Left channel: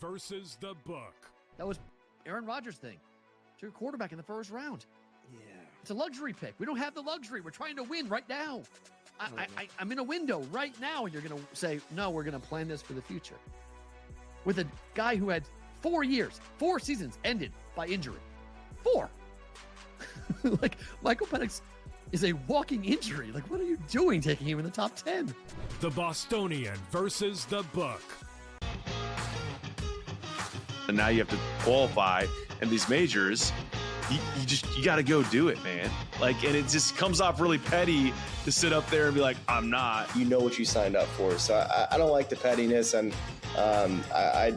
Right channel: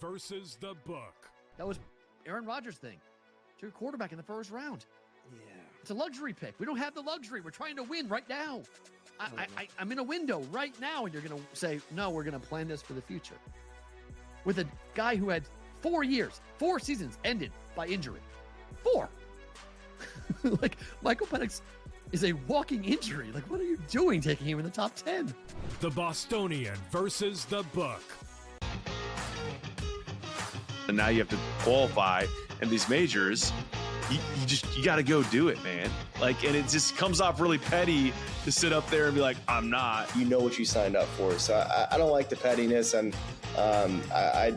versus the book. That was Aaron Rodgers' thing. To your quarterback in the first round. Yeah. It's a luxury pick. We don't have the luxury. We're trying to win right now. I'm in a window right now, and you're going to say, no, we're going to plan this for the future. With a guy who had 4 years, 4 seasons ended by injury. 4. Like, Michael Penix is a walking injury. Like, what are you doing taking him in the top 10? The Bostonian versus the book. And now you have to qualify in these majors. You got to go do it, man. Like, and it just comes off really petty to sit up there and be like, I'm not. You know what you signed up for. So I don't like the pettiness, and I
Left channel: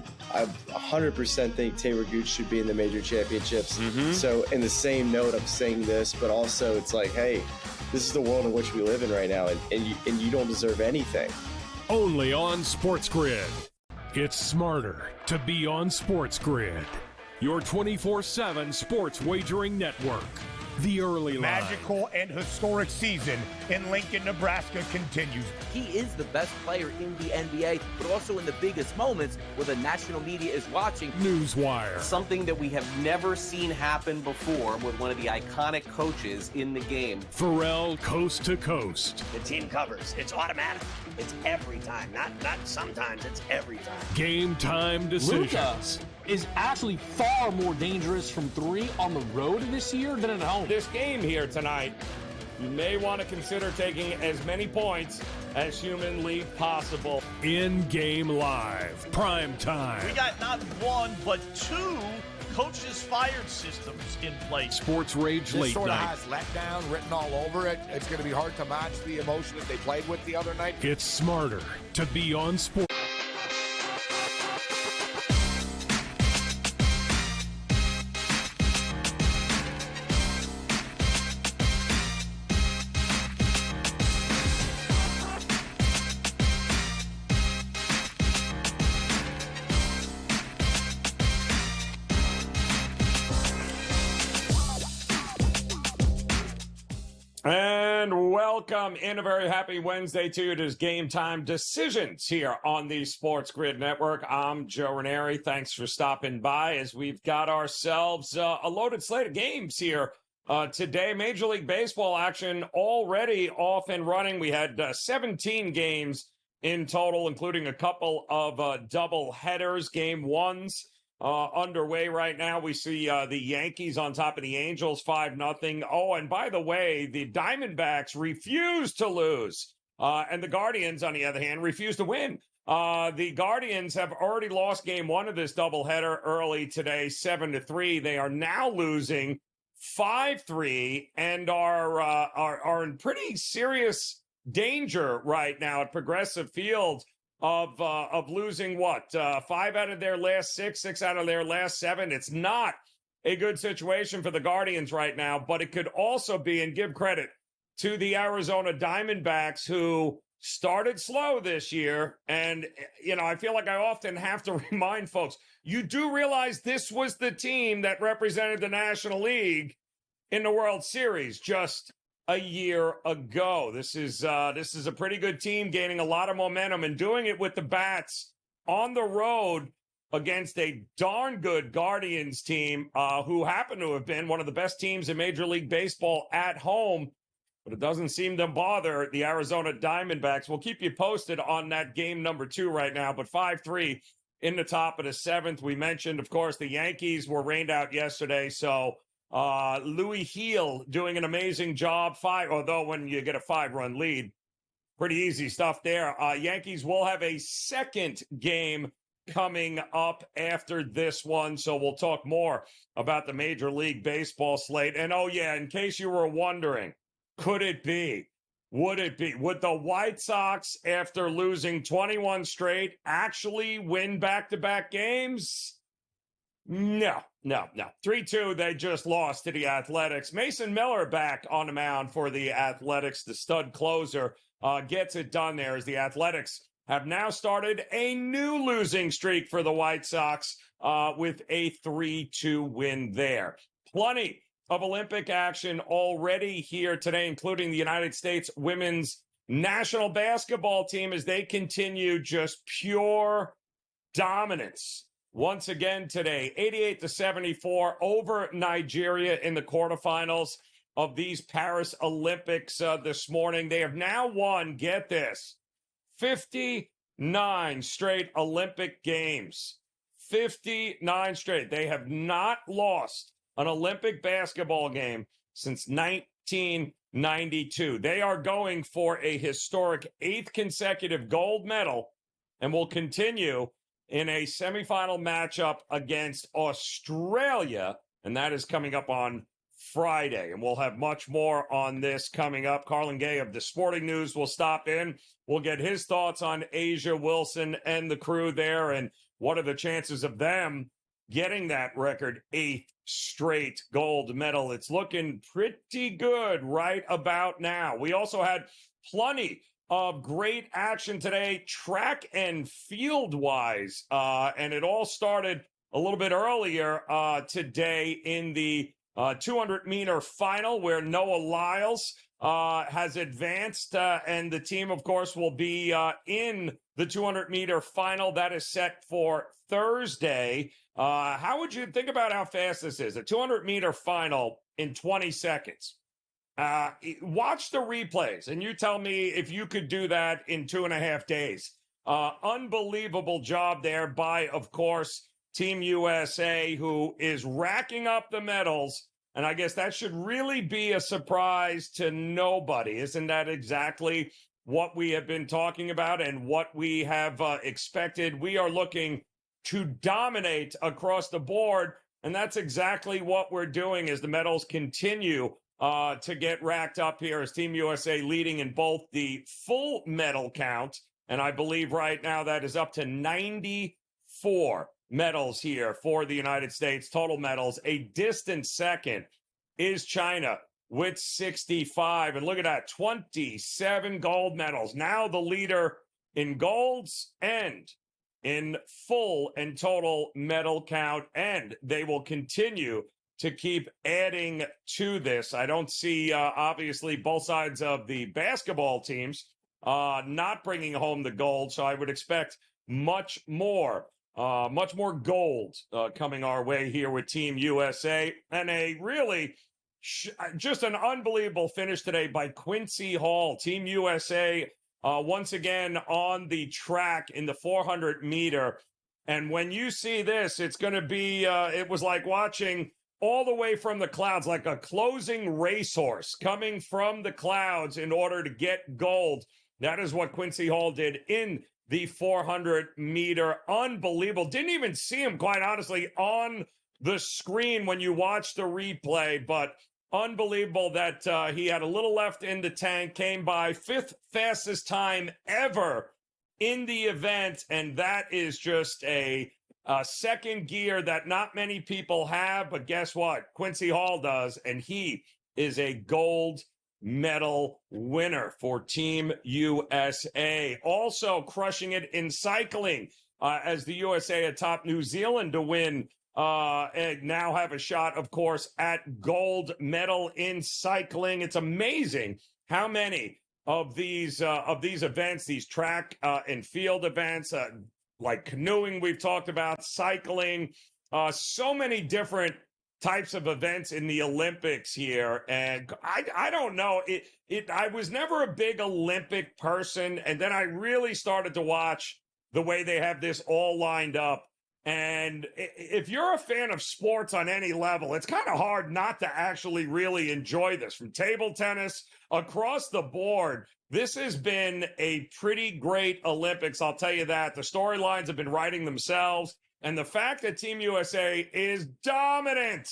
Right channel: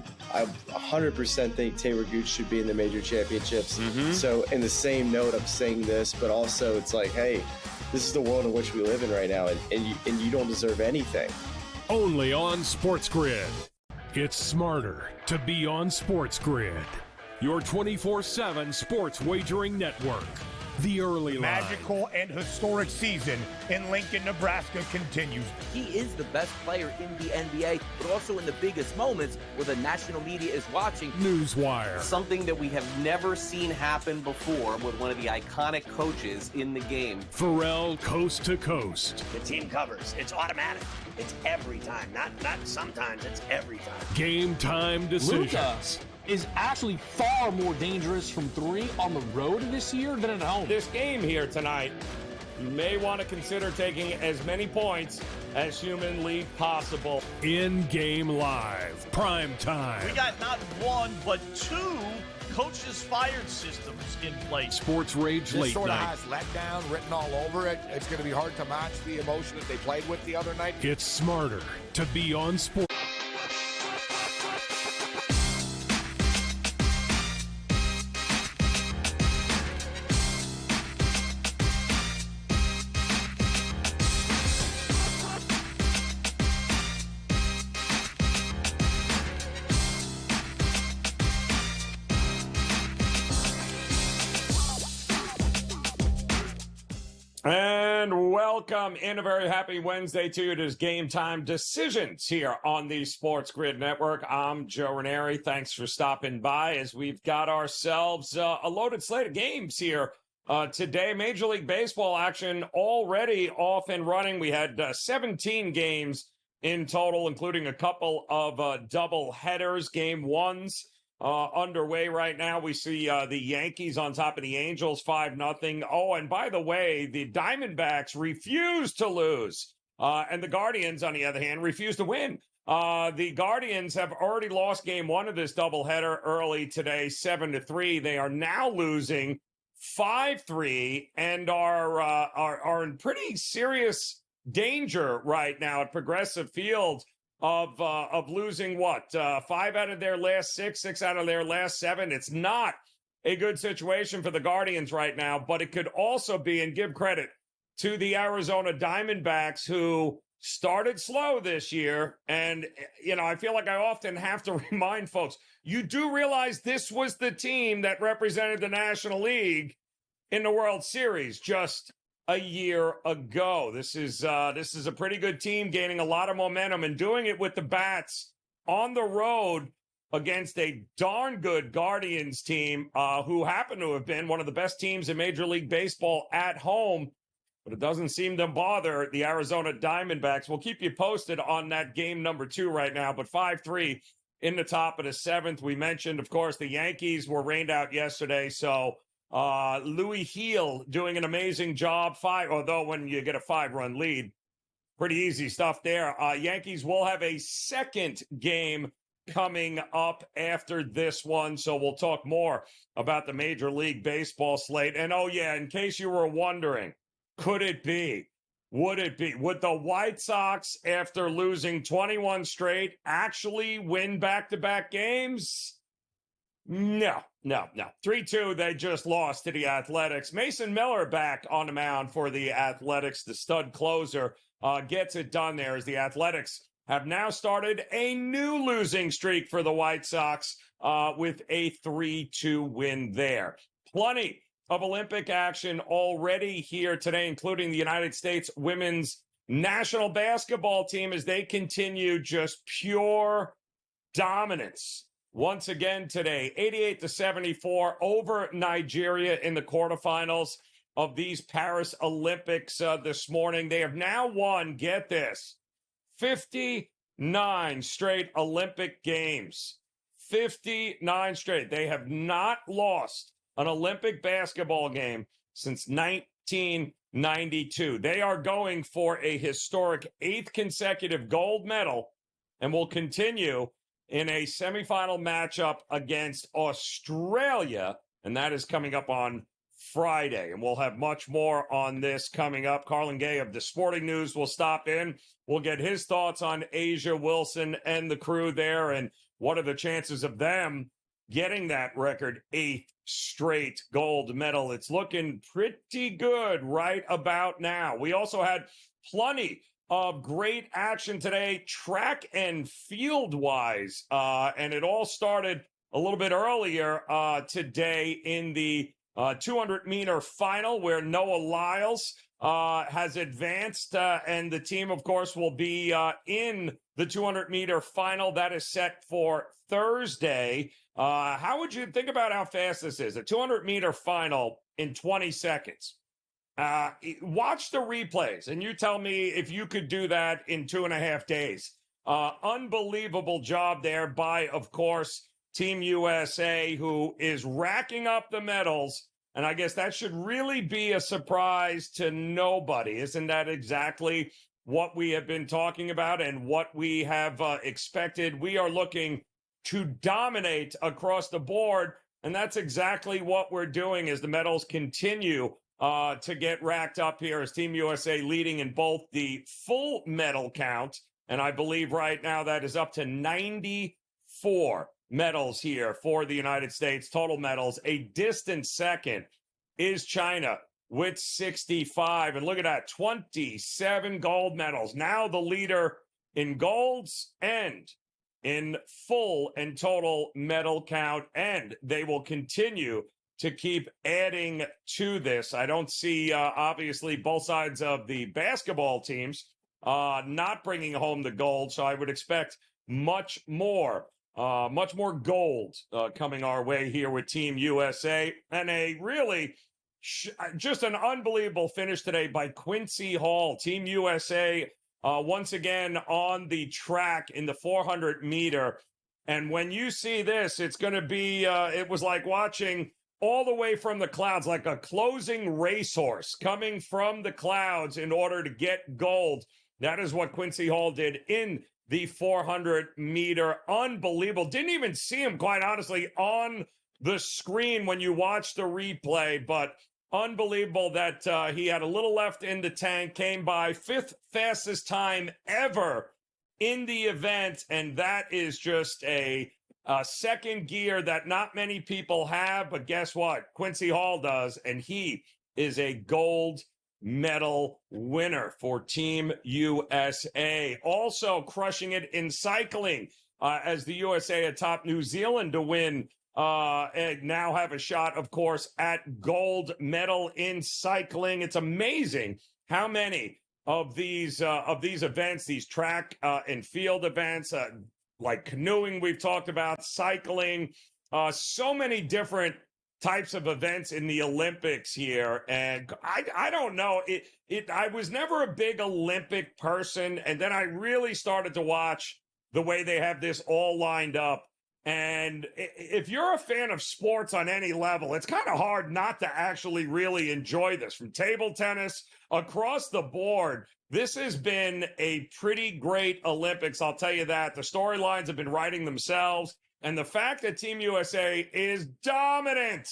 100% think Taylor Gooch should be in the major championships. Mm-hmm. So in the same note, I'm saying this, but also it's like, hey, this is the world in which we live in right now, and you don't deserve anything. Only on SportsGrid. It's smarter to be on SportsGrid. Your 24/7 sports wagering network. The early line. Magical and historic season in Lincoln, Nebraska continues. He is the best player in the NBA, but also in the biggest moments where the national media is watching. Newswire. Something that we have never seen happen before with one of the iconic coaches in the game. Pharrell Coast to Coast. The team covers. It's automatic. It's every time. Not sometimes. It's every time. Game time decisions. Luka is actually far more dangerous from 3 on the road this year than at home. This game here tonight, you may want to consider taking as many points as humanly possible. In-game live. Prime time. We got not 1, but 2 coaches fired systems in place. Sports Rage Late This sort Night. of has letdown written all over it. It's going to be hard to match the emotion that they played with the other night. It's smarter to be on sport. And welcome in a very happy Wednesday to you. It is Game Time Decisions here on the SportsGrid Network. I'm Joe Raineri. Thanks for stopping by as we've got ourselves a loaded slate of games here today. Major League Baseball action already off and running. We had 17 games in total, including a couple of double headers. Game ones underway right now. We see the Yankees on top of the Angels 5-0. Oh, and by the way, the Diamondbacks refuse to lose. And the Guardians, on the other hand, refuse to win. The Guardians have already lost game one of this doubleheader early today, 7-3. They are now losing 5-3 and are in pretty serious danger right now at Progressive Field of losing 5 out of their last 6 out of their last 7. It's not a good situation for the Guardians right now, but it could also be, and give credit to the Arizona Diamondbacks, who started slow this year. And, I feel like I often have to remind folks, you do realize this was the team that represented the National League in the World Series just a year ago. This is a pretty good team, gaining a lot of momentum and doing it with the bats on the road against a darn good Guardians team who happen to have been one of the best teams in Major League Baseball at home. But it doesn't seem to bother the Arizona Diamondbacks. We'll keep you posted on that game number 2 right now. But 5-3 in the top of the 7th. We mentioned, of course, the Yankees were rained out yesterday, so Louis Heel doing an amazing job. Although when you get a 5-run lead, pretty easy stuff there. Yankees will have a second game coming up after this one, so we'll talk more about the Major League Baseball slate. And in case you were wondering, could it be? Would it be? Would the White Sox, after losing 21 straight, actually win back-to-back games? No. 3-2, they just lost to the Athletics. Mason Miller back on the mound for the Athletics. The stud closer gets it done there, as the Athletics have now started a new losing streak for the White Sox with a 3-2 win there. Plenty of Olympic action already here today, including the United States women's national basketball team as they continue just pure dominance once again today, 88-74 over Nigeria in the quarterfinals of these Paris Olympics this morning. They have now won, get this, 59 straight Olympic games. 59 straight. They have not lost an Olympic basketball game since 1992. They are going for a historic 8th consecutive gold medal and will continue in a semifinal matchup against Australia, and that is coming up on Friday. And we'll have much more on this coming up. Carlin Gay of the Sporting News will stop in. We'll get his thoughts on Asia Wilson and the crew there, and what are the chances of them getting that record 8th straight gold medal. It's looking pretty good right about now. We also had plenty of great action today, track and field wise. And it all started a little bit earlier today in the 200-meter final, where Noah Lyles has advanced. And the team, of course, will be in the 200-meter final. That is set for Thursday. How would you think about how fast this is? A 200-meter final in 20 seconds. Watch the replays, and you tell me if you could do that in 2.5 days. Unbelievable job there by, of course, Team USA, who is racking up the medals. And I guess that should really be a surprise to nobody. Isn't that exactly what we have been talking about and what we have expected? We are looking to dominate across the board, and that's exactly what we're doing as the medals continue to get racked up here, as Team USA leading in both the full medal count, and I believe right now that is up to 94 medals here for the United States, total medals. A distant second is China with 65, and look at that, 27 gold medals. Now the leader in golds and in full and total medal count, and they will continue to keep adding to this. I don't see, obviously, both sides of the basketball teams not bringing home the gold, so I would expect much more gold coming our way here with Team USA. And a really just an unbelievable finish today by Quincy Hall. Team USA once again on the track in the 400-meter. And when you see this, it's going to be, it was like watching all the way from the clouds, like a closing racehorse coming from the clouds in order to get gold. That is what Quincy Hall did in the 400-meter. Unbelievable. Didn't even see him, quite honestly, on the screen when you watch the replay, but unbelievable that he had a little left in the tank, came by 5th fastest time ever in the event, and that is just a second gear that not many people have, but guess what? Quincy Hall does, and he is a gold medal winner for Team USA. Also crushing it in cycling as the USA atop New Zealand to win and now have a shot, of course, at gold medal in cycling. It's amazing how many of these events, these track and field events, like canoeing we've talked about, cycling, so many different types of events in the Olympics here. And I don't know, I was never a big Olympic person, and then I really started to watch the way they have this all lined up. And if you're a fan of sports on any level, it's kind of hard not to actually really enjoy this. From table tennis across the board, this has been a pretty great Olympics, I'll tell you that. The storylines have been writing themselves. And the fact that Team USA is dominant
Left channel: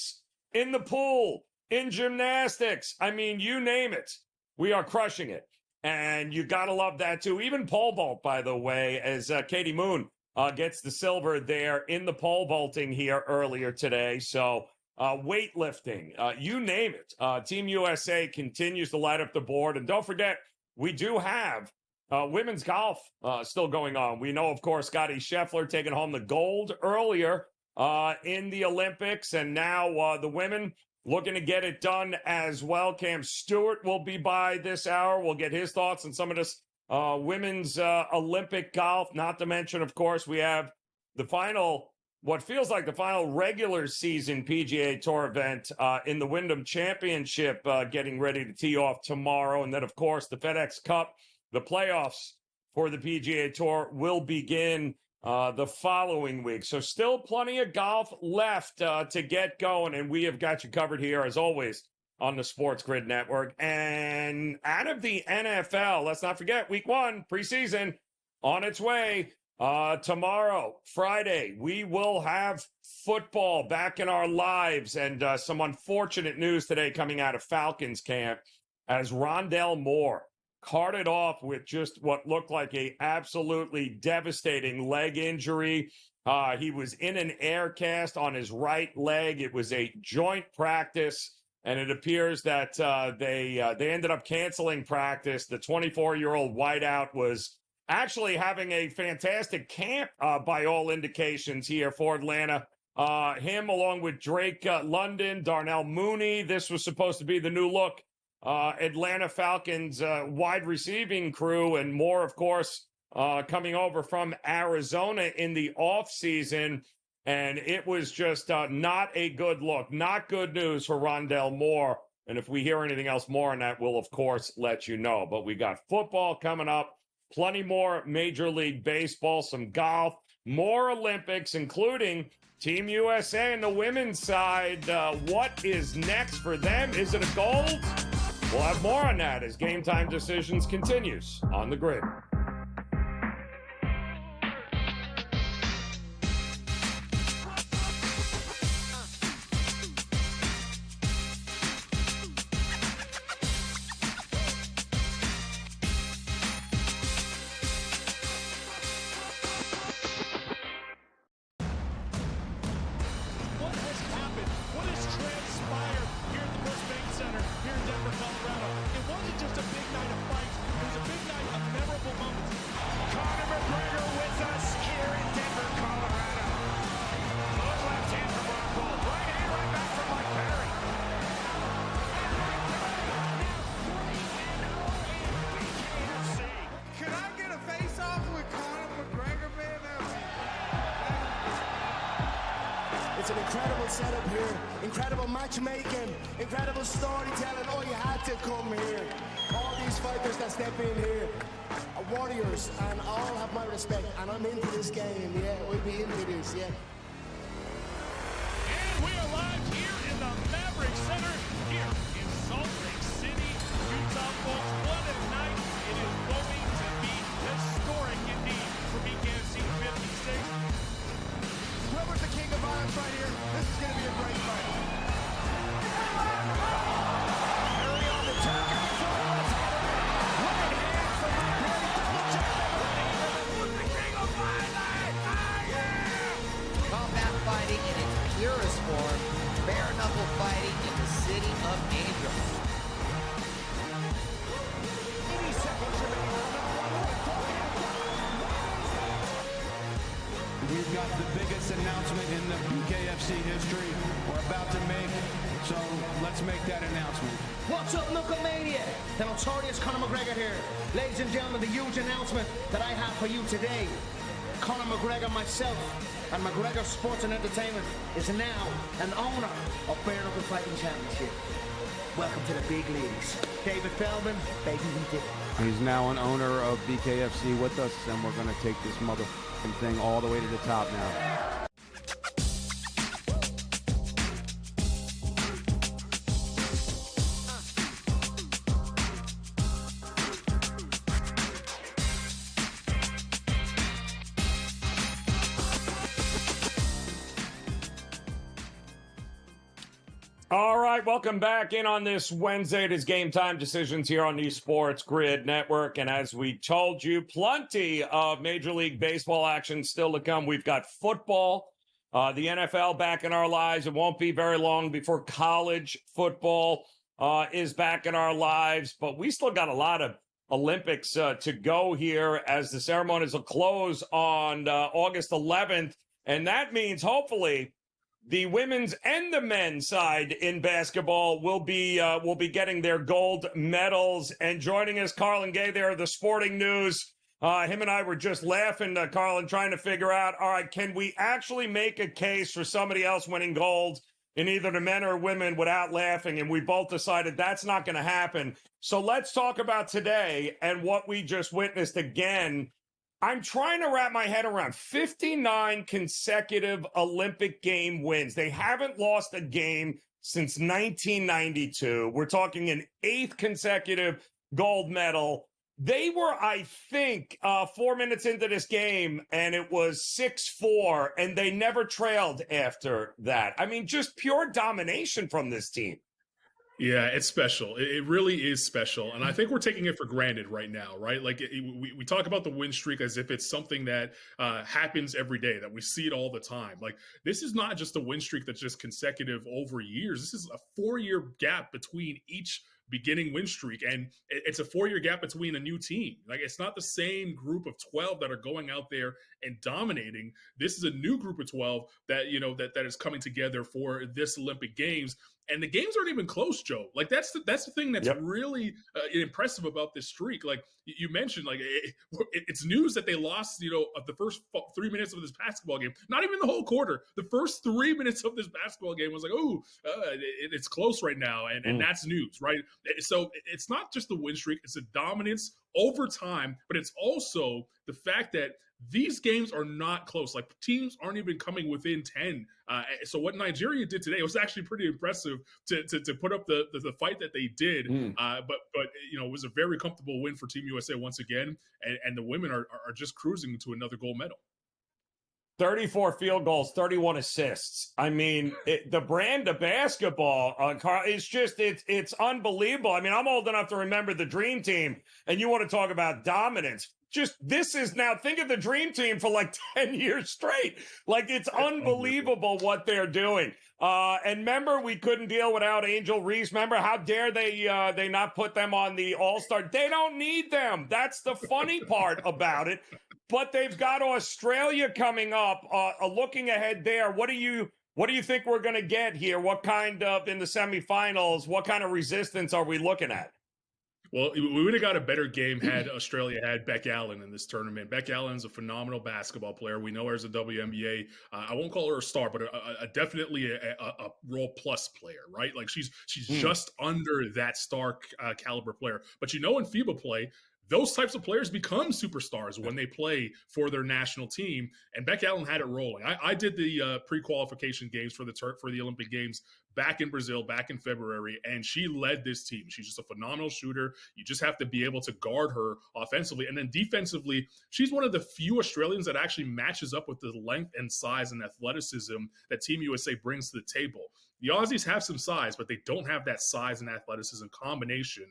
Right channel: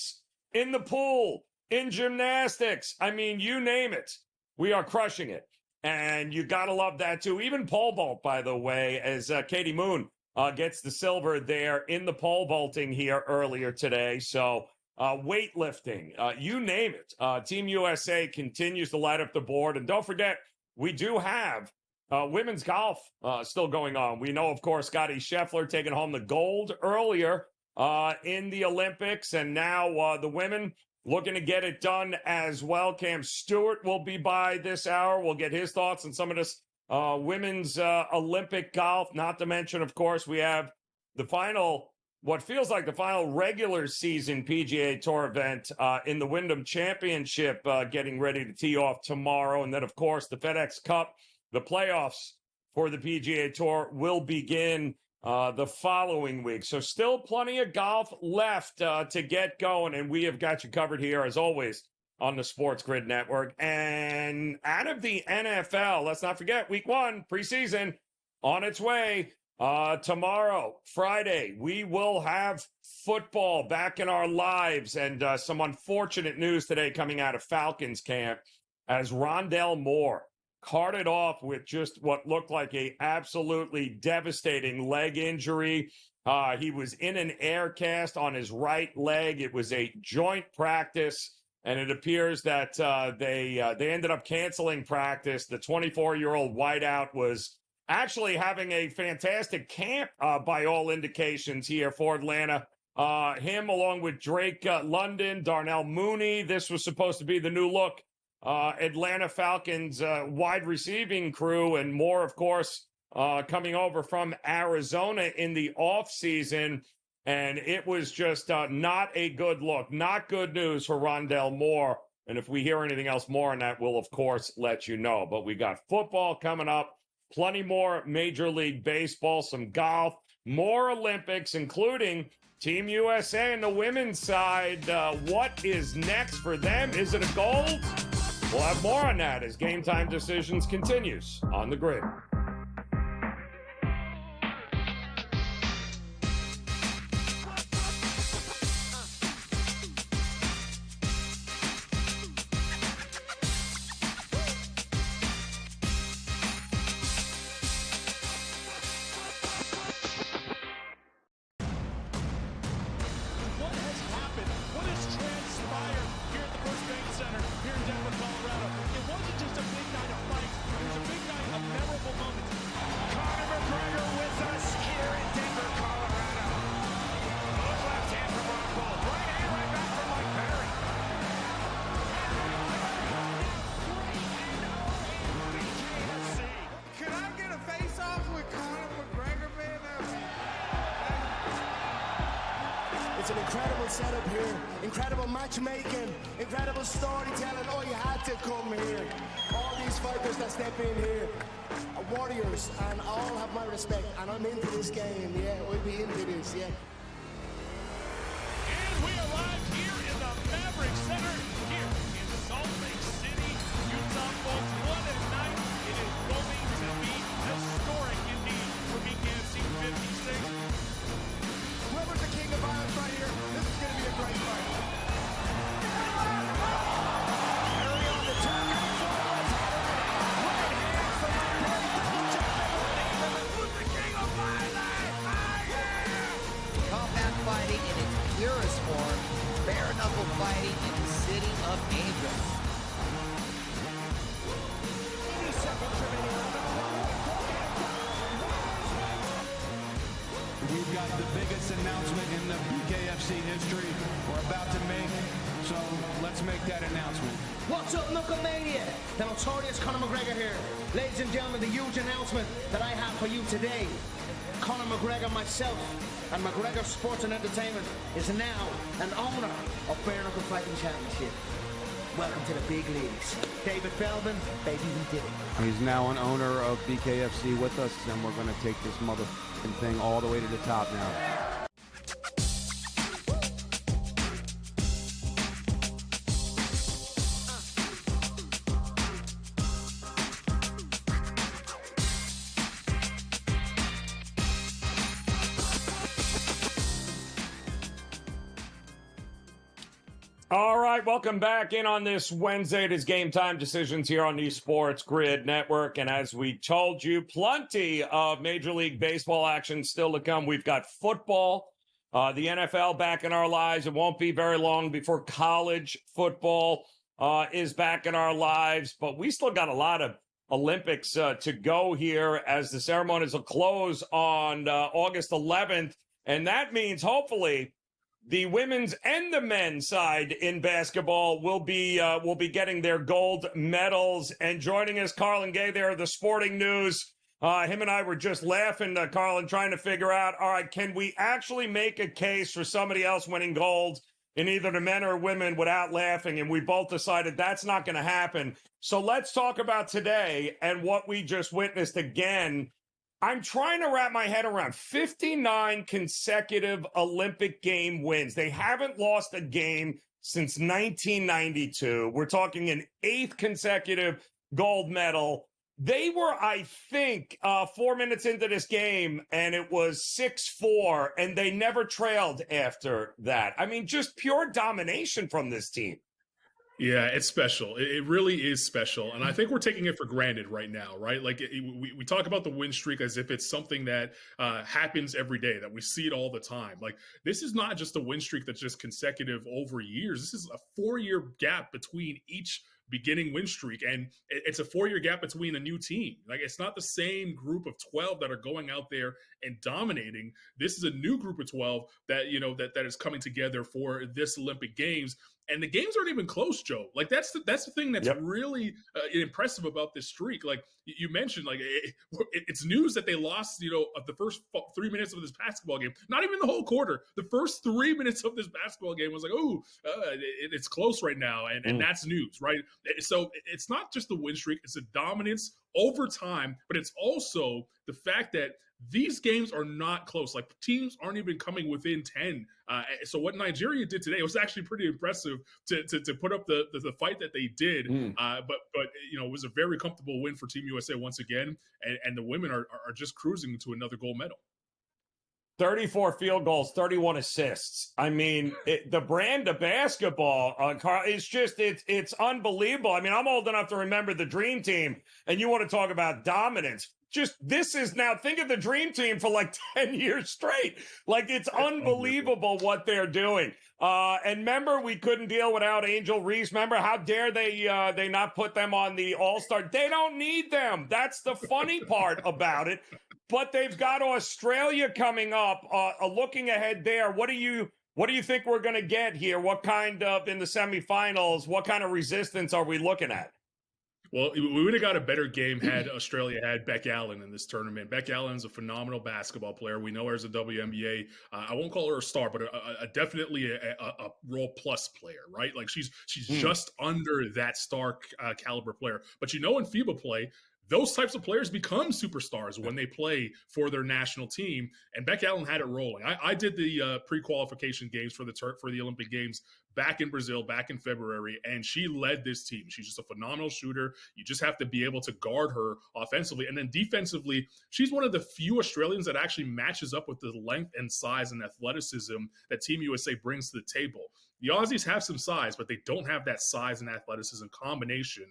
in the pool, in gymnastics, I mean, you name it, we are crushing it. And you got to love that, too. Even pole vault, by the way, as Katie Moon gets the silver there in the pole vaulting here earlier today. So weightlifting, you name it. Team USA continues to light up the board. And don't forget, we do have women's golf still going on. We know, of course, Scotty Scheffler taking home the gold earlier in the Olympics. And now the women looking to get it done as well. Cam Stewart will be by this hour. We'll get his thoughts on some of this women's Olympic golf. Not to mention, of course, we have the final what feels like the final regular season PGA Tour event in the Wyndham Championship getting ready to tee off tomorrow. And then, of course, the FedEx Cup, the playoffs for the PGA Tour will begin the following week. So still plenty of golf left to get going. And we have got you covered here, as always, on the SportsGrid Network. And out of the NFL, let's not forget, week 1, preseason, on its way. Tomorrow, Friday, we will have football back in our lives, and some unfortunate news today coming out of Falcons camp as Rondell Moore carted off with just what looked like a absolutely devastating leg injury. He was in an air cast on his right leg. It was a joint practice, and it appears that they ended up canceling practice. The 24-year-old wideout was actually having a fantastic camp by all indications here for Atlanta. Him along with Drake London, Darnell Mooney. This was supposed to be the new look Atlanta Falcons wide receiving crew, and more, of course, coming over from Arizona in the offseason. And it was just not a good look, not good news for Rondell Moore. And if we hear anything else more on that, we'll, of course, let you know. But we got football coming up. Plenty more Major League Baseball, some golf, more Olympics, including Team USA and the women's side. What is next for them? Is it a gold? We'll have more on that as Game Time Decisions continues on the grid. It's an incredible setup here, incredible matchmaking, incredible storytelling. Oh, you had to come here. All these fighters that step in here are warriors, and all have my respect. And I'm into this game, yeah. We'll be into this, yeah. And we arrive here in the Maverick Center here in Salt Lake City, Utah. Folks, what a night. It is going to be historic indeed for BKFC 56. Whoever's the king of violence right here, this is going to be a great fight. Combat fighting in its purest form, bare knuckle fighting in the city of angels. We've got the biggest announcement in the BKFC history we're about to make, so let's make that announcement. What's up, Knucklemania? The notorious Conor McGregor here. Ladies and gentlemen, the huge announcement that I have for you today. Conor McGregor, myself, and McGregor Sports and Entertainment is now an owner of Bare Knuckle Fighting Championship. Welcome to the big leagues. David Feldman, baby, we did it. He's now an owner of BKFC with us, and we're going to take this motherfucking thing all the way to the top now. All right, welcome back in on this Wednesday. It is Game Time Decisions here on the SportsGrid Network. And as we told you, plenty of Major League Baseball action still to come. We've got football, the NFL back in our lives. It won't be very long before college football is back in our lives. But we still got a lot of Olympics to go here as the ceremonies will close on August 11th. And that means hopefully the women's and the men's side in basketball will be getting their gold medals. And joining us, Carlin Gay there, the Sporting News. Him and I were just laughing, Carlin, trying to figure out, all right, can we actually make a case for somebody else winning gold in either the men or women without laughing? And we both decided that's not going to happen. So let's talk about today and what we just witnessed again. I'm trying to wrap my head around 59 consecutive Olympic game wins. They haven't lost a game since 1992. We're talking an 8th consecutive gold medal. They were, I think, 4 minutes into this game, and it was 6-4, and they never trailed after that. I mean, just pure domination from this team. Yeah, it's special. It really is special. And I think we're taking it for granted right now, right? Like we talk about the win streak as if it's something that happens every day, that we see it all the time. Like this is not just a win streak that's just consecutive over years. This is a 4-year gap between each beginning win streak, and it's a 4-year gap between a new team. Like it's not the same group of 12 that are going out there and dominating. This is a new group of 12 that that is coming together for this Olympic Games. And the games aren't even close, Joe. Like that's the thing that's really impressive about this streak. Like you mentioned, like it's news that they lost, of the first 3 minutes of this basketball game. Not even the whole quarter. The first 3 minutes of this basketball game was like, it's close right now, and that's news, right? So it's not just the win streak; it's a dominance over time, but it's also the fact that these games are not close. Like teams aren't even coming within 10. So what Nigeria did today was actually pretty impressive to put up the fight that they did. But it was a very comfortable win for Team USA once again, and the women are just cruising to another gold medal. 34 field goals, 31 assists. I mean, the brand of basketball, it's unbelievable. I mean, I'm old enough to remember the Dream Team, and you want to talk about dominance. This is now, think of the Dream Team for like 10 years straight. Like, it's unbelievable what they're doing. And remember, we couldn't deal without Angel Reese. Remember, how dare they not put them on the All-Star? They don't need them. That's the funny part about it. But they've got Australia coming up. Looking ahead there, what do you think we're going to get here? What kind of, in the semifinals, what kind of resistance are we looking at? Well, we would have got a better game had Australia had Beck Allen in this tournament. Beck Allen's a phenomenal basketball player. We know her as a WNBA. I won't call her a star, but definitely a role plus player, right? Like she's just under that star caliber player. But in FIBA play, those types of players become superstars when they play for their national team, and Beck Allen had it rolling. I did the pre-qualification games for the Olympic Games back in Brazil, back in February, and she led this team. She's just a phenomenal shooter. You just have to be able to guard her offensively. And then defensively, she's one of the few Australians that actually matches up with the length and size and athleticism that Team USA brings to the table. The Aussies have some size, but they don't have that size and athleticism combination,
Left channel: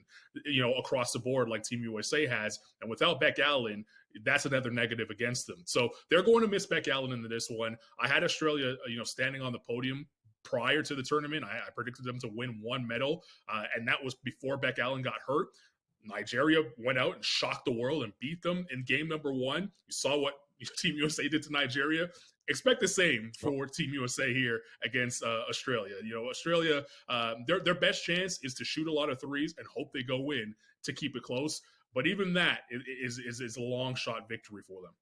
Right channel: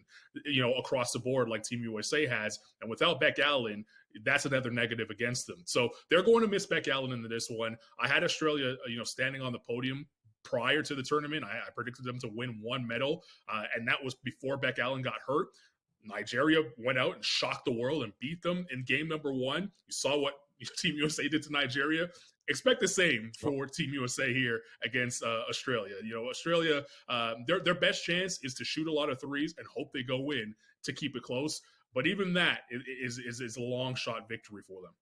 across the board like Team USA has. And without Beck Allen, that's another negative against them. So they're going to miss Beck Allen into this one. I had Australia, standing on the podium prior to the tournament. I predicted them to win one medal, and that was before Beck Allen got hurt. Nigeria went out and shocked the world and beat them in game number 1. You saw what Team USA did to Nigeria. Expect the same for Team USA here against Australia. Australia, their best chance is to shoot a lot of threes and hope they go in to keep it close. But even that is a long shot victory for them.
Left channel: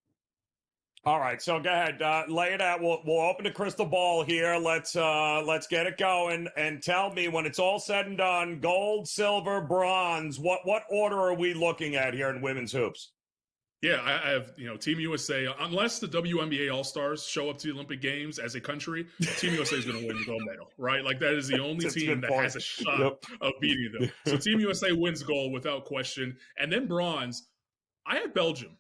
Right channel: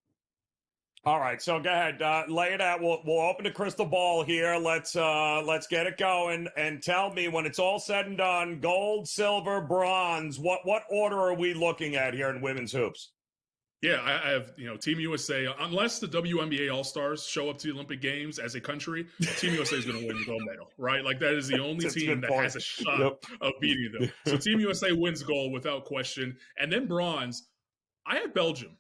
All right, so go ahead, lay it out. We'll open the crystal ball here. Let's get it going, and tell me, when it's all said and done, gold, silver, bronze, what order are we looking at here in women's hoops? Yeah, I have, Team USA, unless the WNBA All-Stars show up to the Olympic Games as a country, Team USA is going to win the gold medal, right? Like, that is the only team that has a shot of beating them. So Team USA wins gold without question. And then bronze, I have Belgium.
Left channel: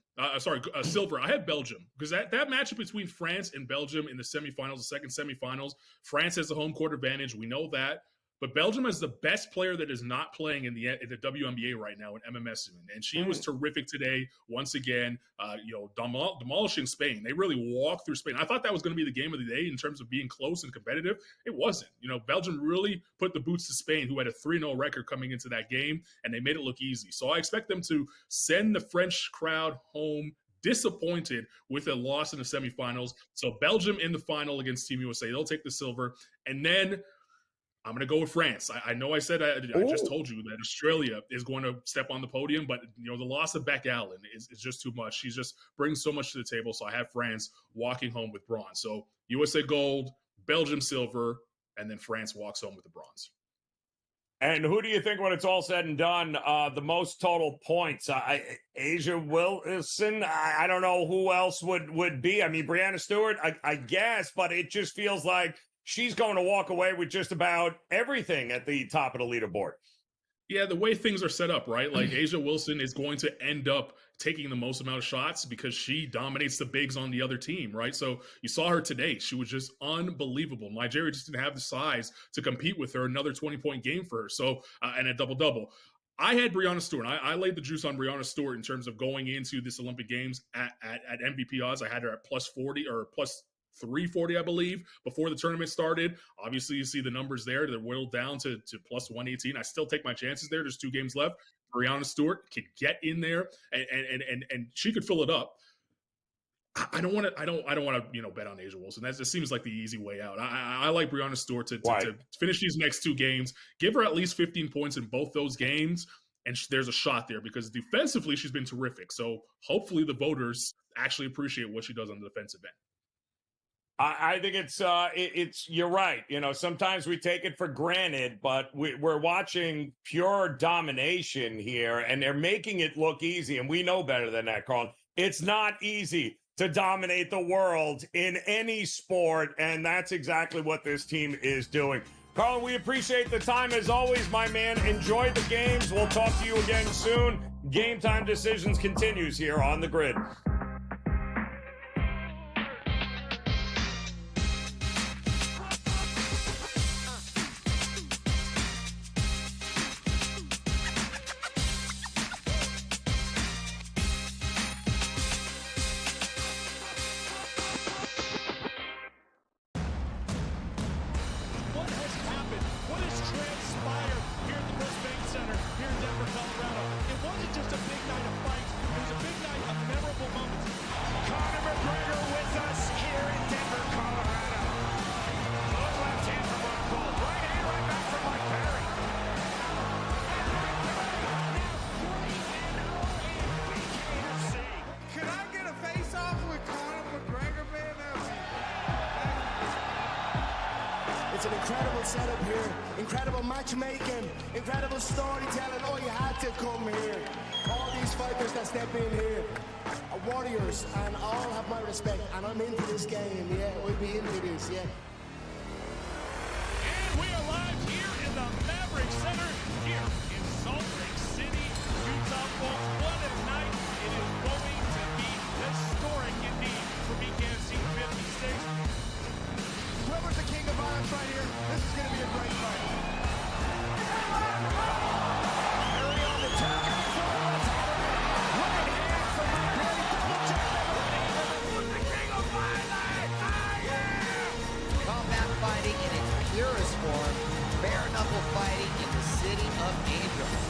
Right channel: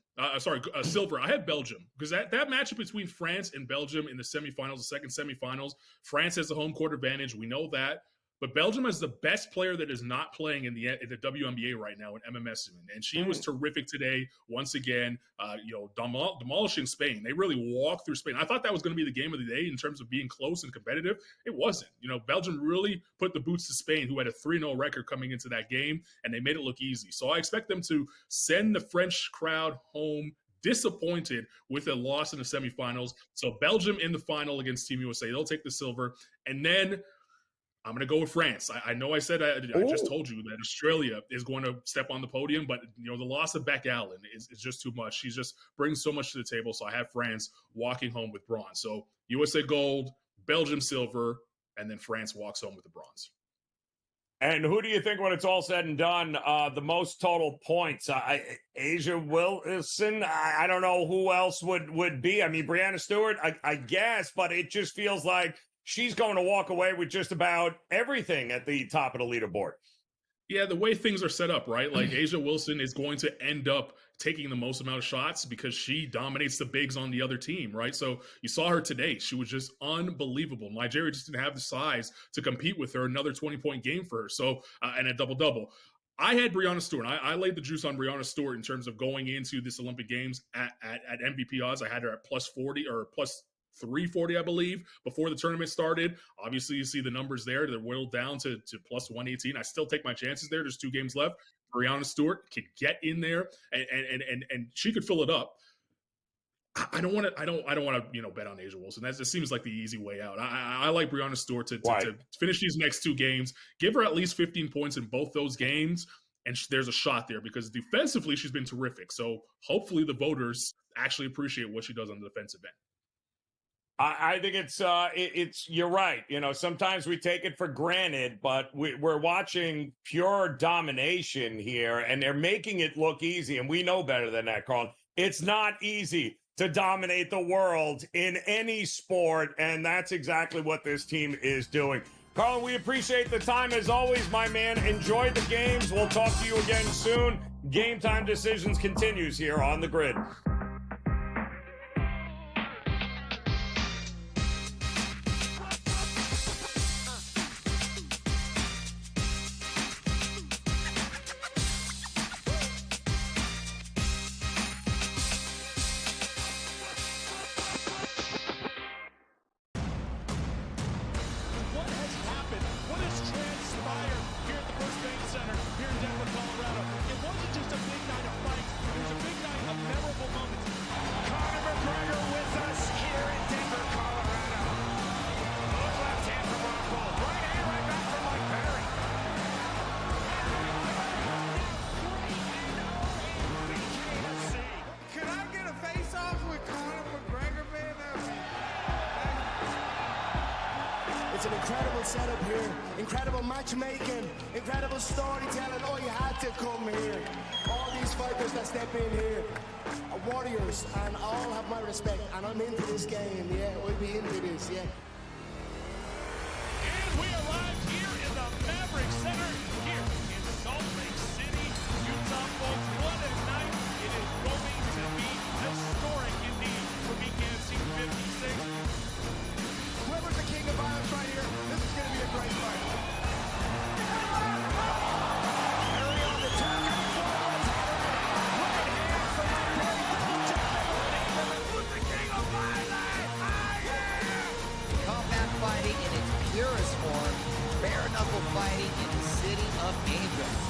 Silver. I have Belgium, because that matchup between France and Belgium in the semifinals, the second semifinals, France has the home court advantage. We know that. But Belgium is the best player that is not playing in the WNBA right now in MMS, and she was terrific today. Once again, demolishing Spain. They really walked through Spain. I thought that was going to be the game of the day in terms of being close and competitive. It wasn't. Belgium really put the boots to Spain, who had a 3-0 record coming into that game, and they made it look easy. So I expect them to send the French crowd home disappointed with a loss in the semifinals. So Belgium in the final against Team USA. They'll take the silver, and then I'm going to go with France. I know I said I just told you that Australia is going to step on the podium, but the loss of Beck Allen is just too much. She's just brings so much to the table. So I have France walking home with bronze. So USA gold, Belgium silver, and then France walks home with the bronze. And who do you think, when it's all said and done, the most total points? Asia Wilson. I don't know who else would be. I mean, Brianna Stewart, I guess, but it just feels like she's going to walk away with just about everything at the top of the leaderboard. Yeah, the way things are set up, right? Like Asia Wilson is going to end up taking the most amount of shots because she dominates the bigs on the other team, right? So you saw her today. She was just unbelievable. Nigeria just didn't have the size to compete with her. Another 20-point game for her. So, and a double-double. I had Brianna Stewart. I laid the juice on Brianna Stewart in terms of going into this Olympic Games at MVP odds. I had her at plus 40 or plus 340, I believe, before the tournament started. Obviously, you see the numbers there. They're whittled down to plus 118. I still take my chances there. There's 2 games left. Brianna Stewart could get in there, and she could fill it up. I don't want to bet on Asia Wilson. That just seems like the easy way out. I like Brianna Stewart to finish these next 2 games. Give her at least 15 points in both those games, and there's a shot there because defensively she's been terrific. So hopefully the voters actually appreciate what she does on the defensive end. I think it's you're right. Sometimes we take it for granted, but we're watching pure domination here, and they're making it look easy. And we know better than that, Carl. It's not easy to dominate the world in any sport, and that's exactly what this team is doing. Carl, we appreciate the time as always, my man. Enjoy the games. We'll talk to you again soon. Game Time Decisions continues here on the Grid. It's an incredible setup here, incredible matchmaking, incredible storytelling. Oh, you had to come here. All these fighters that step in here are warriors, and all have my respect. And I'm into this game, yeah. We'll be into this, yeah. And we arrive here in the Maverick Center here in Salt Lake City, Utah. Folks, what a night it is going to be. Historic indeed for BKFC 56. Whoever's the king of violence right here, this is going to be a great fight. Combat fighting in its purest form, bare knuckle fighting in the city of angels.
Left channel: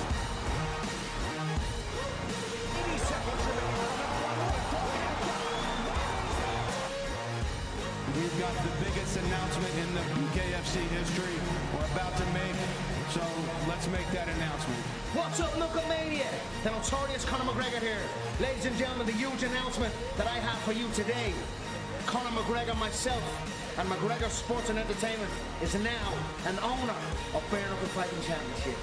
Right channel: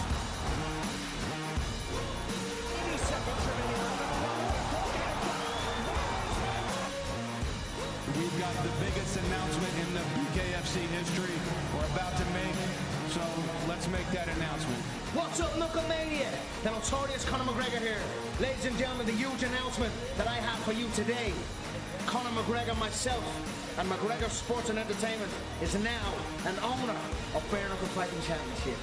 We've got the biggest announcement in the BKFC history we're about to make, so let's make that announcement. What's up, Knucklemania? The notorious Conor McGregor here. Ladies and gentlemen, the huge announcement that I have for you today. Conor McGregor, myself, and McGregor Sports and Entertainment is now an owner of Bare Knuckle Fighting Championship.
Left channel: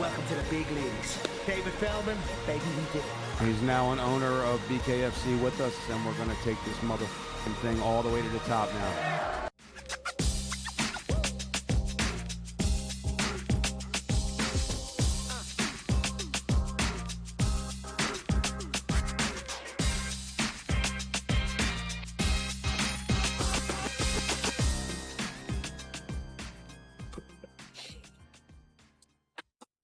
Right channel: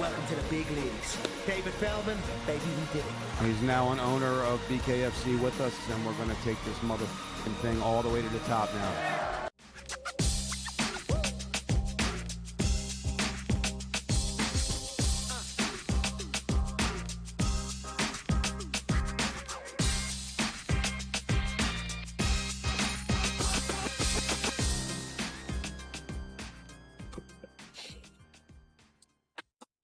Welcome to the big leagues. David Feldman, baby, we did it. He's now an owner of BKFC with us, and we're going to take this motherfucking thing all the way to the top now.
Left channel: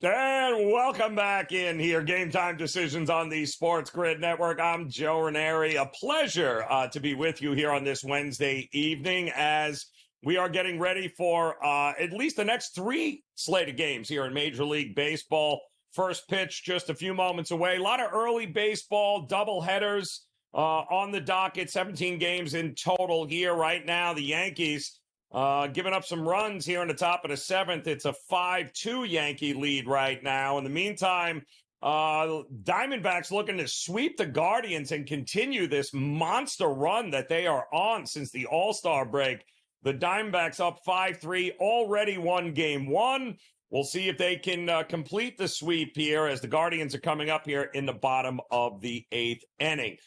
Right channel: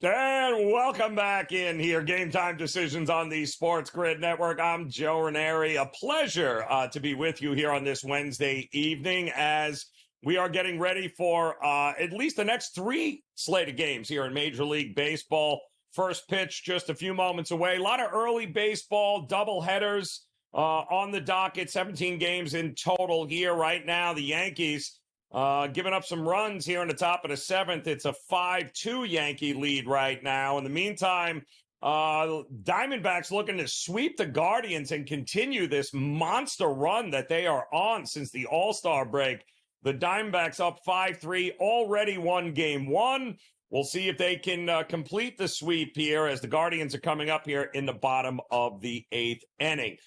And welcome back in here. Game Time Decisions on the SportsGrid Network. I'm Joe Raineri. A pleasure to be with you here on this Wednesday evening as we are getting ready for at least the next 3 slated games here in Major League Baseball. First pitch just a few moments away. A lot of early baseball double headers on the docket. 17 games in total here right now. The Yankees giving up some runs here in the top of the 7th. It's a 5-2 Yankee lead right now. In the meantime, Diamondbacks looking to sweep the Guardians and continue this monster run that they are on since the All-Star break. The Diamondbacks up 5-3, already won game 1. We'll see if they can complete the sweep here as the Guardians are coming up here in the bottom of the 8th inning.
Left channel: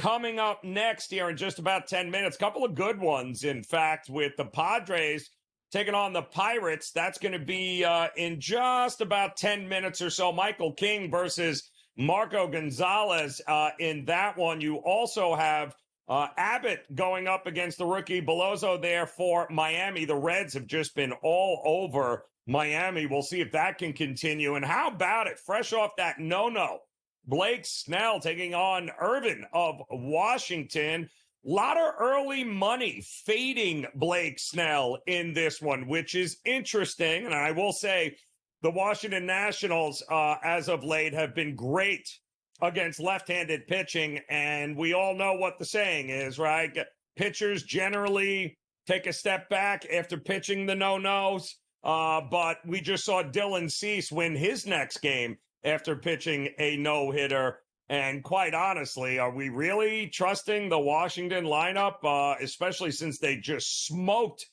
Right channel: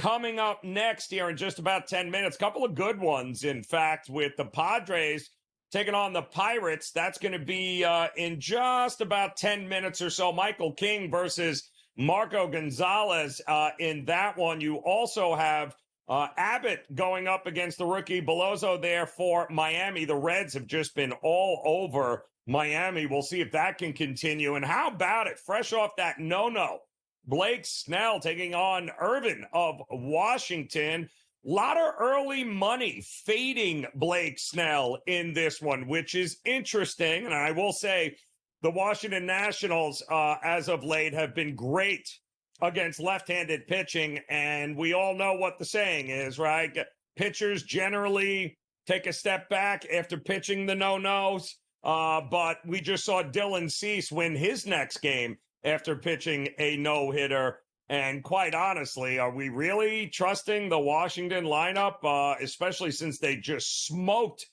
Coming up next here in just about 10 minutes, a couple of good ones, in fact, with the Padres taking on the Pirates. That's going to be in just about 10 minutes or so. Michael King versus Marco Gonzalez in that one. You also have Abbott going up against the rookie Beloso there for Miami. The Reds have just been all over Miami. We'll see if that can continue. And how about it? Fresh off that no-no, Blake Snell taking on Irvin of Washington. A lot of early money fading Blake Snell in this one, which is interesting. And I will say the Washington Nationals, as of late, have been great against left-handed pitching. And we all know what the saying is, right? Pitchers generally take a step back after pitching the no-nos. But we just saw Dylan Cease win his next game after pitching a no-hitter. And quite honestly, are we really trusting the Washington lineup, especially since they just smoked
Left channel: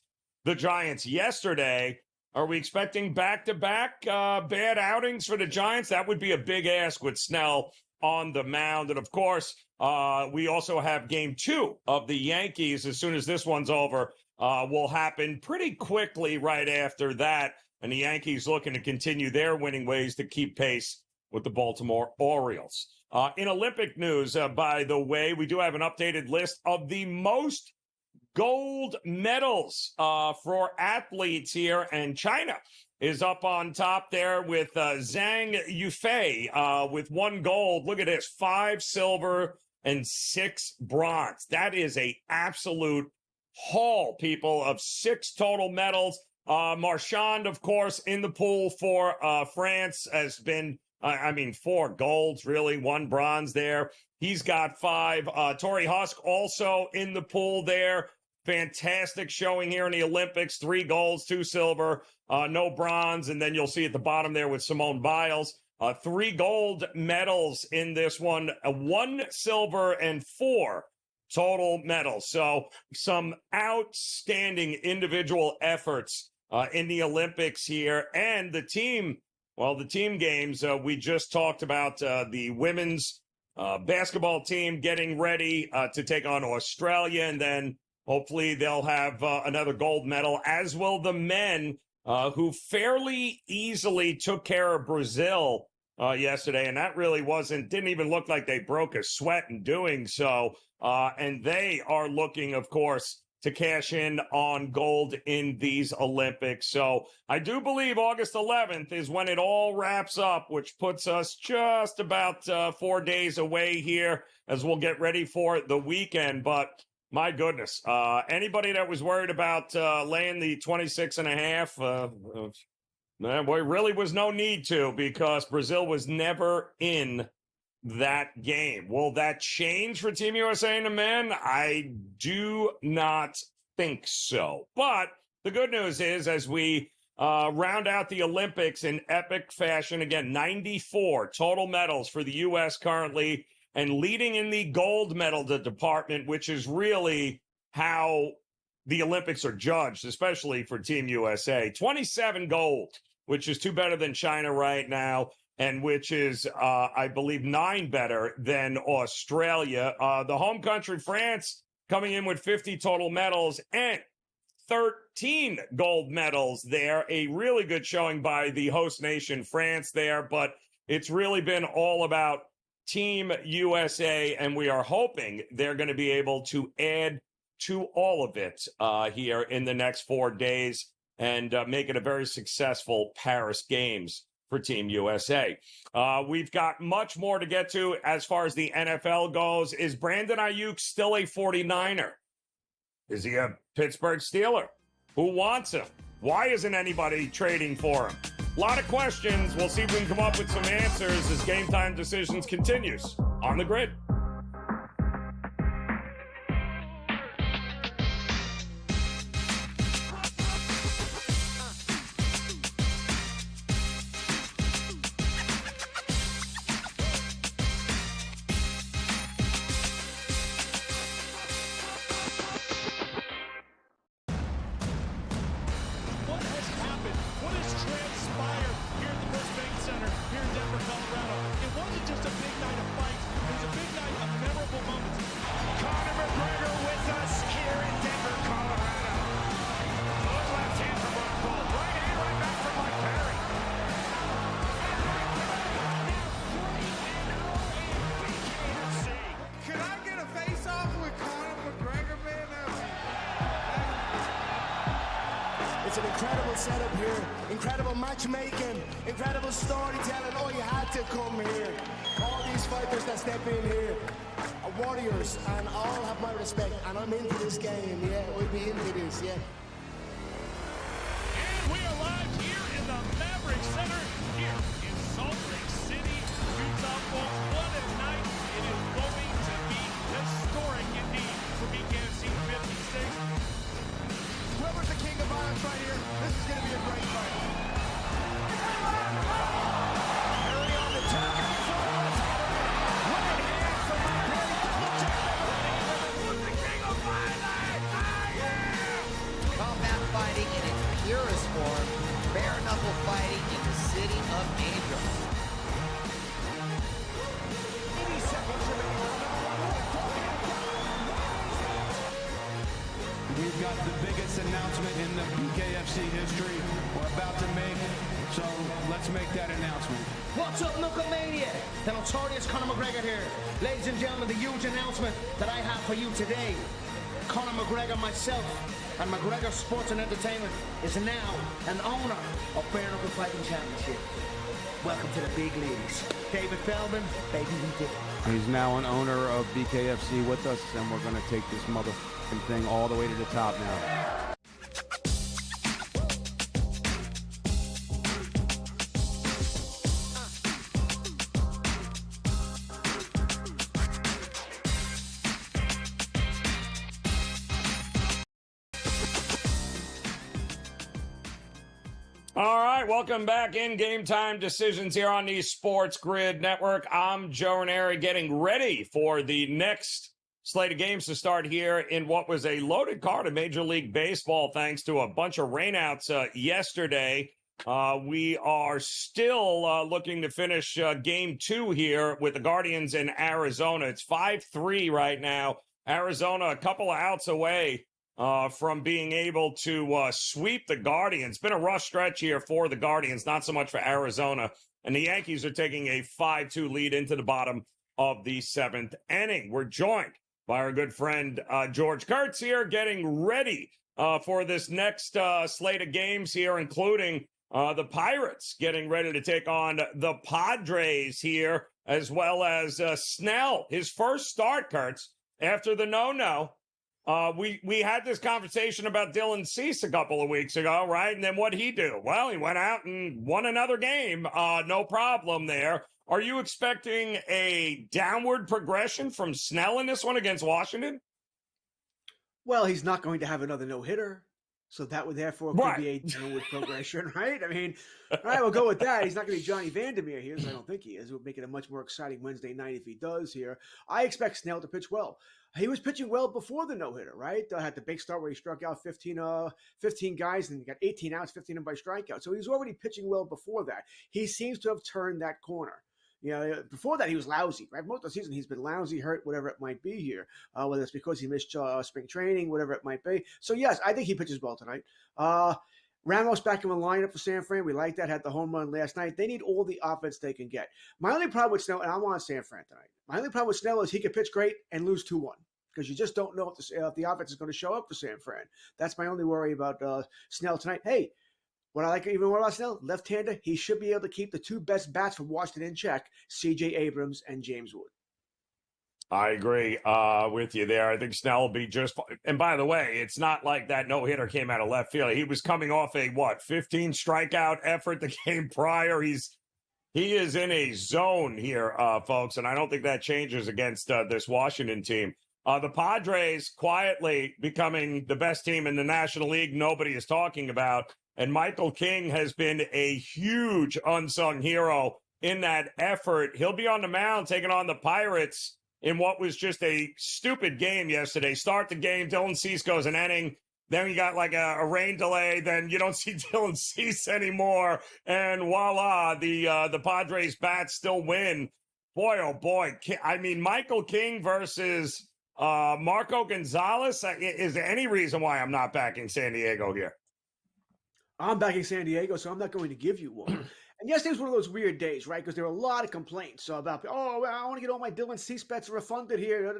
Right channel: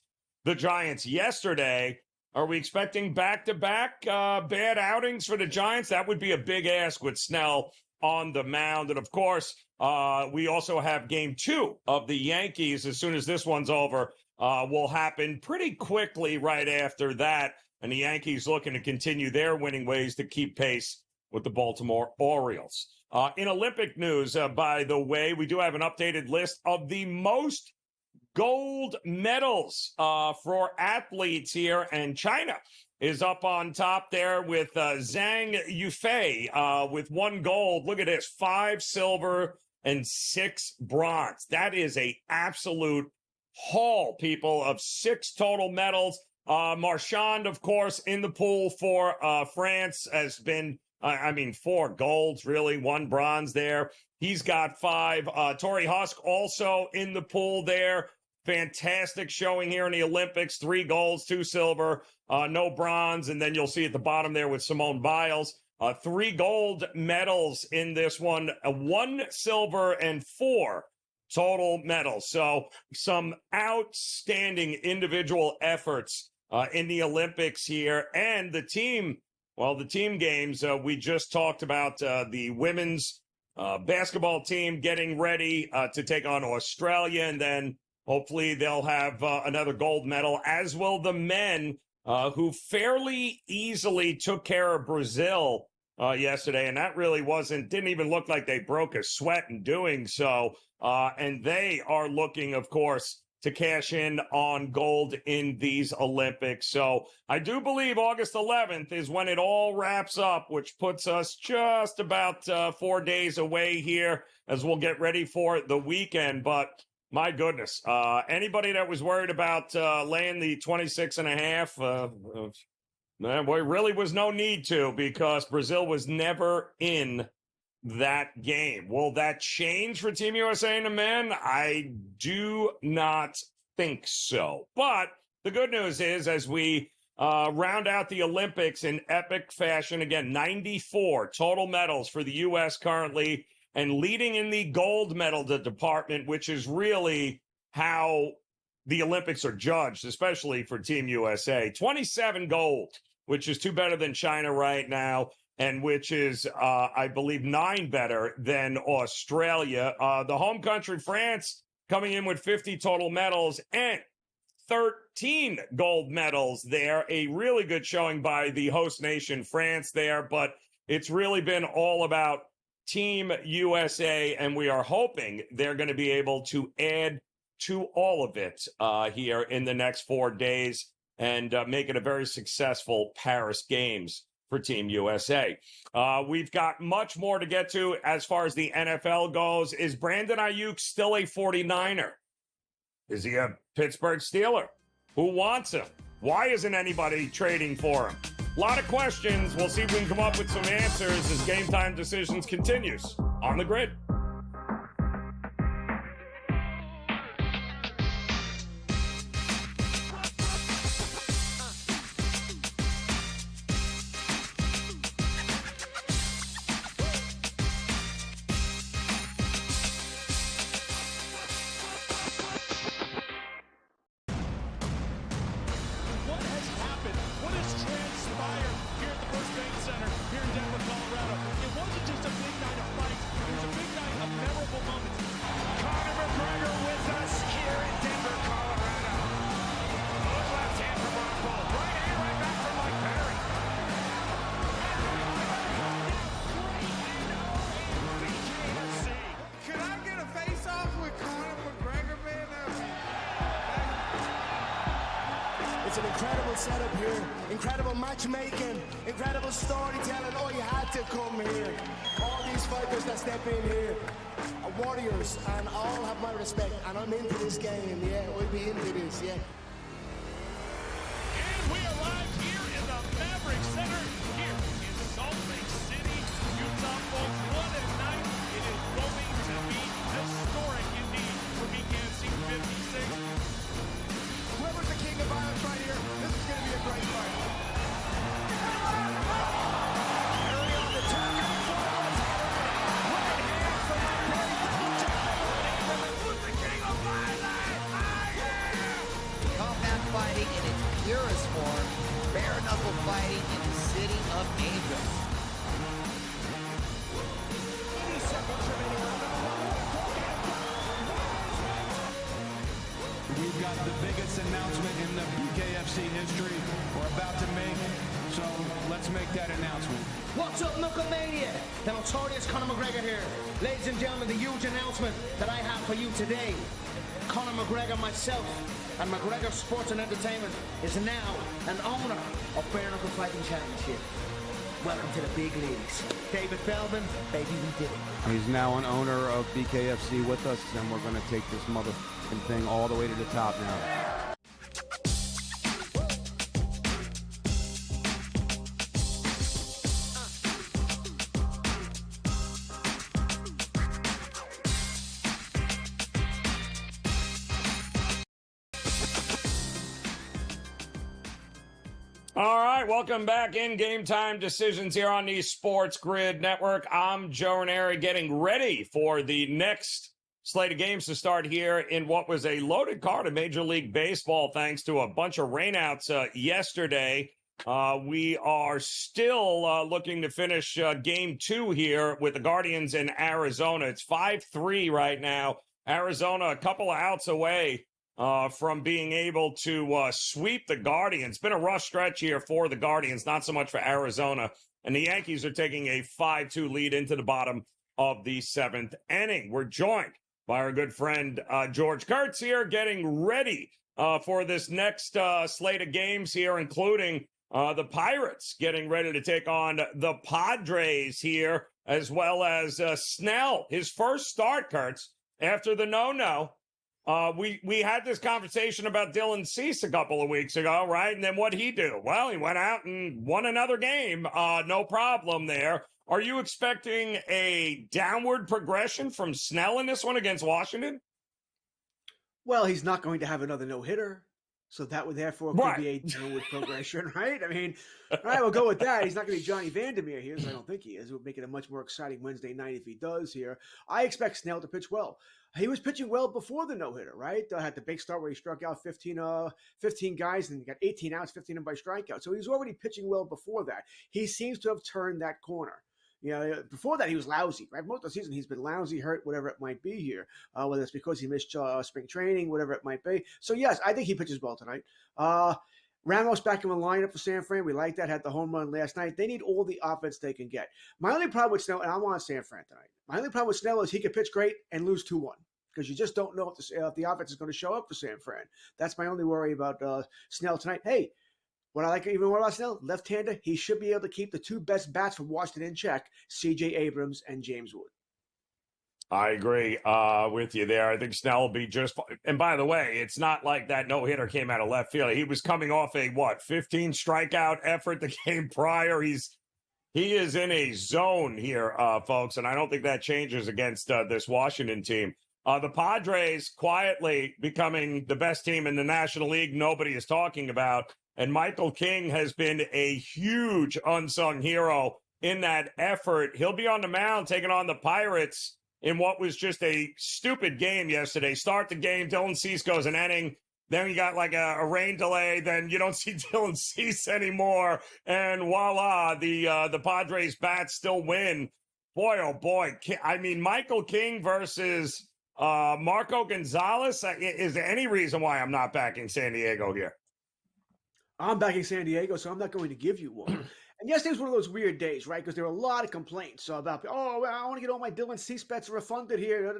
the Giants yesterday? Are we expecting back-to-back bad outings for the Giants? That would be a big ask with Snell on the mound. And, of course, we also have game 2 of the Yankees. As soon as this one's over, will happen pretty quickly right after that. And the Yankees looking to continue their winning ways to keep pace with the Baltimore Orioles. In Olympic news, by the way, we do have an updated list of the most gold medals for athletes here, and China is up on top there with Zhang Yufei with 1 gold. Look at this, 5 silver and 6 bronze. That is a absolute haul, people, of 6 total medals. Marchand, of course, in the pool for France has been 4 golds, really, 1 bronze there. He's got 5. Tori Husk also in the pool there. Fantastic showing here in the Olympics. 3 golds, 2 silver, no bronze. And then you'll see at the bottom there with Simone Biles, 3 gold medals in this one, 1 silver and 4 total medals. So some outstanding individual efforts in the Olympics here. And the team games, we just talked about the women's basketball team getting ready to take on Australia, and then hopefully they'll have another gold medal, as will the men, who fairly easily took care of Brazil yesterday, and that really didn't even look like they broke a sweat in doing so. And they are looking, of course, to cash in on gold in these Olympics. So I do believe August 11th is when it all wraps up, which puts us just about 4 days away here as we'll get ready for the weekend. But my goodness, anybody that was worried about laying the 26.5, there really was no need to, because Brazil was never in that game. Will that change for Team USA and the men? I do not think so. But the good news is, as we round out the Olympics in epic fashion, again, 94 total medals for the U.S. currently, and leading in the gold medal department, which is really how the Olympics are judged, especially for Team USA. 27 gold, which is 2 better than China right now, and which is, I believe, 9 better than Australia. The home country, France, coming in with 50 total medals and 13 gold medals there. A really good showing by the host nation, France, there. But it's really been all about Team USA, and we are hoping they're going to be able to add to all of it here in the next 4 days and make it a very successful Paris Games for Team USA. We've got much more to get to as far as the NFL goes. Is Brandon Ayuk still a 49er? Is he a Pittsburgh Steeler? Who wants him? Why isn't anybody trading for him? A lot of questions. We'll see if we can come up with some answers as Game Time Decisions continues on the grid. what has transpired here at the Brisbane Center here in Denver, Colorado. It wasn't just a big night of fights. It was a big night of memorable moments. Conor McGregor with us here in Denver, Colorado. One last team for Mark Cole. Running right back from Mark Penner. Can I get a face-off with Conor McGregor, man? It's an incredible setup here, incredible matchmaking, incredible storytelling. Oh, you had to come here. All these fighters that step in here are warriors, and all have my respect. And I'm into this game, yeah. We'll be into this, yeah. We arrived here in the Maverick Center here in Salt Lake City, Utah. For what a night it is going to be. Historic indeed for BKFC 56. Whoever's the king of violence right here, this is going to be a great fight. Combat fighting in its purest form, bare knuckle fighting in the city of angels. We've got the biggest announcement in the BKFC history we're about to make, so let's make that announcement. What's up, Knucklemania? The notorious Conor McGregor here. Ladies and gentlemen, the huge announcement that I have for you today. Conor McGregor, myself, and McGregor Sports and Entertainment is now an owner of Bare Knuckle Fighting Championship. Welcome to the big leagues. David Feldman, baby, we did it. He's now an owner of BKFC with us, and we're going to take this motherfucking thing all the way to the top now. All right, welcome back in Game Time Decisions here on the SportsGrid Network. I'm Joe Raineri getting ready for the next slate of games to start here in what was a loaded card of Major League Baseball thanks to a bunch of rainouts yesterday. We are still looking to finish Game 2 here with the Guardians in Arizona. It's 5-3 right now. Arizona a couple of outs away from being able to sweep the Guardians. Been a rough stretch here for the Guardians, not so much for Arizona. And the Yankees are taking a 5-2 lead into the bottom of the seventh inning. We're joined by our good friend George Kurtz here, getting ready for this next slate of games here, including the Pirates getting ready to take on the Padres here, as well as Snell, his first start, Kurtz, after the no-no. We had this conversation about Dylan Cease a couple of weeks ago, right? And then what'd he do? Well, he went out and won another game. No problem there. Are you expecting a downward progression from Snell in this one against Washington? Well, he's not going to have another no-hitter. So that would therefore could be a downward progression, right? I mean, all right, we'll go with that. He's not going to be Johnny Vandermeer here, so I don't think he is. It would make it a much more exciting Wednesday night if he does here. I expect Snell to pitch well. He was pitching well before the no-hitter, right? Had the big start where he struck out 15 guys and got 18 outs, 15 of them by strikeout. So he was already pitching well before that. He seems to have turned that corner. You know, before that, he was lousy, right? Most of the season, he's been lousy, hurt, whatever it might be here, whether it's because he missed spring training, whatever it might be. So, yes, I think he pitches well tonight. Ramos back in the lineup for San Fran. We like that. Had the home run last night. They need all the offense they can get. My only problem with Snell, and I'm on San Fran tonight, my only problem with Snell is he could pitch great and lose 2-1 because you just don't know if the offense is going to show up for San Fran. That's my only worry about Snell tonight. Hey, what I like even more about Snell, left-hander, he should be able to keep the two best bats from Washington in check, C.J. Abrams and James Wood. I agree with you there. I think Snell will be just fine. And by the way, it's not like that no-hitter came out of left field. He was coming off a, 15 strikeout effort the game prior. He is in a zone here, folks, and I don't think that changes against this Washington team. The Padres quietly becoming the best team in the National League nobody is talking about. And Michael King has been a huge unsung hero in that effort. He'll be on the mound taking on the Pirates in what was just a stupid game yesterday. Start the game, Dylan Cease goes an inning, Then you got like a rain delay. Then you don't see Dylan Cease anymore. And voila, the Padres bats still win. Boy, oh boy. I mean, Michael King versus Marco Gonzalez. Is there any reason why I'm not back in San Diego here? I'm back in San Diego, so I'm not going to give you one. And yesterday's one of those weird days, right? Because there were a lot of complaints about, oh, I want to get all my Dylan Cease bets refunded here.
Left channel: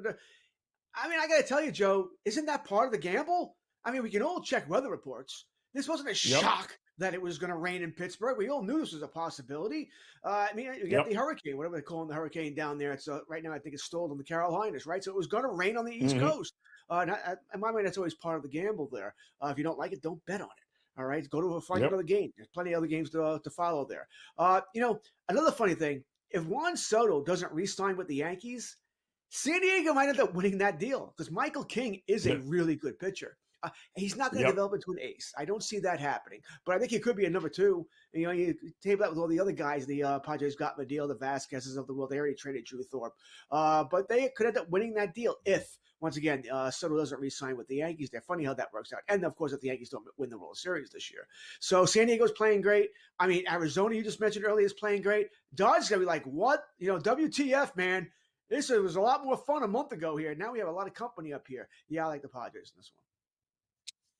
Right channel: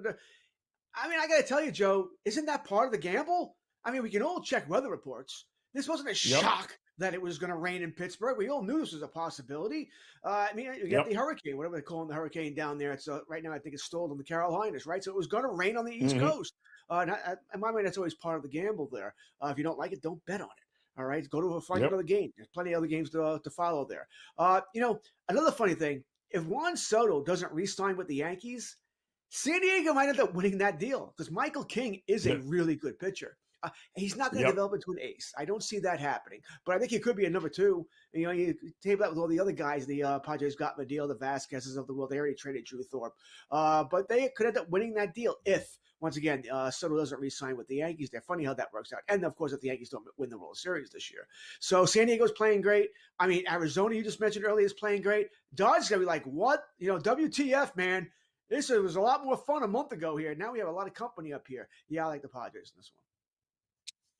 I mean, I got to tell you, Joe, isn't that part of the gamble? I mean, we can all check weather reports. This wasn't a shock that it was going to rain in Pittsburgh. We all knew this was a possibility. I mean, you get the hurricane, whatever they're calling the hurricane down there. It's right now, I think it's stalled in the Carolinas, right? So it was going to rain on the East Coast. In my mind, that's always part of the gamble there. If you don't like it, don't bet on it. All right, go to find another game. There's plenty of other games to follow there. Another funny thing, if Juan Soto doesn't re-sign with the Yankees, San Diego might end up winning that deal because Michael King is a really good pitcher. He's not going to develop into an ace. I don't see that happening, but I think he could be a number two. You table that with all the other guys the Padres got in the deal, the Vasquez's of the world. They already traded Drew Thorpe, but they could end up winning that deal if, once again, Soto doesn't re-sign with the Yankees. They're funny how that works out. And, of course, if the Yankees don't win the World Series this year. So San Diego's playing great. I mean, Arizona, you just mentioned earlier, is playing great. Dodgers going to be like, what? WTF, man. This was a lot more fun a month ago here. Now we have a lot of company up here. Yeah, I like the Padres in this one.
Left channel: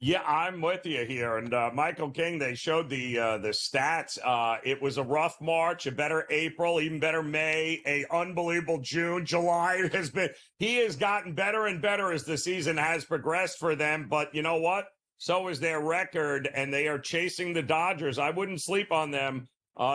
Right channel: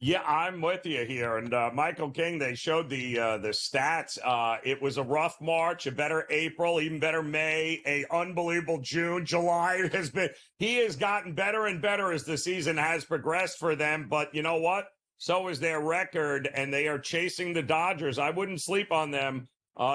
Yeah, I'm with you here. And Michael King, they showed the stats. It was a rough March, a better April, even better May, a unbelievable June. July he has gotten better and better as the season has progressed for them. But you know what? So is their record, and they are chasing the Dodgers. I wouldn't sleep on them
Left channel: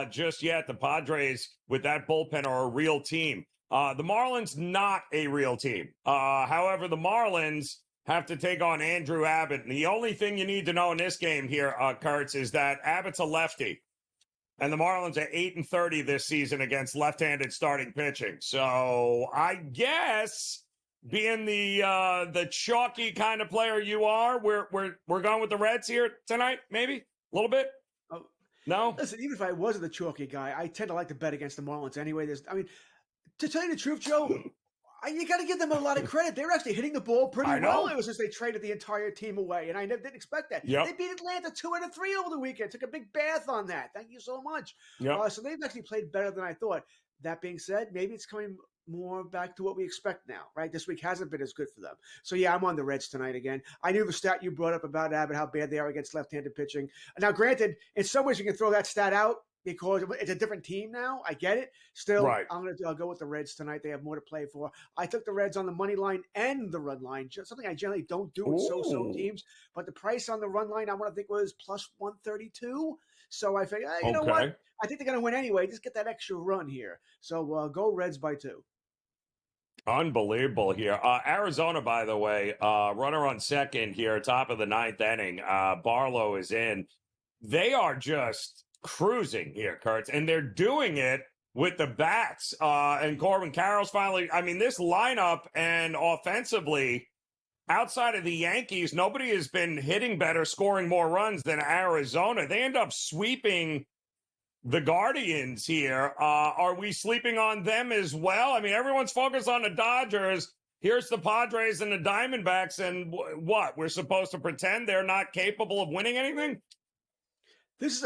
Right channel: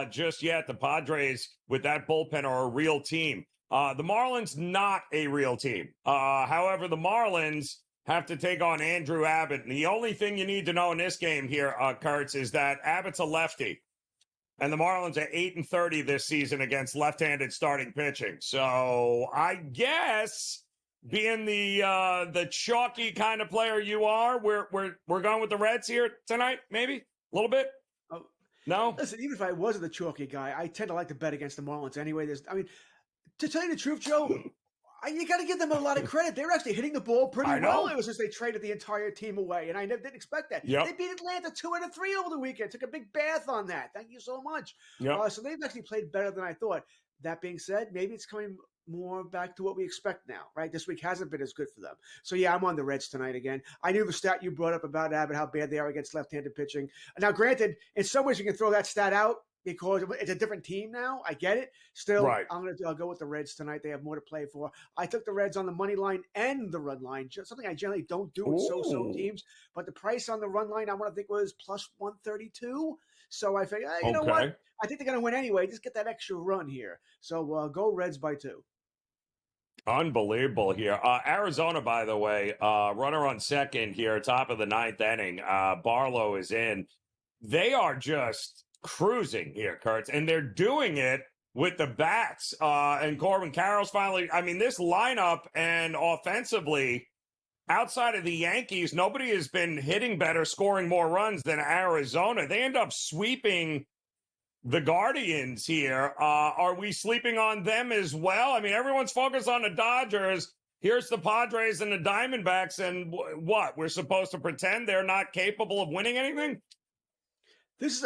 just yet. The Padres, with that bullpen, are a real team. The Marlins, not a real team. However, the Marlins have to take on Andrew Abbott. And the only thing you need to know in this game here, Kurtz, is that Abbott's a lefty. And the Marlins are 8-30 this season against left-handed starting pitching. So I guess being the chalky kind of player you are, we're going with the Reds here tonight, maybe? A little bit? Oh, no? Listen, even if I wasn't the chalky guy, I tend to like to bet against the Marlins anyway. To tell you the truth, Joe, you got to give them a lot of credit. They're actually hitting the ball pretty well. It was just they traded the entire team away, and I didn't expect that. They beat Atlanta 2-3 over the weekend. Took a big bath on that. Thank you so much. So they've actually played better than I thought. That being said, maybe it's coming more back to what we expect now, right? This week hasn't been as good for them. So, yeah, I'm on the Reds tonight again. I knew the stat you brought up about Abbott, how bad they are against left-handed pitching. Now, granted, in some ways you can throw that stat out because it's a different team now. I get it. Still, I'm going to go with the Reds tonight. They have more to play for. I took the Reds on the money line and the run line, something I generally don't do with so-so teams. But the price on the run line, I think was plus 132. So I figured, you know what? I think they're going to win anyway. Just get that extra run here. So go Reds by 2. Unbelievable here. Arizona, by the way, runner on second here, top of the 9th inning. Barlow is in. They are just cruising here, Kurtz, and they're doing it with the bats. And Corbin Carroll's finally, this lineup and offensively, outside of the Yankees, nobody has been hitting better, scoring more runs than Arizona. They end up sweeping the Guardians here. Are we sleeping on them as well? Everyone's focused on the Dodgers. Here's the Padres and the Diamondbacks, and what? We're supposed to pretend they're not capable of winning anything? This is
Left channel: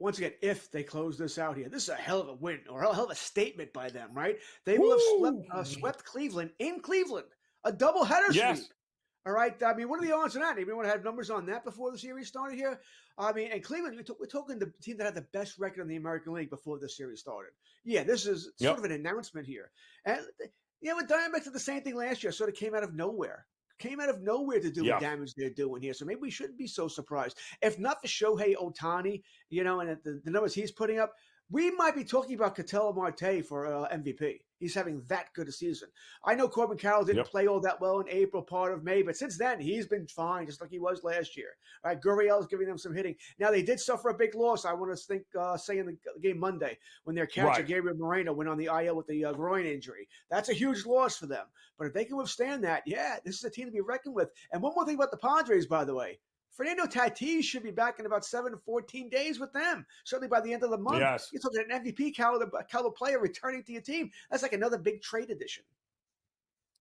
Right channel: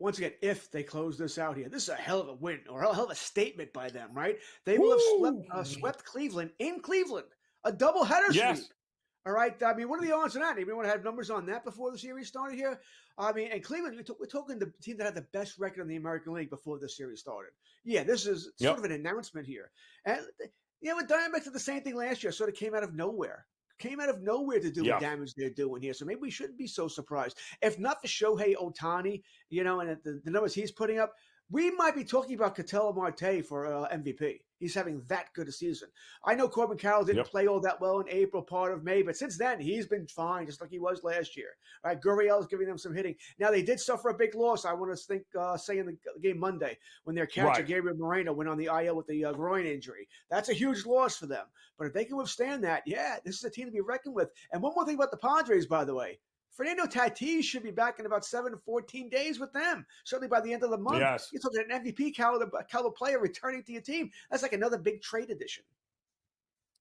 once again, if they close this out here, this is a hell of a win or a hell of a statement by them, right? They will have swept Cleveland in Cleveland, a doubleheader sweep. All right. What are the odds on that? Anyone had numbers on that before the series started here? And Cleveland, we're talking the team that had the best record in the American League before the series started. Yeah, this is sort of an announcement here. And, the Diamondbacks did the same thing last year, sort of came out of nowhere. Came out of nowhere to do the damage they're doing here. So maybe we shouldn't be so surprised. If not for Shohei Ohtani, and the numbers he's putting up, we might be talking about Ketel Marte for MVP. He's having that good a season. I know Corbin Carroll didn't play all that well in April, part of May, but since then, he's been fine, just like he was last year. All right, Gurriel's giving them some hitting. Now, they did suffer a big loss, I want to say in the game Monday, when their catcher, Gabriel Moreno, went on the IL with the groin injury. That's a huge loss for them. But if they can withstand that, this is a team to be reckoned with. And one more thing about the Padres, by the way. Fernando Tatis should be back in about 7 to 14 days with them. Certainly by the end of the month. You're talking an MVP caliber player returning to your team. That's like another big trade addition.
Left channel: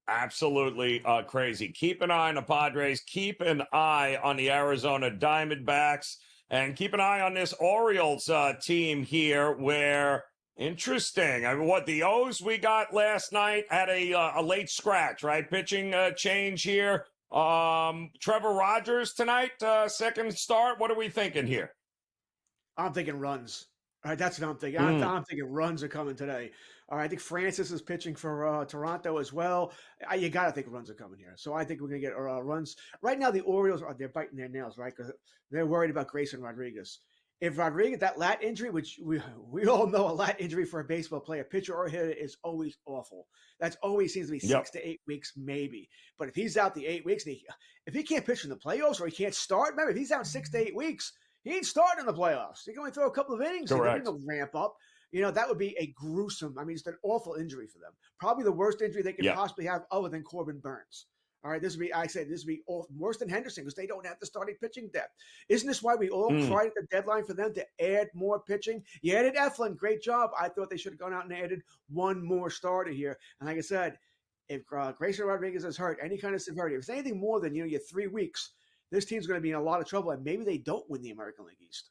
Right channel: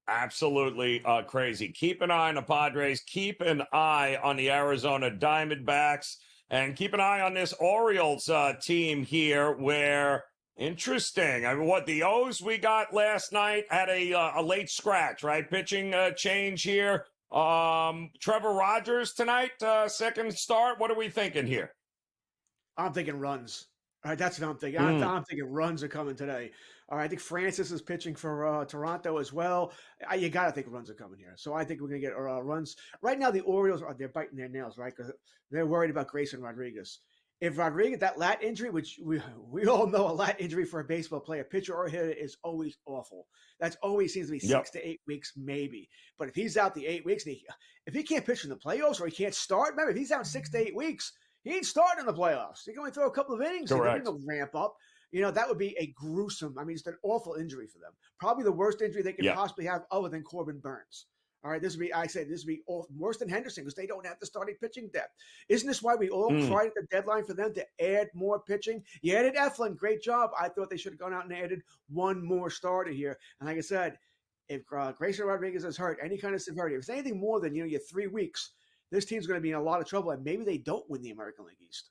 Absolutely crazy. Keep an eye on the Padres. Keep an eye on the Arizona Diamondbacks. And keep an eye on this Orioles team here where, interesting. I mean, what the O's we got last night had a late scratch, right? Pitching change here. Trevor Rogers tonight, second start. What are we thinking here? I'm thinking runs. All right, that's what I'm thinking. I'm thinking runs are coming today. All right, I think Francis is pitching for Toronto as well. You got to think runs are coming here. So I think we're going to get runs. Right now, the Orioles, they're biting their nails, right? Because they're worried about Grayson Rodriguez. If Rodriguez, that lat injury, which we all know a lat injury for a baseball player, pitcher or hitter, is always awful. That's always seems to be 6 to 8 weeks, maybe. But if he's out the 8 weeks, if he can't pitch in the playoffs or he can't start, remember, if he's out 6 to 8 weeks, he ain't starting in the playoffs. He can only throw a couple of innings. Correct. They'll ramp up. That would be a gruesome, it's an awful injury for them. Probably the worst injury they could possibly have other than Corbin Burns. All right, this would be worse than Henderson because they don't have the starting pitching depth. Isn't this why we all cried at the deadline for them to add more pitching? You added Eflin, great job. I thought they should have gone out and added one more starter here. And like I said, if Grayson Rodriguez is hurt, any kind of severity, if it's anything more than your 3 weeks, this team's going to be in a lot of trouble, and maybe they don't win the American League East.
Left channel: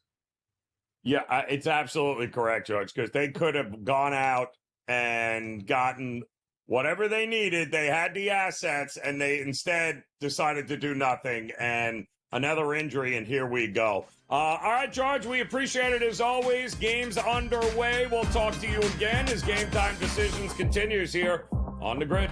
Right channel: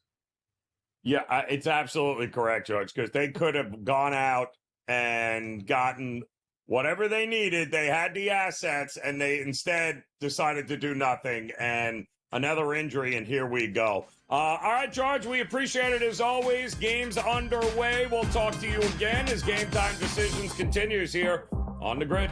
Yeah, it's absolutely correct, George, because they could have gone out and gotten whatever they needed. They had the assets, and they instead decided to do nothing, and another injury, and here we go. All right, George, we appreciate it as always. Game's underway. We'll talk to you again as Game Time Decisions continues here on the grid.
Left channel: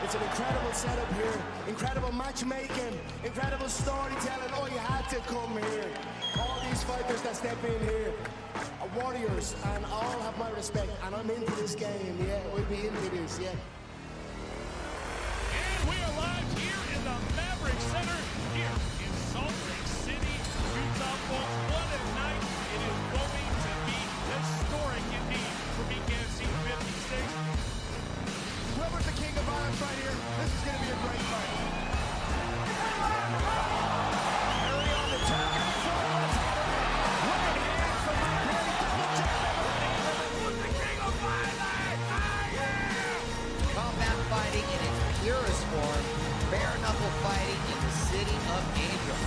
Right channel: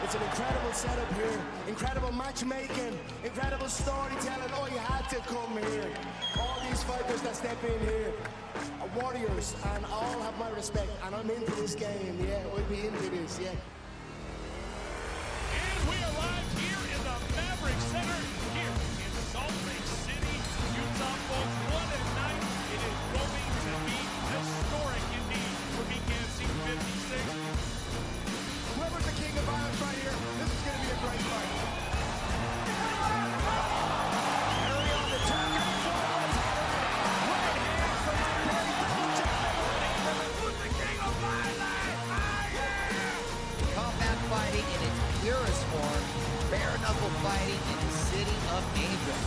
It's an incredible setup here, incredible matchmaking, incredible storytelling. Oh, you had to come here. All these fighters that step in here are warriors, and all have my respect. And I'm into this game, yeah. We'll be into this, yeah. We arrived here in the Maverick Center here in Salt Lake City, Utah. What a night. It is going to be historic indeed for BKFC 56. Whoever's the king of violence right here, this is going to be a great fight. Combat fighting in its purest form, bare knuckle fighting in the city of angels.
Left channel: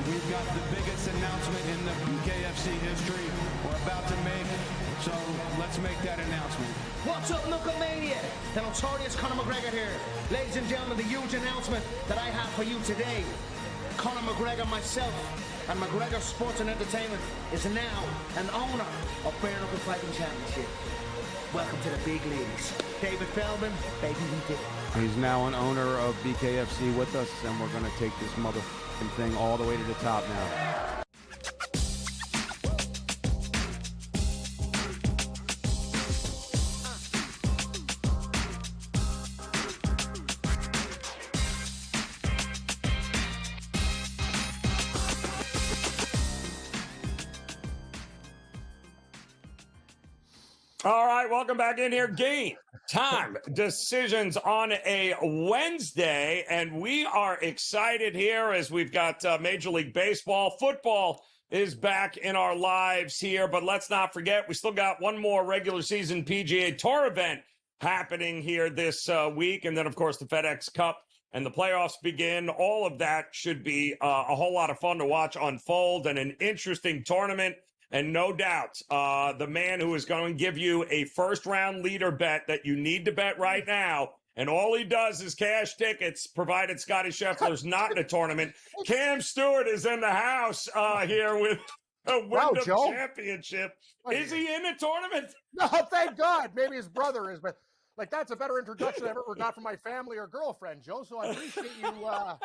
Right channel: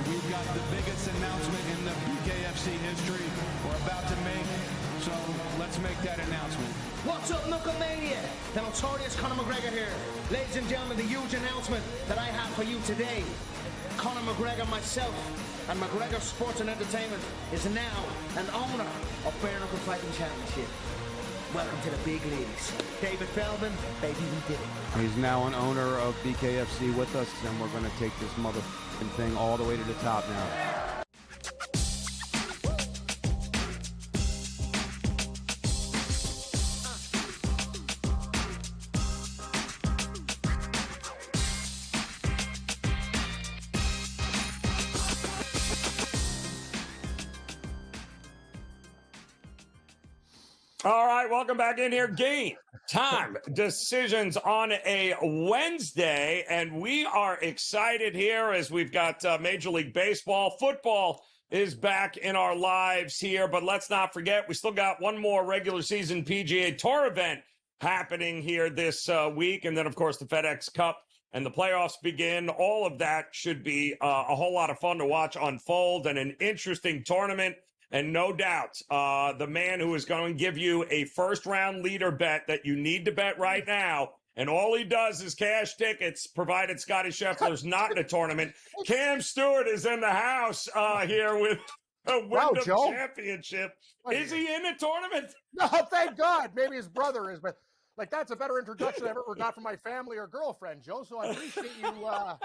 We've got the biggest announcement in the BKFC history we're about to make, so let's make that announcement. What's up, Knucklemania? The notorious Conor McGregor here. Ladies and gentlemen, the huge announcement that I have for you today. Conor McGregor, myself, and McGregor Sports and Entertainment is now an owner of Bare Knuckle Fighting Championship. Welcome to the big leagues. David Feldman, baby, we did it. He's now an owner of BKFC with us, and we're going to take this motherfucking thing all the way to the top now. All right, welcome back in here. Game Time Decisions on a Wednesday, and we are excited here as we've got Major League Baseball. Football is back in our lives here, but let's not forget, we still got one more regular season PGA Tour event happening here this week, and then, of course, the FedEx Cup and the playoffs begin. All of that should be a whole lot of fun to watch unfold and an interesting tournament. And no doubt, the man who is going to give you a first-round leader bet that you need to bet right now and all he does is cash tickets, provided Scotty Scheffler's not in a tournament. Cam Stewart is in the house here with a Wyndham Championship. Is he in a tournament? No, thank God. Maybe his brother is, but that's a better introduction I've ever got from my family or girlfriend, Joe. So I appreciate you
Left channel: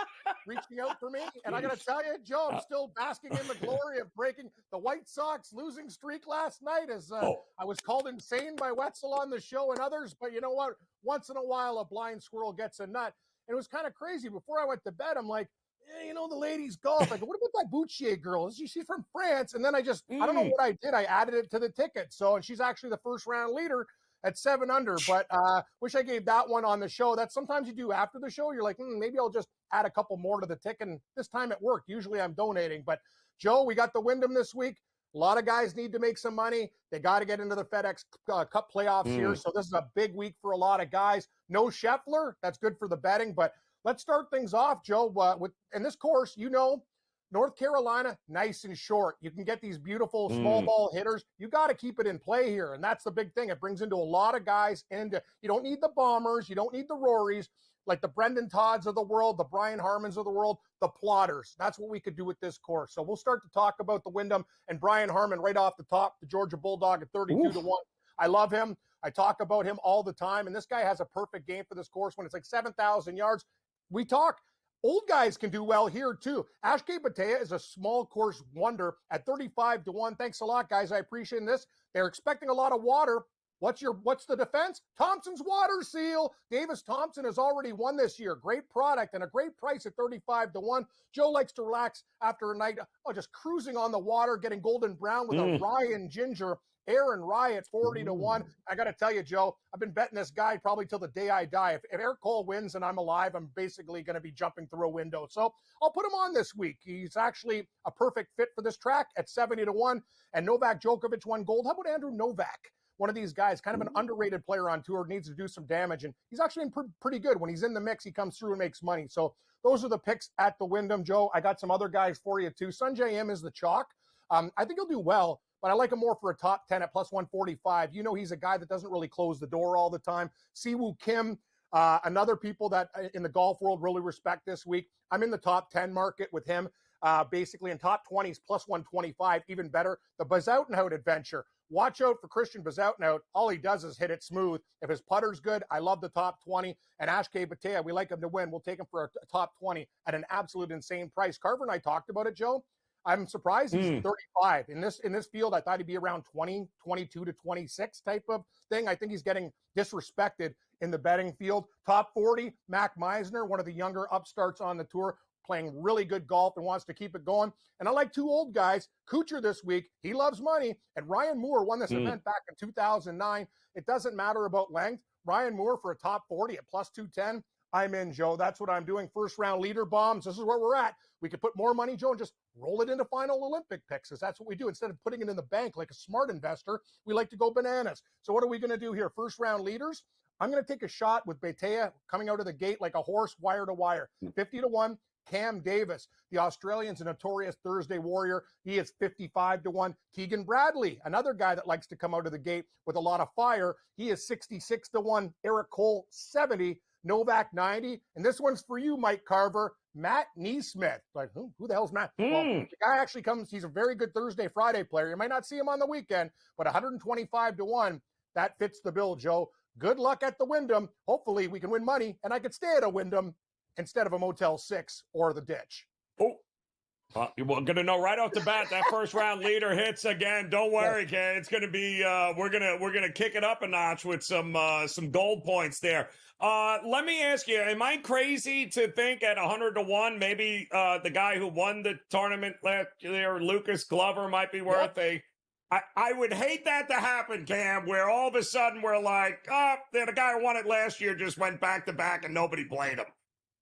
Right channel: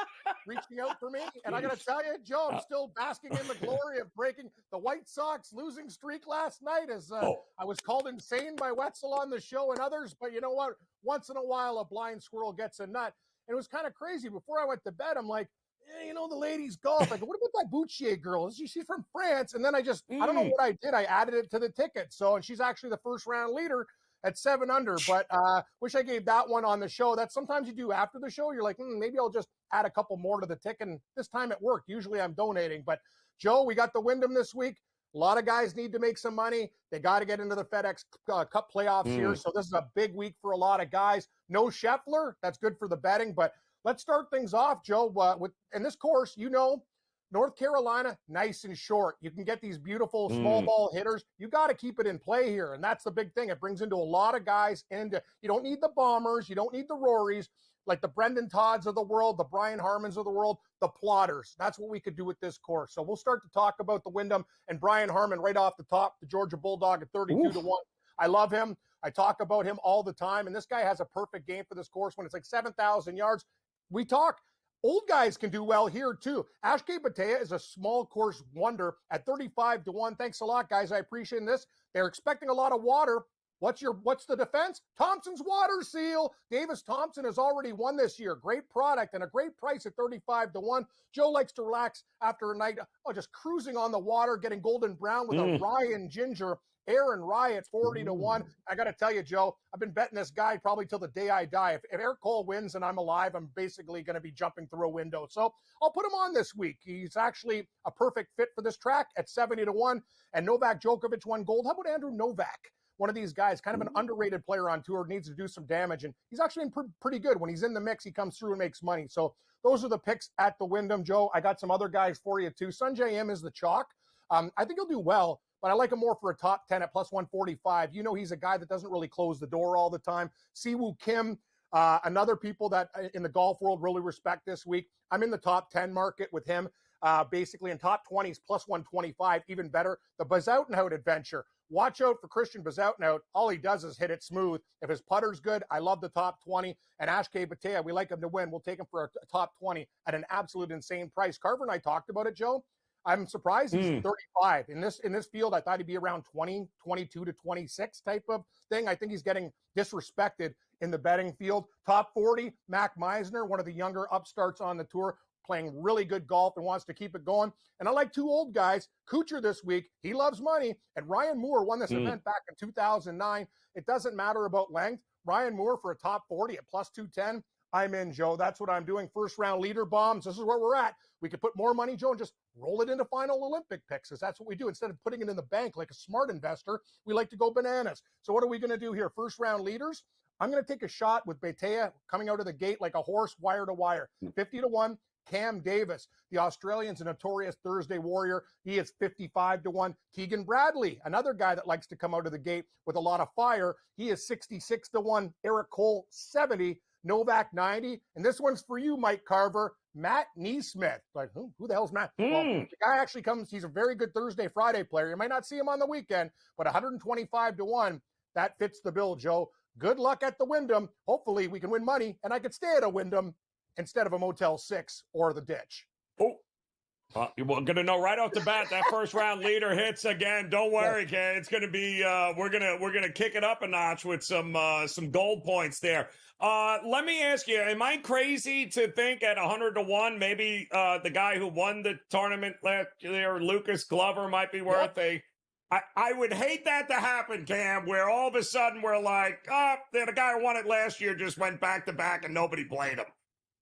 reaching out for me. And I got to tell you, Joe, I'm still basking in the glory of breaking the White Sox losing streak last night as I was called insane by Wetzel on the show and others. But you know what? Once in a while, a blind squirrel gets a nut. And it was kind of crazy. Before I went to bed, I'm like, the ladies golf. I go, what about that Bouchier girl? She's from France. And then I don't know what I did. I added it to the ticket. So, and she's actually the first round leader at 7 under, but wish I gave that one on the show. That sometimes you do after the show. You're like, maybe I'll just add a couple more to the ticket. And this time it worked. Usually I'm donating. But, Joe, we got the Wyndham this week. A lot of guys need to make some money. They got to get into the FedEx Cup playoffs here. So this is a big week for a lot of guys. No Scheffler. That's good for the betting. But let's start things off, Joe. In this course, North Carolina, nice and short. You can get these beautiful small ball hitters. You got to keep it in play here, and that's the big thing. It brings into a lot of guys, and you don't need the bombers. You don't need the Rorys, like the Brendan Todds of the world, the Brian Harmons of the world, the plotters. That's what we could do with this course. So we'll start to talk about the Wyndham and Brian Harmon right off the top, the Georgia Bulldog at 32 to 1. I love him. I talk about him all the time, and this guy has a perfect game for this course when it's like 7,000 yards. We talk. Old guys can do well here, too. Ashke Batea is a small course wonder at 35 to 1. Thanks a lot, guys. I appreciate this. They're expecting a lot of water. What's the defense? Thompson's Water Seal. Davis Thompson has already won this year. Great product and a great price at 35 to 1. Joe likes to relax after a night just cruising on the water, getting golden brown with a Ryan Ginger. Aaron Rye at 40 to 1. I got to tell you, Joe, I've been betting this guy probably till the day I die. If Eric Cole wins and I'm alive, I'm basically going to be jumping through a window. So I'll put him on this week. He's actually a perfect fit for this track at 70 to 1. And Novak Djokovic won gold. How about Andrew Novak? One of these guys, kind of an underrated player on tour, needs to do some damage. And he's actually been pretty good. When he's in the mix, he comes through and makes money. So those are the picks at the Wyndham, Joe. I got some other guys for you, too. Sunjay M is the chalk. I think he'll do well, but I like him more for a top 10 at plus 145. He's a guy that doesn't really close the door all the time. Siwoo Kim, another people that in the golf world really respect this week. I'm in the top 10 market with him. Basically in top 20s, plus 125, even better. The Bazoutenhout adventure. Watch out for Christian Bazoutenhout. All he does is hit it smooth. If his putter's good, I love the top 20. And Ashke Batea, we like him to win. We'll take him for a top 20 at an absolute insane price. Carver and I talked about it, Joe. I'm surprised he's 35. In this field, I thought he'd be around 20, 22 to 26 type of thing. I think he's getting disrespected in the betting field. Top 40, Mac Meisner, one of the younger upstarts on the tour, playing really good golf and wants to keep it going. And I like two old guys. Kuchar this week, he loves money. And Ryan Moore won this event back in 2009. It doesn't matter about length. Ryan Moore for a top 40 at plus 210. I'm in, Joe. That's what I'm doing. First round leader bombs. This is where we're at. We could put more money, Joe, and just roll it into final Olympic picks, because that's what we do. Instead of putting it in the bank like a smart investor, we like to go bananas. So what are we going to do here? First round leaders. I'm going to take a shot with Batea coming out of the gate like a horse, wire to wire. 50 to 1. Cam Davis, the Australian's a notorious Thursday warrior. He is 55 to 1. Keegan Bradley, another guy that likes to come out of the gate with a lot of fire. He is 66 to 1. Eric Cole, 70. Novak, 90. And this one's for you, Mike Carver. Matt Neesmith. Like, who the hell's Matt? Well, the guy actually comes. He's a very good Thursday, Friday player. You might not see him on the weekend, but 125 to 1. That fits the bill, Joe. Good luck at the Wyndham. Hopefully we can win money, and I could stay at a Wyndham instead of a Motel 6 or the Ditch. You're going to know right off the bat that first round leader hits again. Don't worry, Kay. It's going to be we're gonna kick it up a notch with some gold points there. Let me ask you: am I crazy to think at 100 to 1, maybe the guy who won the tournament last year, Lucas Glover, might be worth I would hate that to happen, Cam, where all of a sudden we're like, the guy who won it last year just went back to back and nobody played him.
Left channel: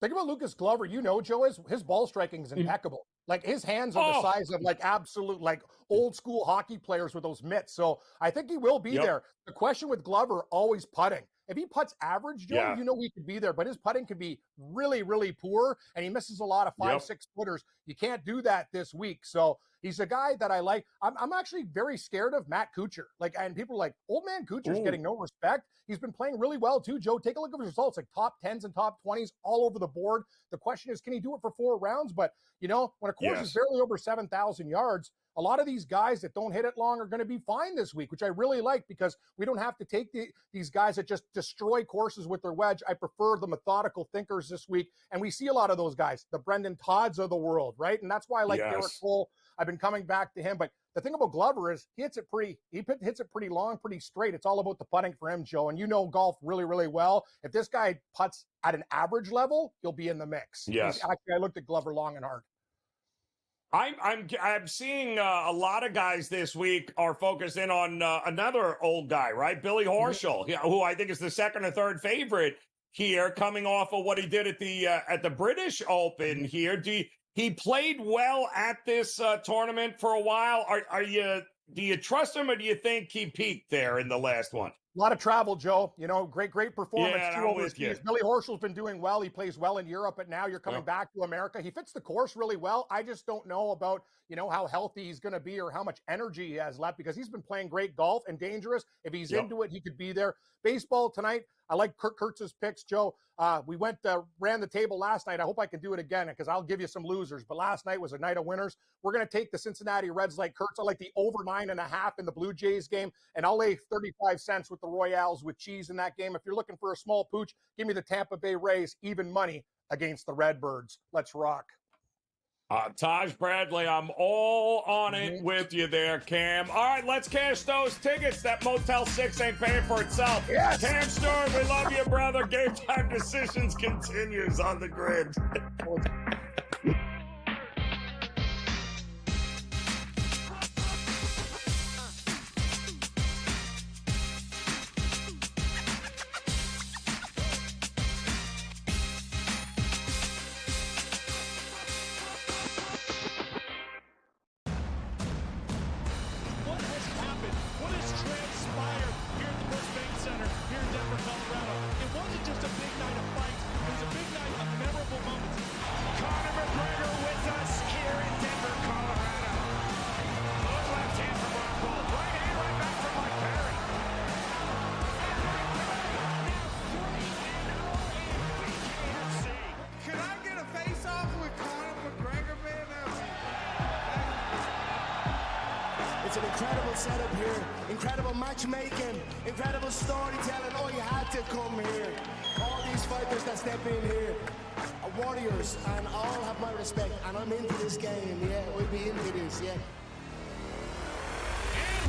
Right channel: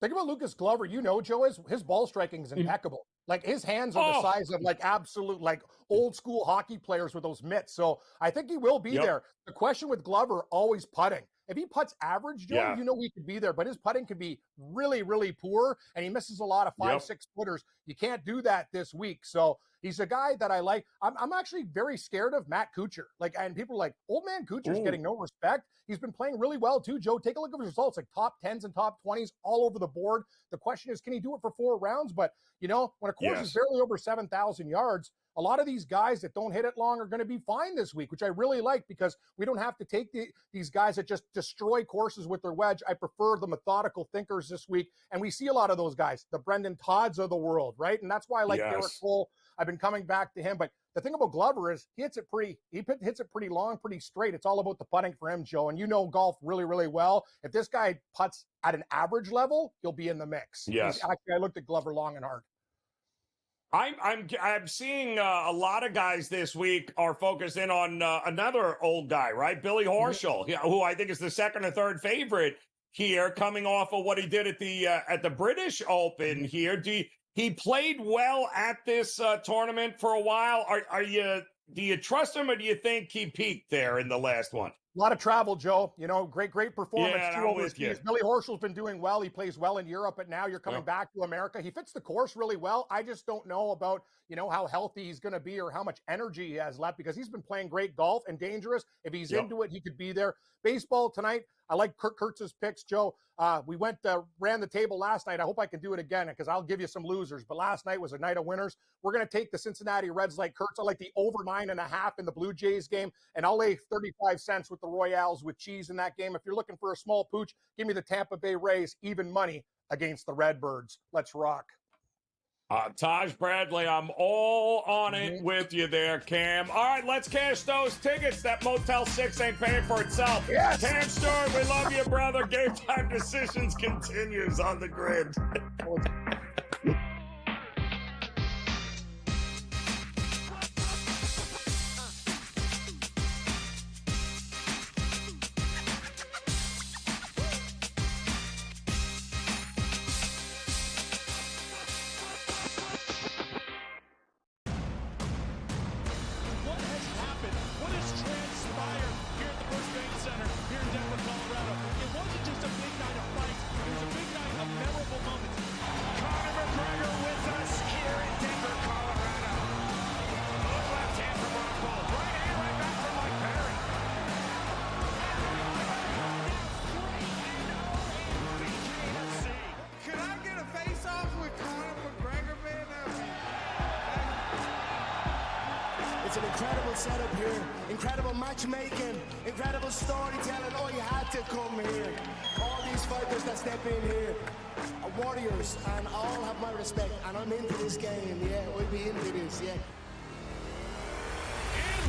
Think about Lucas Glover. Joe, his ball striking is impeccable. Like, his hands are the size of, like, absolute, like, old school hockey players with those mitts. So I think he will be there. The question with Glover, always putting. if he putts average, Joe, Yeah. you know he could be there, but his putting could be really, really poor, and he misses a lot of 5-6 footers. You can't do that this week. So he's a guy that I like. I'm actually very scared of Matt Kuchar. And people are like, old man Kuchar's getting no respect. He's been playing really well too, Joe. Take a look at his results, like top 10s and top 20s all over the board. The question is, can he do it for 4 rounds? But, when a course is barely over 7,000 yards, a lot of these guys that don't hit it long are going to be fine this week, which I really like because we don't have to take these guys that just destroy courses with their wedge. I prefer the methodical thinkers this week, and we see a lot of those guys, the Brendan Todds of the world, right? And that's why I like Derek Cole. I've been coming back to him, but the thing about Glover is he hits it pretty long, pretty straight. It's all about the putting for him, Joe, and you know golf really, really well. If this guy putts at an average level, he'll be in the mix. Yes. Actually, I looked at Glover long and hard. I'm seeing a lot of guys this week are focused in on another old guy, right? Billy Horschel, who I think is the second or third favorite here, coming off of what he did at the British Open here. He played well at this tournament for a while. Do you trust him, or do you think he peaked there in the last one? A lot of travel, Joe. Great performance too over his with Billy Horschel's been doing well. He plays well in Europe, but now you're coming back to America. He fits the course really well. I just don't know about, how healthy he's going to be or how much energy he has left because he's been playing great golf and dangerous. If he's into it, he could be there. Baseball tonight, I like Kurt Kurtz's picks, Joe. We ran the table last night. I hope I can do it again because I'll give you some losers. But last night was a night of winners. We're going to take the Cincinnati Reds like Kurtz. I like the over 9.5 in the Blue Jays game, and I'll lay 35 cents with the Royals with cheese in that game. If you're looking for a small pooch, give me the Tampa Bay Rays, even money against the Redbirds. Let's rock. Taj Bradley, I'm all on it with you there, Cam. All right, let's cash those tickets. That Motel 6 ain't paying for itself. Yes. Cam Stewart, we love you, brother. Game Time Decisions continues on the grid. It's an incredible setup here, incredible matchmaking, incredible storytelling. Oh, you had to come here. All these fighters that step in here are warriors, and all have my respect. And I'm into this game, yeah. We'll be into this, yeah.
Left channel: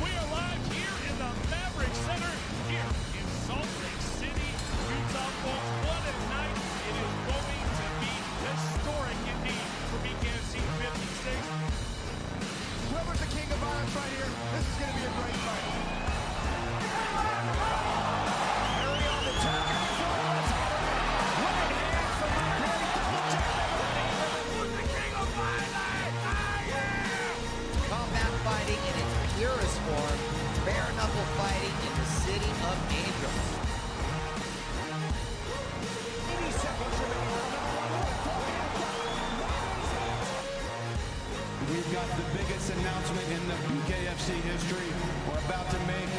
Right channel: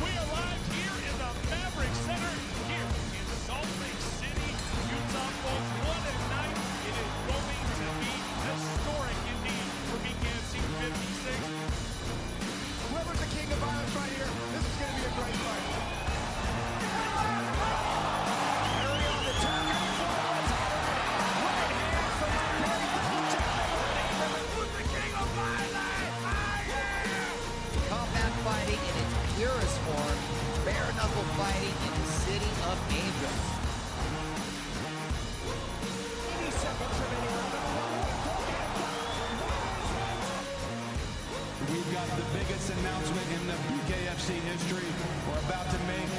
We arrive here in the Maverick Center here in Salt Lake City, Utah. What a night. It is going to be historic indeed for BKFC 56. Whoever's the king of violence right here, this is going to be a great fight. Combat fighting in its purest form, bare knuckle fighting in the city of angels. We've got the biggest announcement in the BKFC history we're about to make,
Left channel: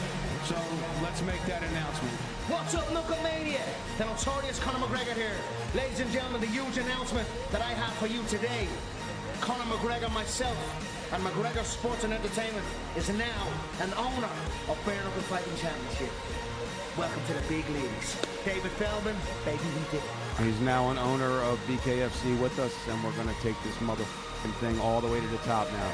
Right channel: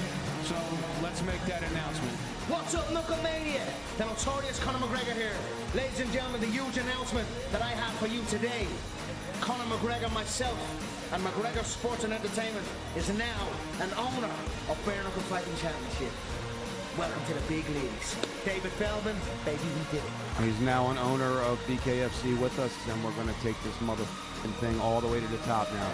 so let's make that announcement. What's up, Knucklemania? The notorious Conor McGregor here. Ladies and gentlemen, the huge announcement that I have for you today. Conor McGregor, myself, and McGregor Sports and Entertainment is now an owner of Bare Knuckle Fighting Championship. Welcome to the big leagues. David Feldman, baby, we did it. He's now an owner of BKFC with us, and we're going to take this motherfucking thing all the way to the top now.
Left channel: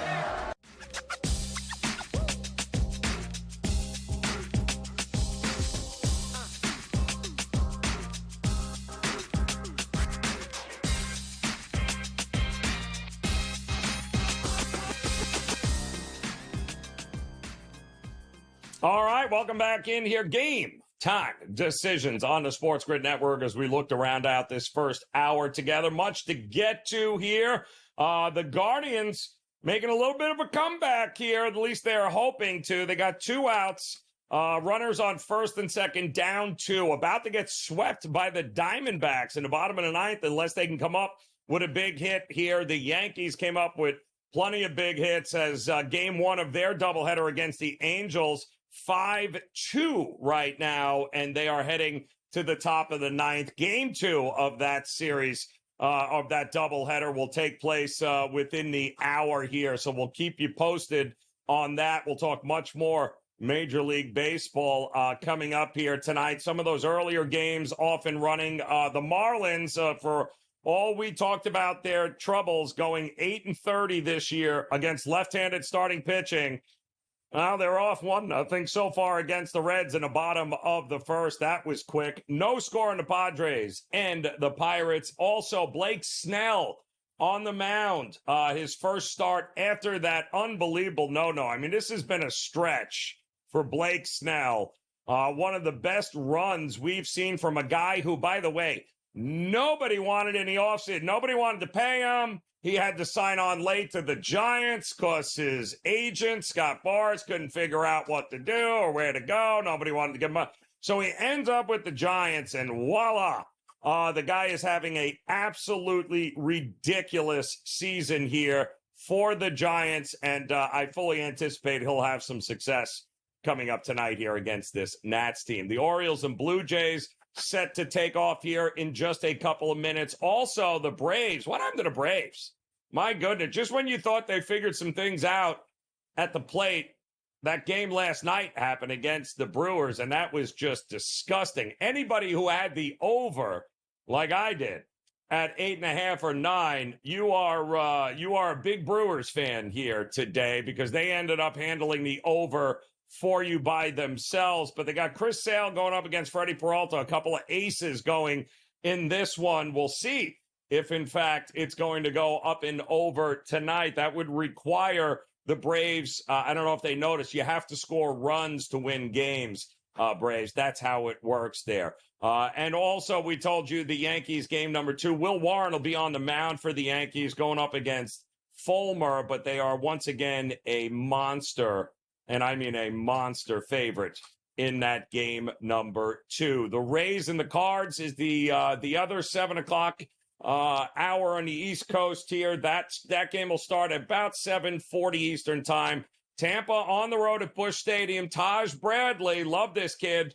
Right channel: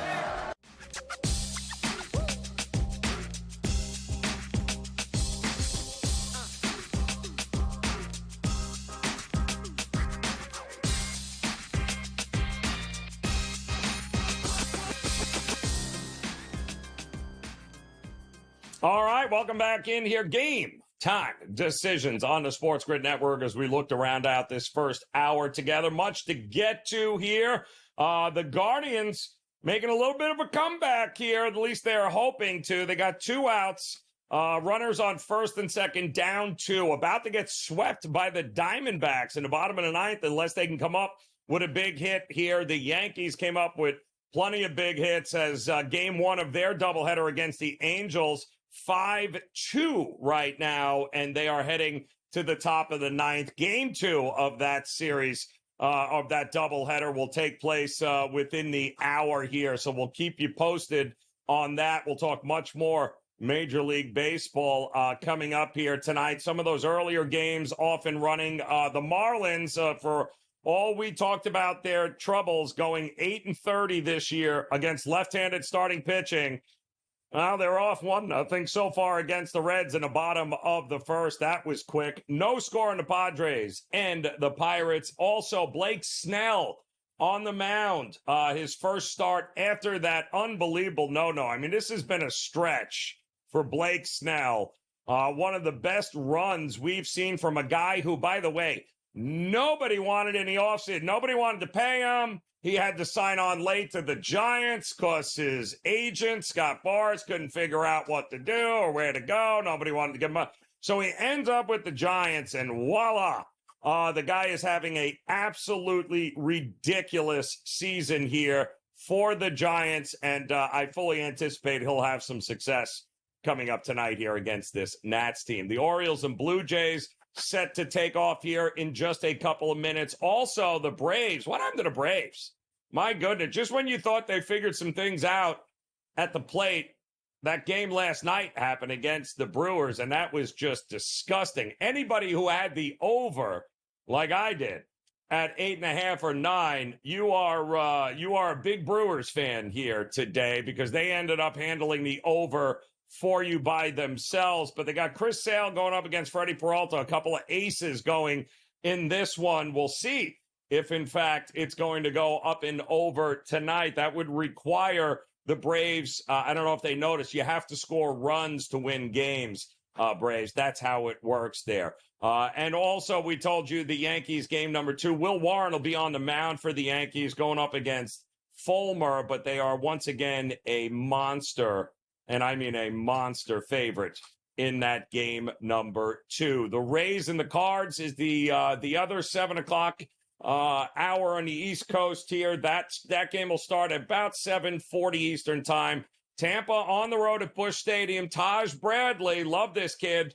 All right, welcome back in here. Game Time Decisions on the SportsGrid Network as we look to round out this first hour together. Much to get to here. The Guardians making a little bit of a comeback here. At least they're hoping to. They got 2 outs Runners on first and second, down 2, about to get swept by the Diamondbacks in the bottom of the ninth unless they can come up with a big hit here. The Yankees came up with plenty of big hits as game 1 of their doubleheader against the Angels, 5-2 right now, and they are heading to the top of the ninth. Game 2 of that series, of that doubleheader, will take place within the hour here, so we'll keep you posted on that. We'll talk much more Major League Baseball coming up here tonight. Some of those earlier games off and running. The Marlins, for all we talked about their troubles, going 8-30 this year against left-handed starting pitching. Well, they're off 1-0 so far against the Reds in the bottom of the first. That was quick. No score on the Padres and the Pirates. Also, Blake Snell on the mound. His first start after that unbelievable no-no. I mean, this has been a stretch for Blake Snell. One of the best runs we've seen from a guy who, by the way, nobody wanted in the offseason. Nobody wanted to pay him. He had to sign on late to the Giants because his agent, Scott Boras, couldn't figure out what to do or where to go. Nobody wanted to give him up. So he ends up with the Giants, and voila, the guy is having an absolutely ridiculous season here for the Giants, and I fully anticipate he'll have some success coming up tonight here against this Nats team. The Orioles and Blue Jays set to take off here in just a couple of minutes. Also, the Braves. What happened to the Braves? My goodness, just when you thought they figured some things out at the plate, that game last night happened against the Brewers, and that was just disgusting. Anybody who had the over, like I did, at 8.5 or 9, you are a big Brewers fan here today because they ended up handling the over for you by themselves. But they got Chris Sale going up against Freddie Peralta, a couple of aces going in this one. We'll see if, in fact, it's going to go up and over tonight. That would require the Braves. I don't know if they noticed, you have to score runs to win games, Braves. That's how it works there. And also, we told you the Yankees game number 2. Will Warren will be on the mound for the Yankees going up against Fulmer, but they are once again a monster, and I mean a monster favorite in that game number 2. The Rays and the Cards is the other 7 o'clock hour on the East Coast here. That game will start at about 7:40 Eastern time. Tampa on the road at Busch Stadium. Taj Bradley, love this kid,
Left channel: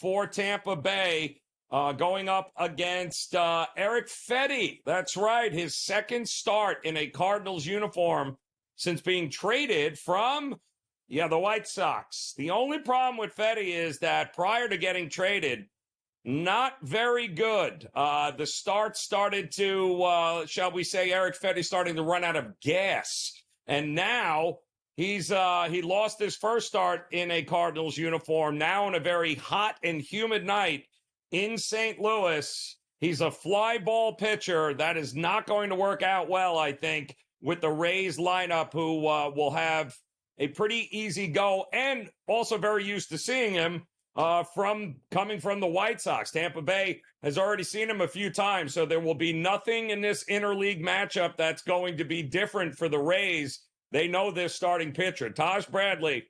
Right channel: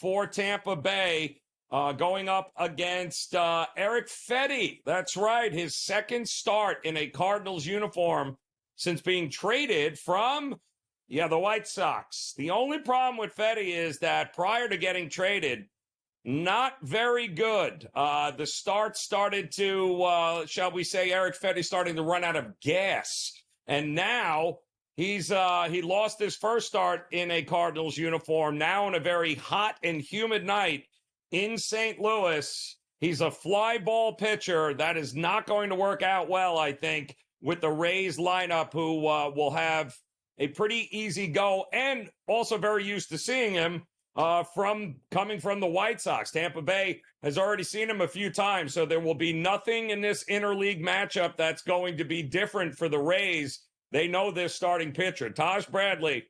for Tampa Bay, going up against Eric Fetty. That's right, his second start in a Cardinals uniform since being traded from the White Sox. The only problem with Fetty is that prior to getting traded, not very good. The start started to, shall we say, Eric Fetty starting to run out of gas. And now he lost his first start in a Cardinals uniform. Now on a very hot and humid night in St. Louis, he's a fly ball pitcher. That is not going to work out well, I think, with the Rays lineup, who will have a pretty easy go, and also very used to seeing him coming from the White Sox. Tampa Bay has already seen him a few times, so there will be nothing in this interleague matchup that's going to be different for the Rays. They know their starting pitcher. Taj Bradley,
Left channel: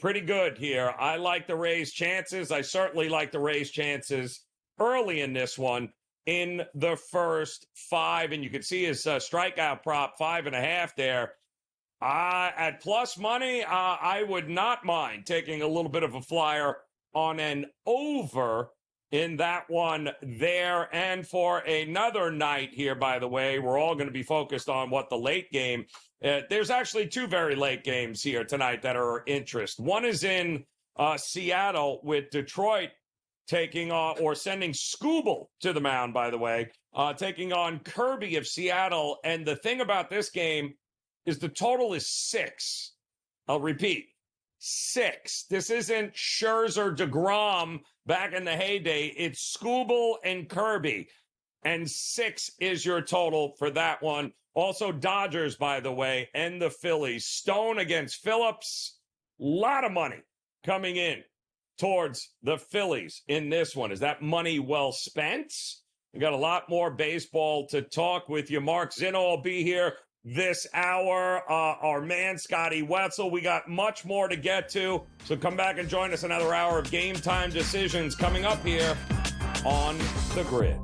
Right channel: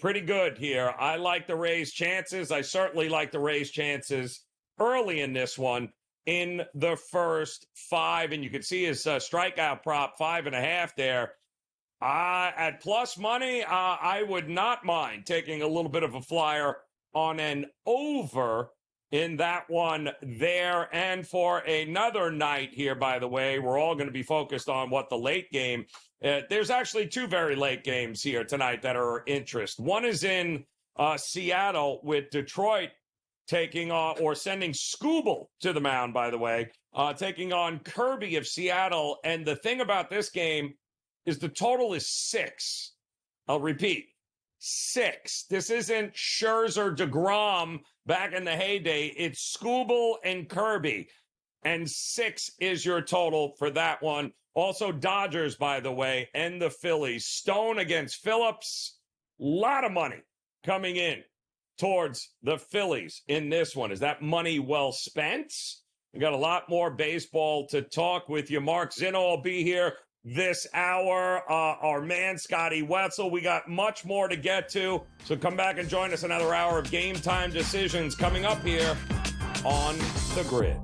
pretty good here. I like the Rays' chances. I certainly like the Rays' chances early in this one in the first 5, and you can see his strikeout prop, 5.5 there. At plus money, I would not mind taking a little bit of a flyer on an over in that one there. And for another night here, by the way, we're all going to be focused on what the late game. There's actually 2 very late games here tonight that are of interest. One is in Seattle with Detroit taking on, or sending Scooble to the mound, by the way, taking on Kirby of Seattle. And the thing about this game is the total is 6. I'll repeat, 6. This isn't Scherzer, DeGrom back in the heyday. It's Scooble and Kirby. And 6 is your total for that one. Also, Dodgers, by the way, and the Phillies. Stone against Phillips. A lot of money coming in towards the Phillies in this one. Is that money well spent? We got a lot more baseball to talk with you. Mark Zinno will be here this hour. Our man, Scotty Wetzel. We got much more to get to, so come back and join us another hour of Game Time Decisions coming up here on the Grid.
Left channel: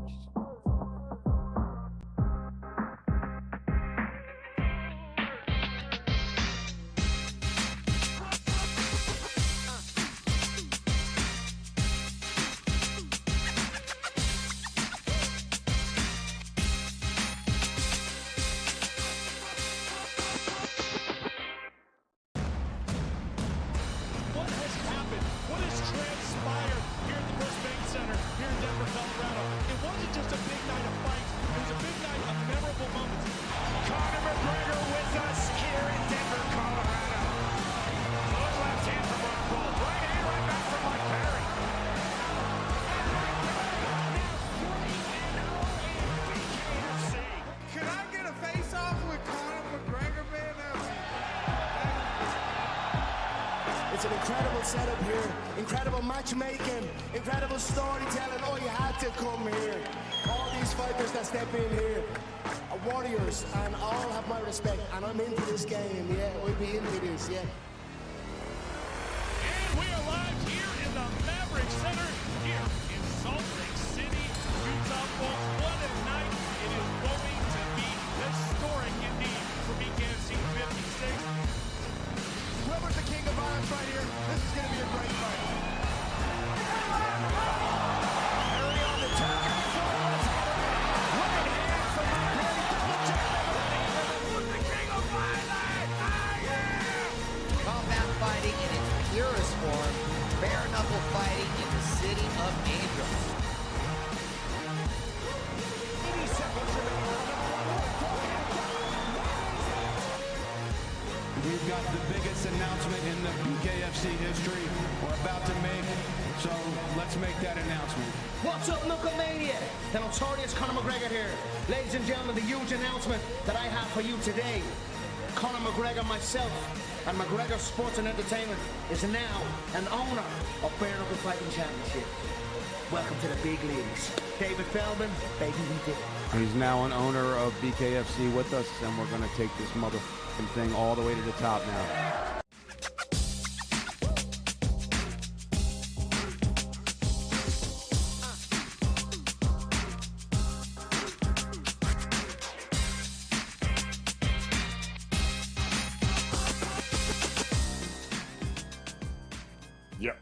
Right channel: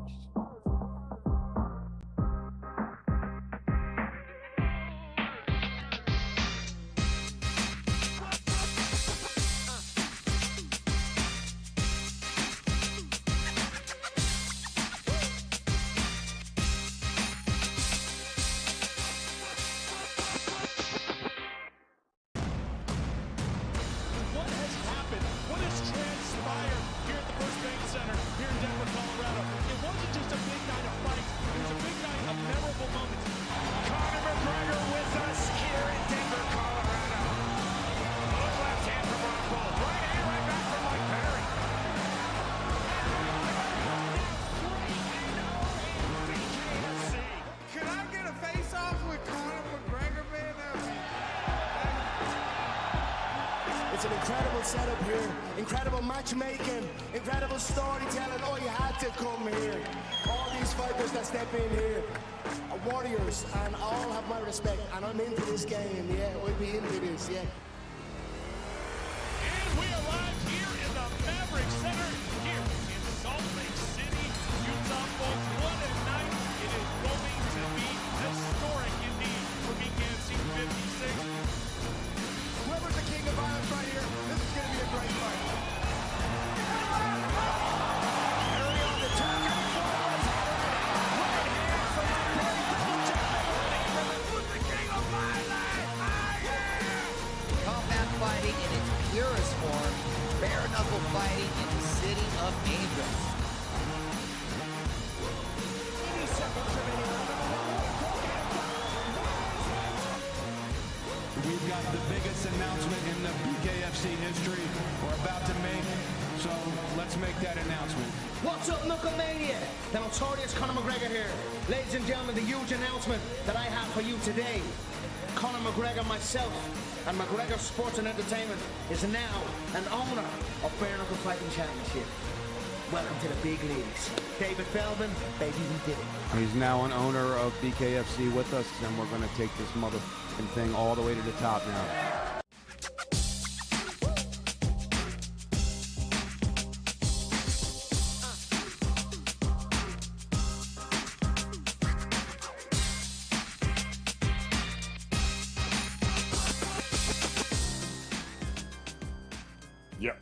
It's an incredible setup here, incredible matchmaking, incredible storytelling. Oh, you had to come here. All these fighters that step in here are warriors, and all have my respect. And I'm into this game, yeah. We'll be into this, yeah. We arrive here in the Maverick Center here in Salt Lake City, Utah. Well, what a night. It is going to be historic indeed for BKFC 56. Whoever's the king of violence right here, this is going to be a great fight. Combat fighting in its purest form, bare knuckle fighting in the city of angels. We've got the biggest announcement in the BKFC history we're about to make, so let's make that announcement. What's up, Knucklemania? The notorious Conor McGregor here. Ladies and gentlemen, the huge announcement that I have for you today. Conor McGregor, myself, and McGregor Sports and Entertainment is now an owner of Bare Knuckle Fighting Championship. Welcome to the big leagues. David Feldman, baby, we did it. He's now an owner of BKFC with us, and we're going to take this motherfucking thing all the way to the top now. Yep.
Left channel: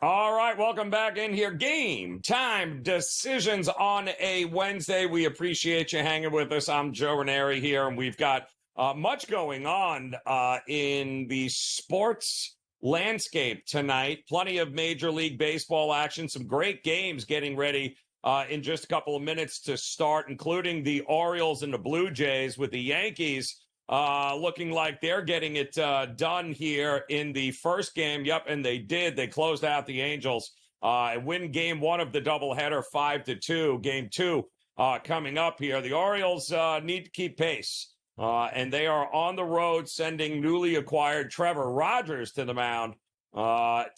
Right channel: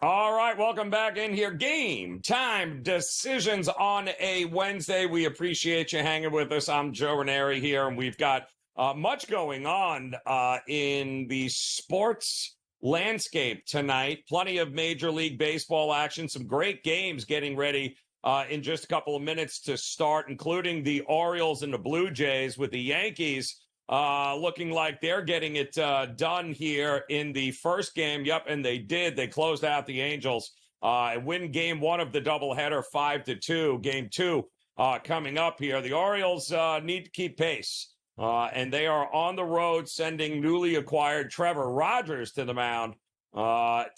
All right, welcome back in here. Game Time Decisions on a Wednesday. We appreciate you hanging with us. I'm Joe Raineri here, and we've got much going on in the sports landscape tonight. Plenty of Major League Baseball action, some great games getting ready in just a couple of minutes to start, including the Orioles and the Blue Jays, with the Yankees looking like they're getting it done here in the first game. Yep, and they did. They closed out the Angels and win game one of the doubleheader 5-2. Game two coming up here. The Orioles need to keep pace, and they are on the road sending newly acquired Trevor Rogers to the mound,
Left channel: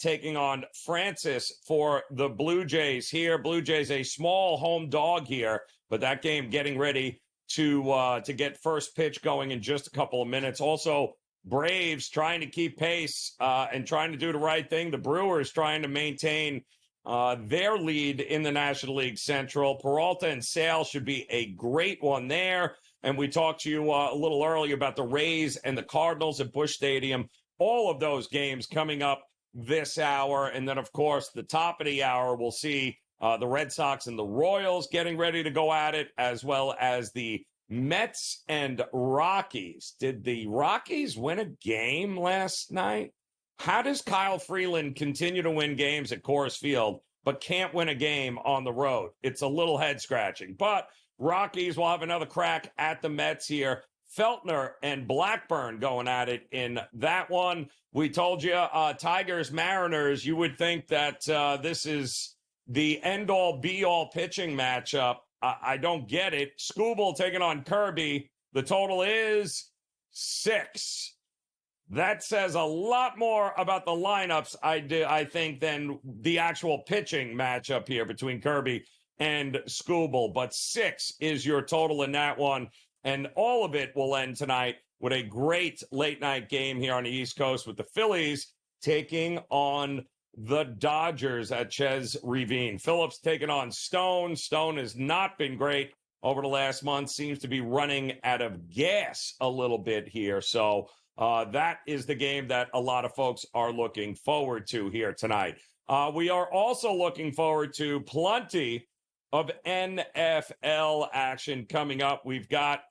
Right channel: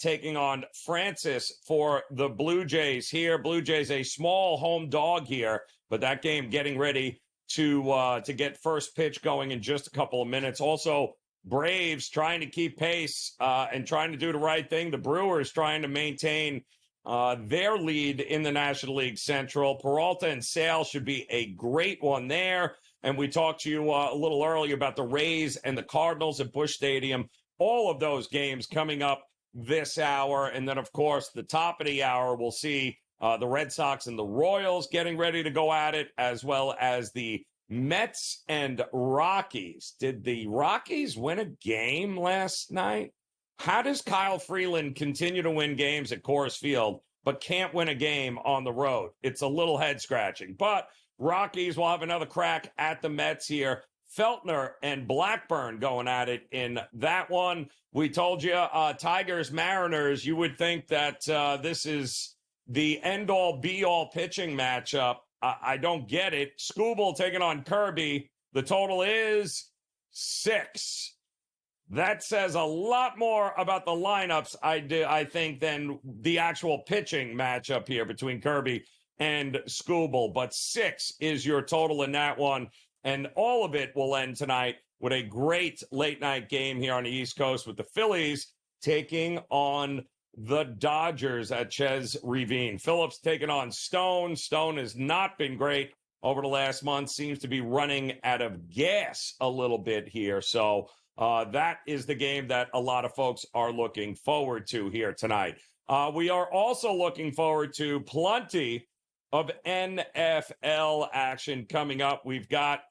taking on Francis for the Blue Jays here. Blue Jays a small home dog here, but that game getting ready to get first pitch going in just a couple of minutes. Also, Braves trying to keep pace and trying to do the right thing. The Brewers trying to maintain their lead in the National League Central. Peralta and Sale should be a great one there. And we talked to you a little earlier about the Rays and the Cardinals at Busch Stadium. All of those games coming up this hour. And then, of course, the top of the hour, we'll see the Red Sox and the Royals getting ready to go at it, as well as the Mets and Rockies. Did the Rockies win a game last night? How does Kyle Freeland continue to win games at Coors Field, but can't win a game on the road? It's a little head-scratching. But Rockies will have another crack at the Mets here. Feltner and Blackburn going at it in that one. We told you, Tigers, Mariners, you would think that this is the end-all, be-all pitching matchup. I don't get it. Skubal taking on Kirby. The total is 6. That says a lot more about the lineups, I think, than the actual pitching matchup here between Kirby and Skubal. But 6 is your total in that one. And all of it will end tonight with a great late-night game here on the East Coast with the Phillies taking on the Dodgers at Chez Ravine. Phillips taking on Stone. Stone has not been great over the last month. Seems to be running out of gas a little bit here. So that is the game that a lot of folks are looking forward to here tonight. We are also looking forward to plenty of NFL action coming up. We've got,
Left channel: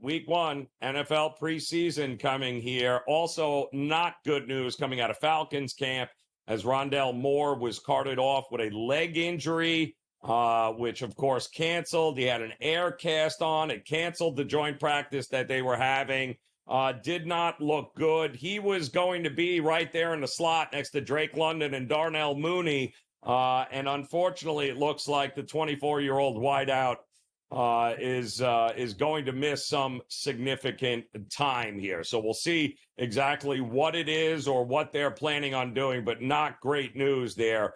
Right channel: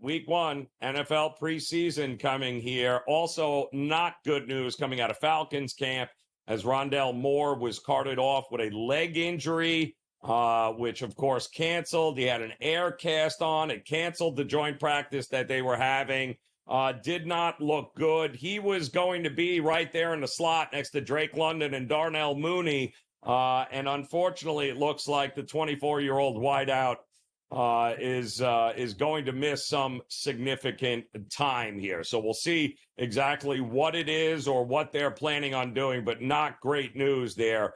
week 1, NFL preseason coming here. Also, not good news coming out of Falcons camp as Rondale Moore was carted off with a leg injury, which, of course, canceled. He had an air cast on. It canceled the joint practice that they were having. Did not look good. He was going to be right there in the slot next to Drake London and Darnell Mooney. And unfortunately, it looks like the 24-year-old wideout is going to miss some significant time here. So we'll see exactly what it is or what they're planning on doing, but not great news there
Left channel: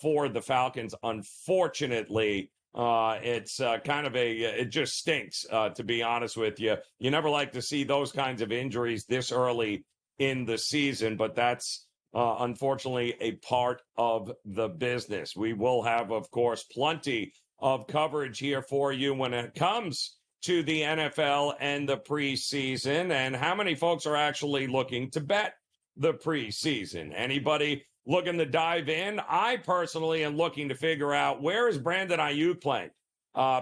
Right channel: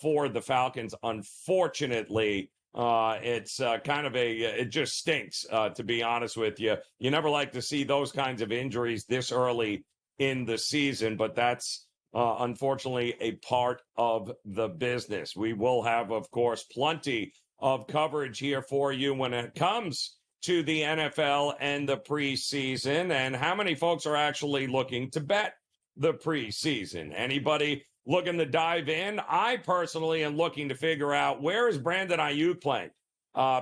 for the Falcons. Unfortunately, it's kind of it just stinks, to be honest with you. You never like to see those kinds of injuries this early in the season, but that's unfortunately a part of the business. We will have, of course, plenty of coverage here for you when it comes to the NFL and the preseason and how many folks are actually looking to bet the preseason. Anybody looking to dive in? I personally am looking to figure out, where is Brandon Ayuk playing?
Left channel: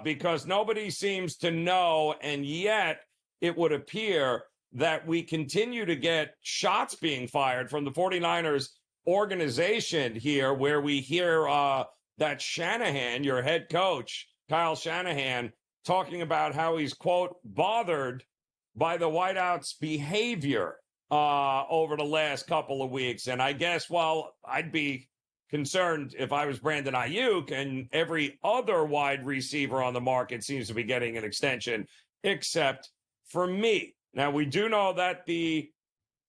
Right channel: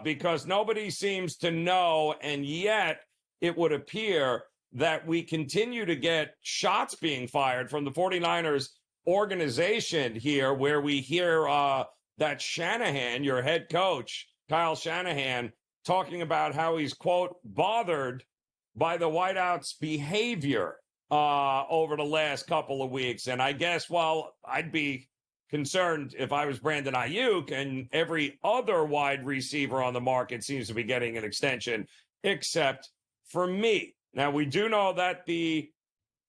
Because nobody seems to know, and yet it would appear that we continue to get shots being fired from the 49ers organization here, where we hear that Shanahan, your head coach, Kyle Shanahan, talking about how he's, quote, bothered by the wideouts' behavior over the last couple of weeks. And I guess, well, I'd be concerned if I was Brandon Ayuk, and every other wide receiver on the market seems to be getting an extension, except for me. Now, we do know that the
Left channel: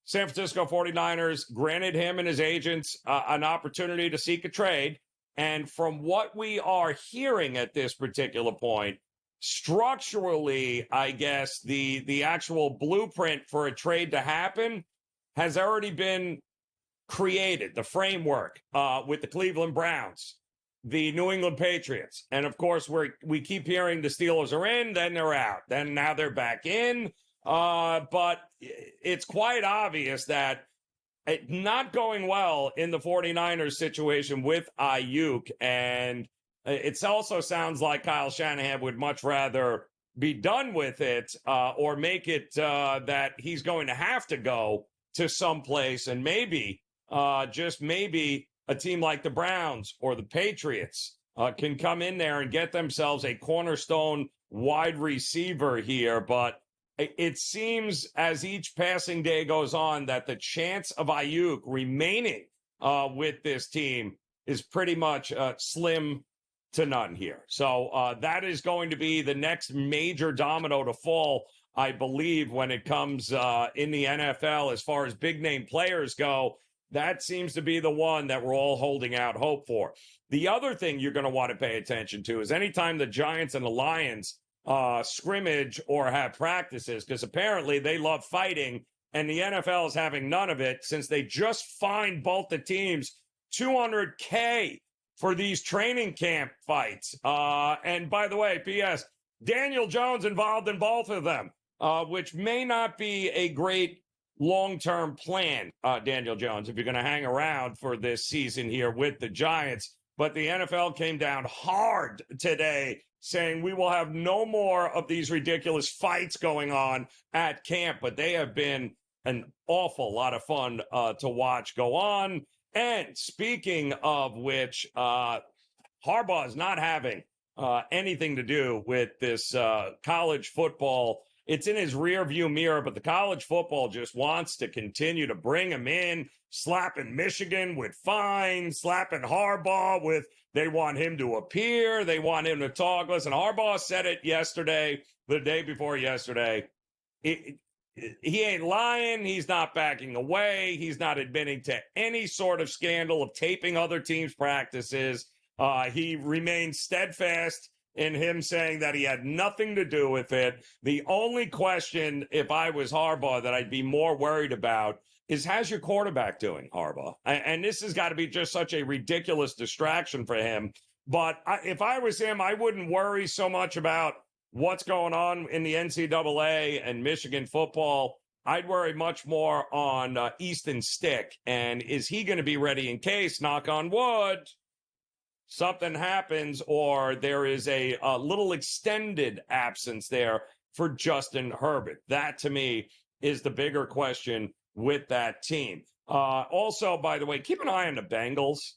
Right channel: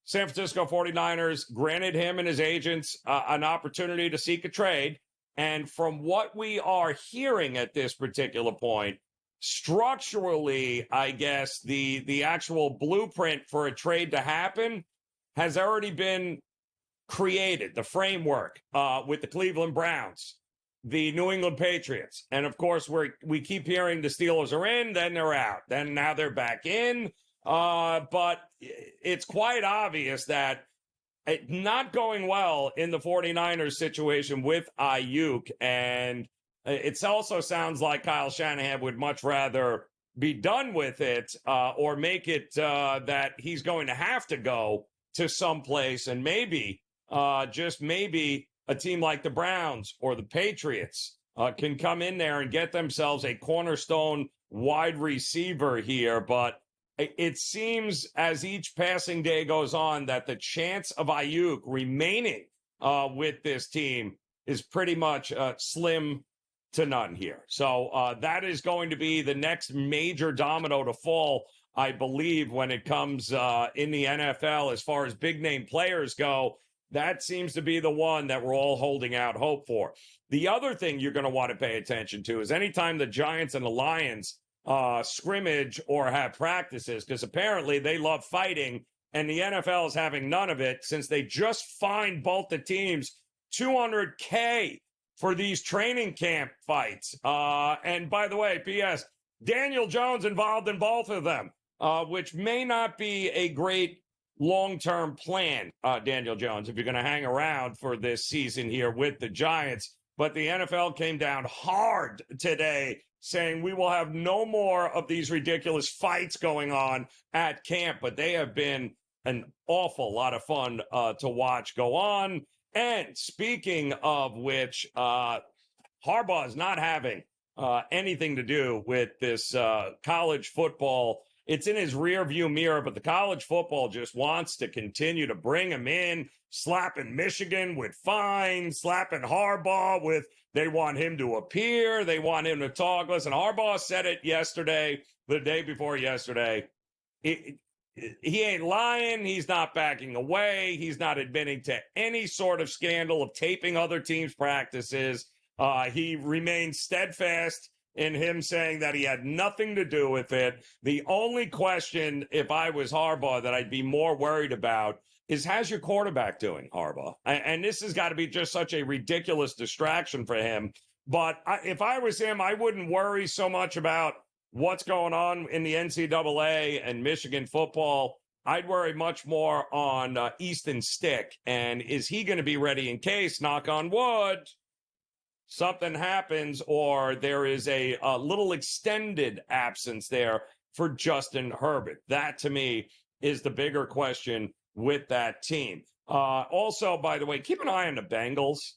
San Francisco 49ers granted him and his agents an opportunity to seek a trade. And from what we are hearing at this particular point, structurally, I guess the actual blueprint for a trade to happen has already been created, the framework with the Cleveland Browns, the New England Patriots. And, of course, we keep hearing the Steelers are in, then they're out. Then now they're back in. But it's quite obvious that not going well in the 49ers situation with Ayuk. And it also sounds like Kyle Shanahan would much rather be done with it or make it that he's going to have to go to someplace, and maybe, just maybe, a team like the Browns or the Patriots can come in there and get themselves a cornerstone wide receiver here. But it seems as each passing day goes on that the chance of Ayuk remaining with this team is pretty much slim to none here. So that is going to be the next major domino to fall, I believe, when it comes in the NFL as far as big name players go. That seems to be the one that we're all holding out hope for. The other thing you're going to want to pay attention to is anytime the Giants and the Lions scrimmage or have practices, because apparently they love fighting, and the NFL is having none of it since they just fined both the teams $200K for these training camp fights. And by the way, P.S., Daniel Jones involved in both of them, which may not be a great long-term plan, Daniel Jones, if you're going to hang around for this season here with the Giants. But the NFL came down hard today, saying we will have no more of these ridiculous fights going on at camp. But they have been an awful lot of fun to watch go on. And speaking of which, Harbaugh is not having anything to do with this college football. It's in his rearview mirror, but the college football just wants to continue to bring him in, slapping Michigan with fines, slapping Harbaugh with they want him to appear, they want him to talk. Listen, Harbaugh said it yesterday, the day before yesterday. He ain't lying. He's not backing away. He's not admitting to any sort of scandal of taping other teams' practices. He remained steadfast in him saying that he had nothing to do with it. The only question, if I was Harbaugh, that I'd be more worried about is how's your quarterback doing, Harbaugh? And this has got to be just such a ridiculous distraction for him. But if I was him, I wouldn't worry so much about what's going on in the NCAA and Michigan football. I'd worry much more on Easton Stick. And is he going to be ready in case, knock on wood, something happens or there is a little extended absence there for Justin Herbert? That, to me, is the bigger question with that team. Also, by the way, keep an eye on the Bengals.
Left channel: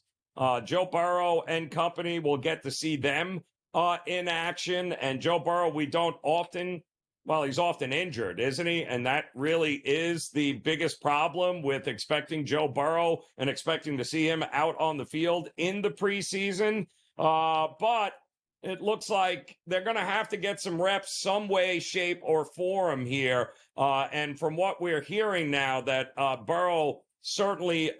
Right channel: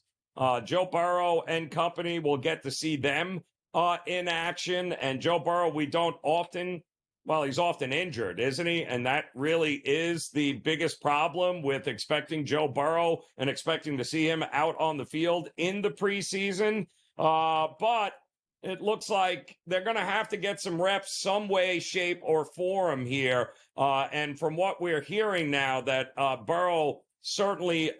Joe Burrow and company will get to see them in action. And Joe Burrow, we don't often, well, he's often injured, isn't he? And that really is the biggest problem with expecting Joe Burrow and expecting to see him out on the field in the preseason. But it looks like they're going to have to get some reps some way, shape, or form here. And from what we're hearing now, that Burrow certainly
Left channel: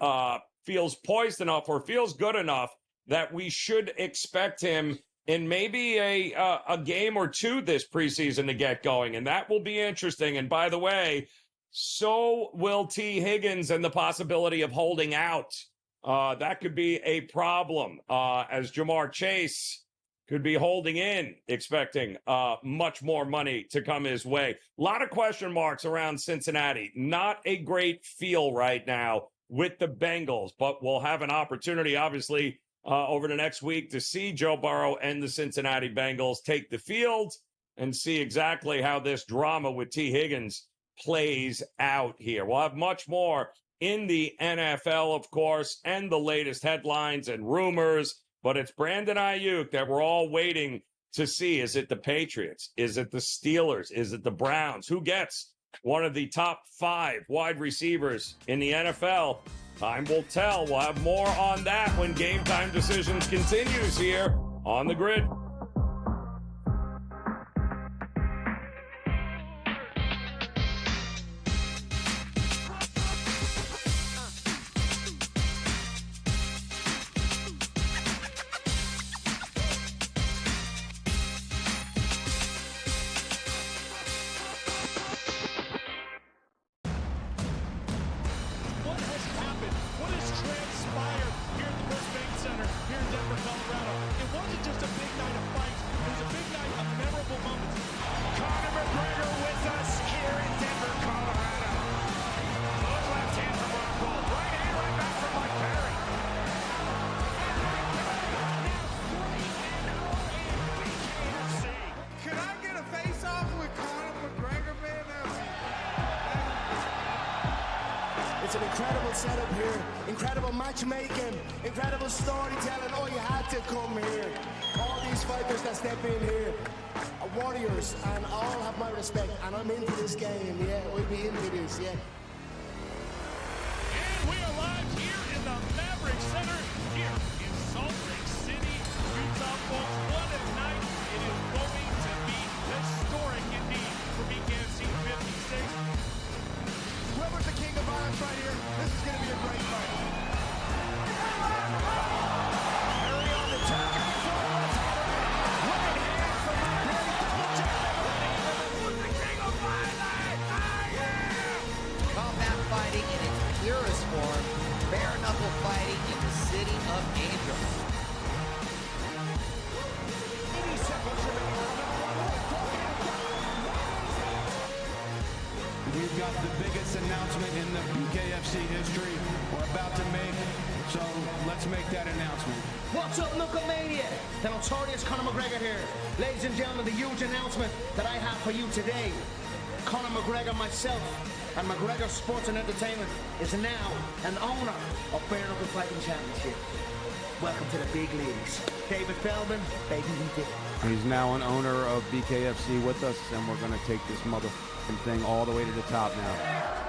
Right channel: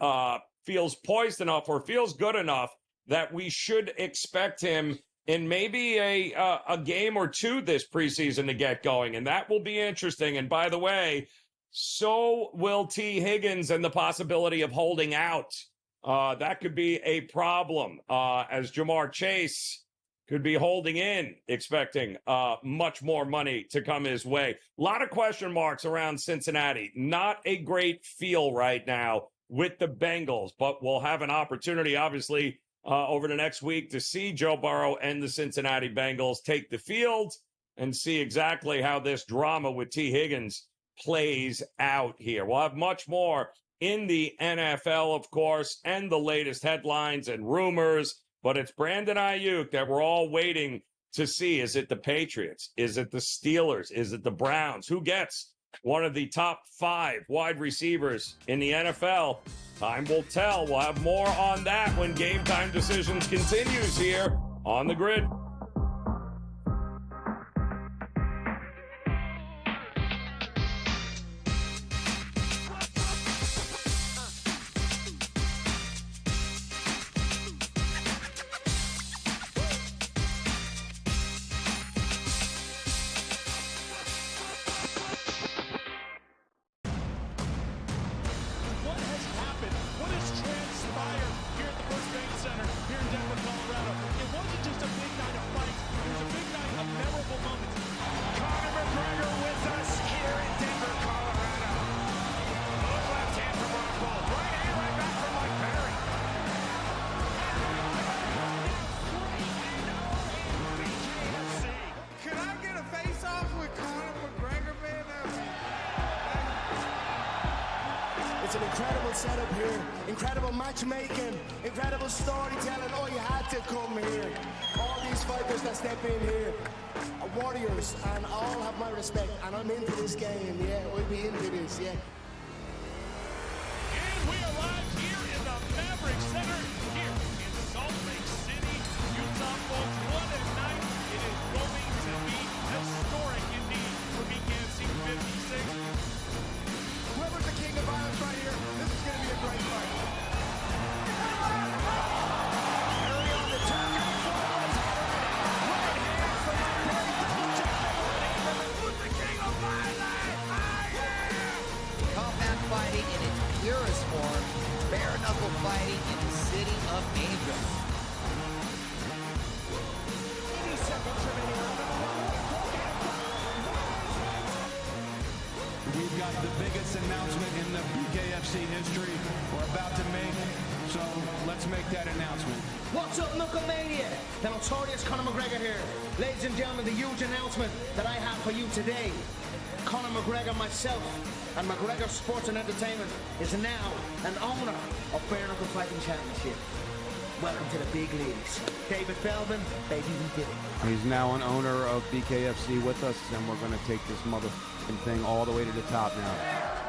feels poised enough or feels good enough that we should expect him in maybe a game or two this preseason to get going. And that will be interesting. And by the way, so will T. Higgins and the possibility of holding out. That could be a problem as Jamar Chase could be holding in, expecting much more money to come his way. A lot of question marks around Cincinnati. Not a great feel right now with the Bengals, but we'll have an opportunity, obviously, over the next week to see Joe Burrow and the Cincinnati Bengals take the field and see exactly how this drama with T. Higgins plays out here. We'll have much more in the NFL, of course, and the latest headlines and rumors. But it's Brandon Ayuk that we're all waiting to see. Is it the Patriots? Is it the Steelers? Is it the Browns? Who gets one of the top 5 wide receivers in the NFL? Time will tell. We'll have more on that when Game Time Decisions continues here on the Grid. It's an incredible setup here, incredible matchmaking, incredible storytelling. Oh, you had to come here. All these fighters that step in here are warriors, and all have my respect. And I'm into this game, yeah. We'll be into this, yeah. We arrive here in the Maverick Center here in Salt Lake City, Utah. Folks, what a night it is going to be. Historic indeed for BKFC 56. Whoever's the king of irons right here, this is going to be a great fight. Combat fighting in its purest form, bare knuckle fighting in the city of angels. We've got the biggest announcement in the BKFC history we're about to make, so let's make that announcement. What's up, Knucklemania? The notorious Conor McGregor here. Ladies and gentlemen, the huge announcement that I have for you today. Conor McGregor, myself, and McGregor Sports and Entertainment is now an owner of Bare Knuckle Fighting Championship. Welcome to the big leagues. David Feldman, baby, we did it. He's now an owner of BKFC with us, and we're going to take this motherfucking thing all the way to the top now.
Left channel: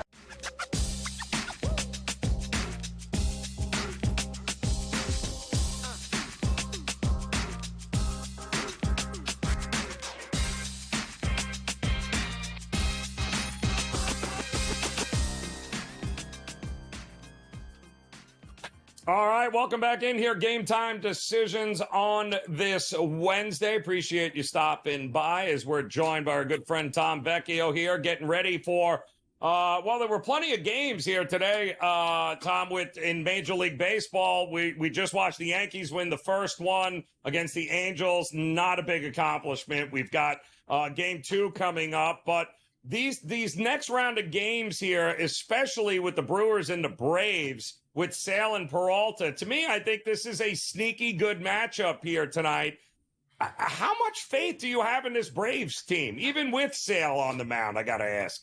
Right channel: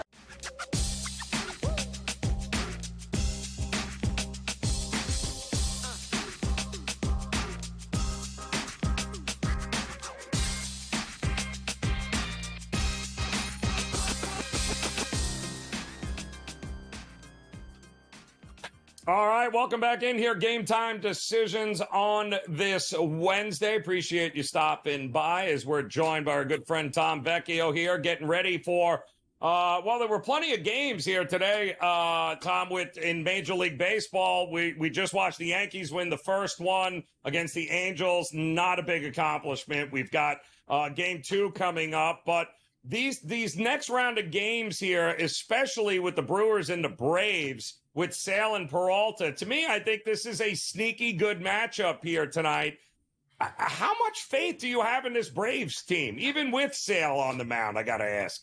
All right, welcome back in here. Game Time Decisions on this Wednesday. Appreciate you stopping by as we're joined by our good friend Tom Vecchio here, getting ready for, well, there were plenty of games here today, Tom, in Major League Baseball. We just watched the Yankees win the first one against the Angels. Not a big accomplishment. We've got Game 2 coming up, but these next round of games here, especially with the Brewers and the Braves, with Sale and Peralta, to me, I think this is a sneaky good matchup here tonight. How much faith do you have in this Braves team, even with Sale on the mound, I got to ask?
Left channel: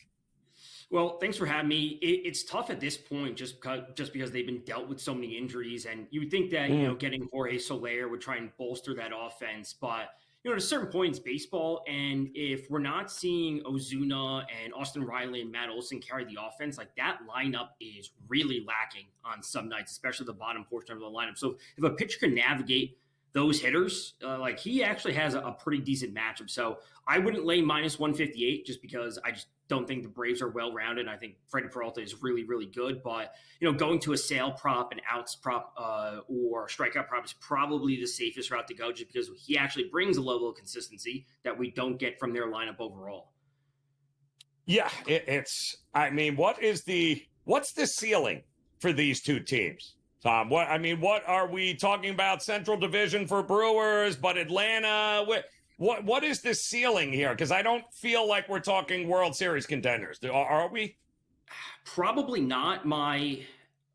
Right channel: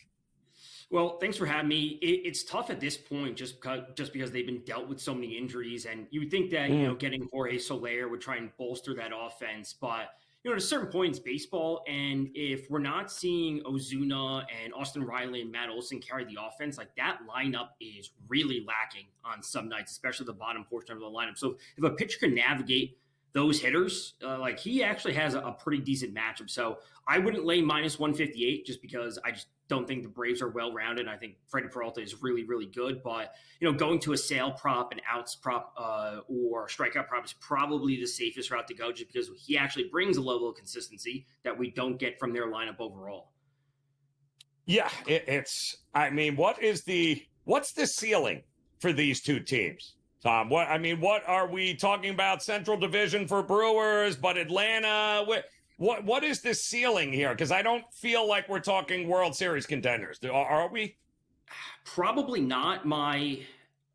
Well, thanks for having me. It's tough at this point just because they've been dealt with so many injuries, and you would think that, getting Jorge Soler would try and bolster that offense, but at a certain point in baseball, and if we're not seeing Ozuna and Austin Riley and Matt Olson carry the offense, like that lineup is really lacking on some nights, especially the bottom portion of the lineup. So if a pitcher can navigate those hitters, like he actually has a pretty decent matchup. So I wouldn't lay minus 158 just because I just don't think the Braves are well-rounded. I think Freddie Peralta is really, really good. But, going to a Sale prop, an outs prop, or strikeout prop is probably the safest route to go just because he actually brings a level of consistency that we don't get from their lineup overall. Yeah, what's the ceiling for these two teams? Tom, what are we talking about? Central Division for Brewers, but Atlanta, what is the ceiling here? Because I don't feel like we're talking World Series contenders. Are we? Probably not.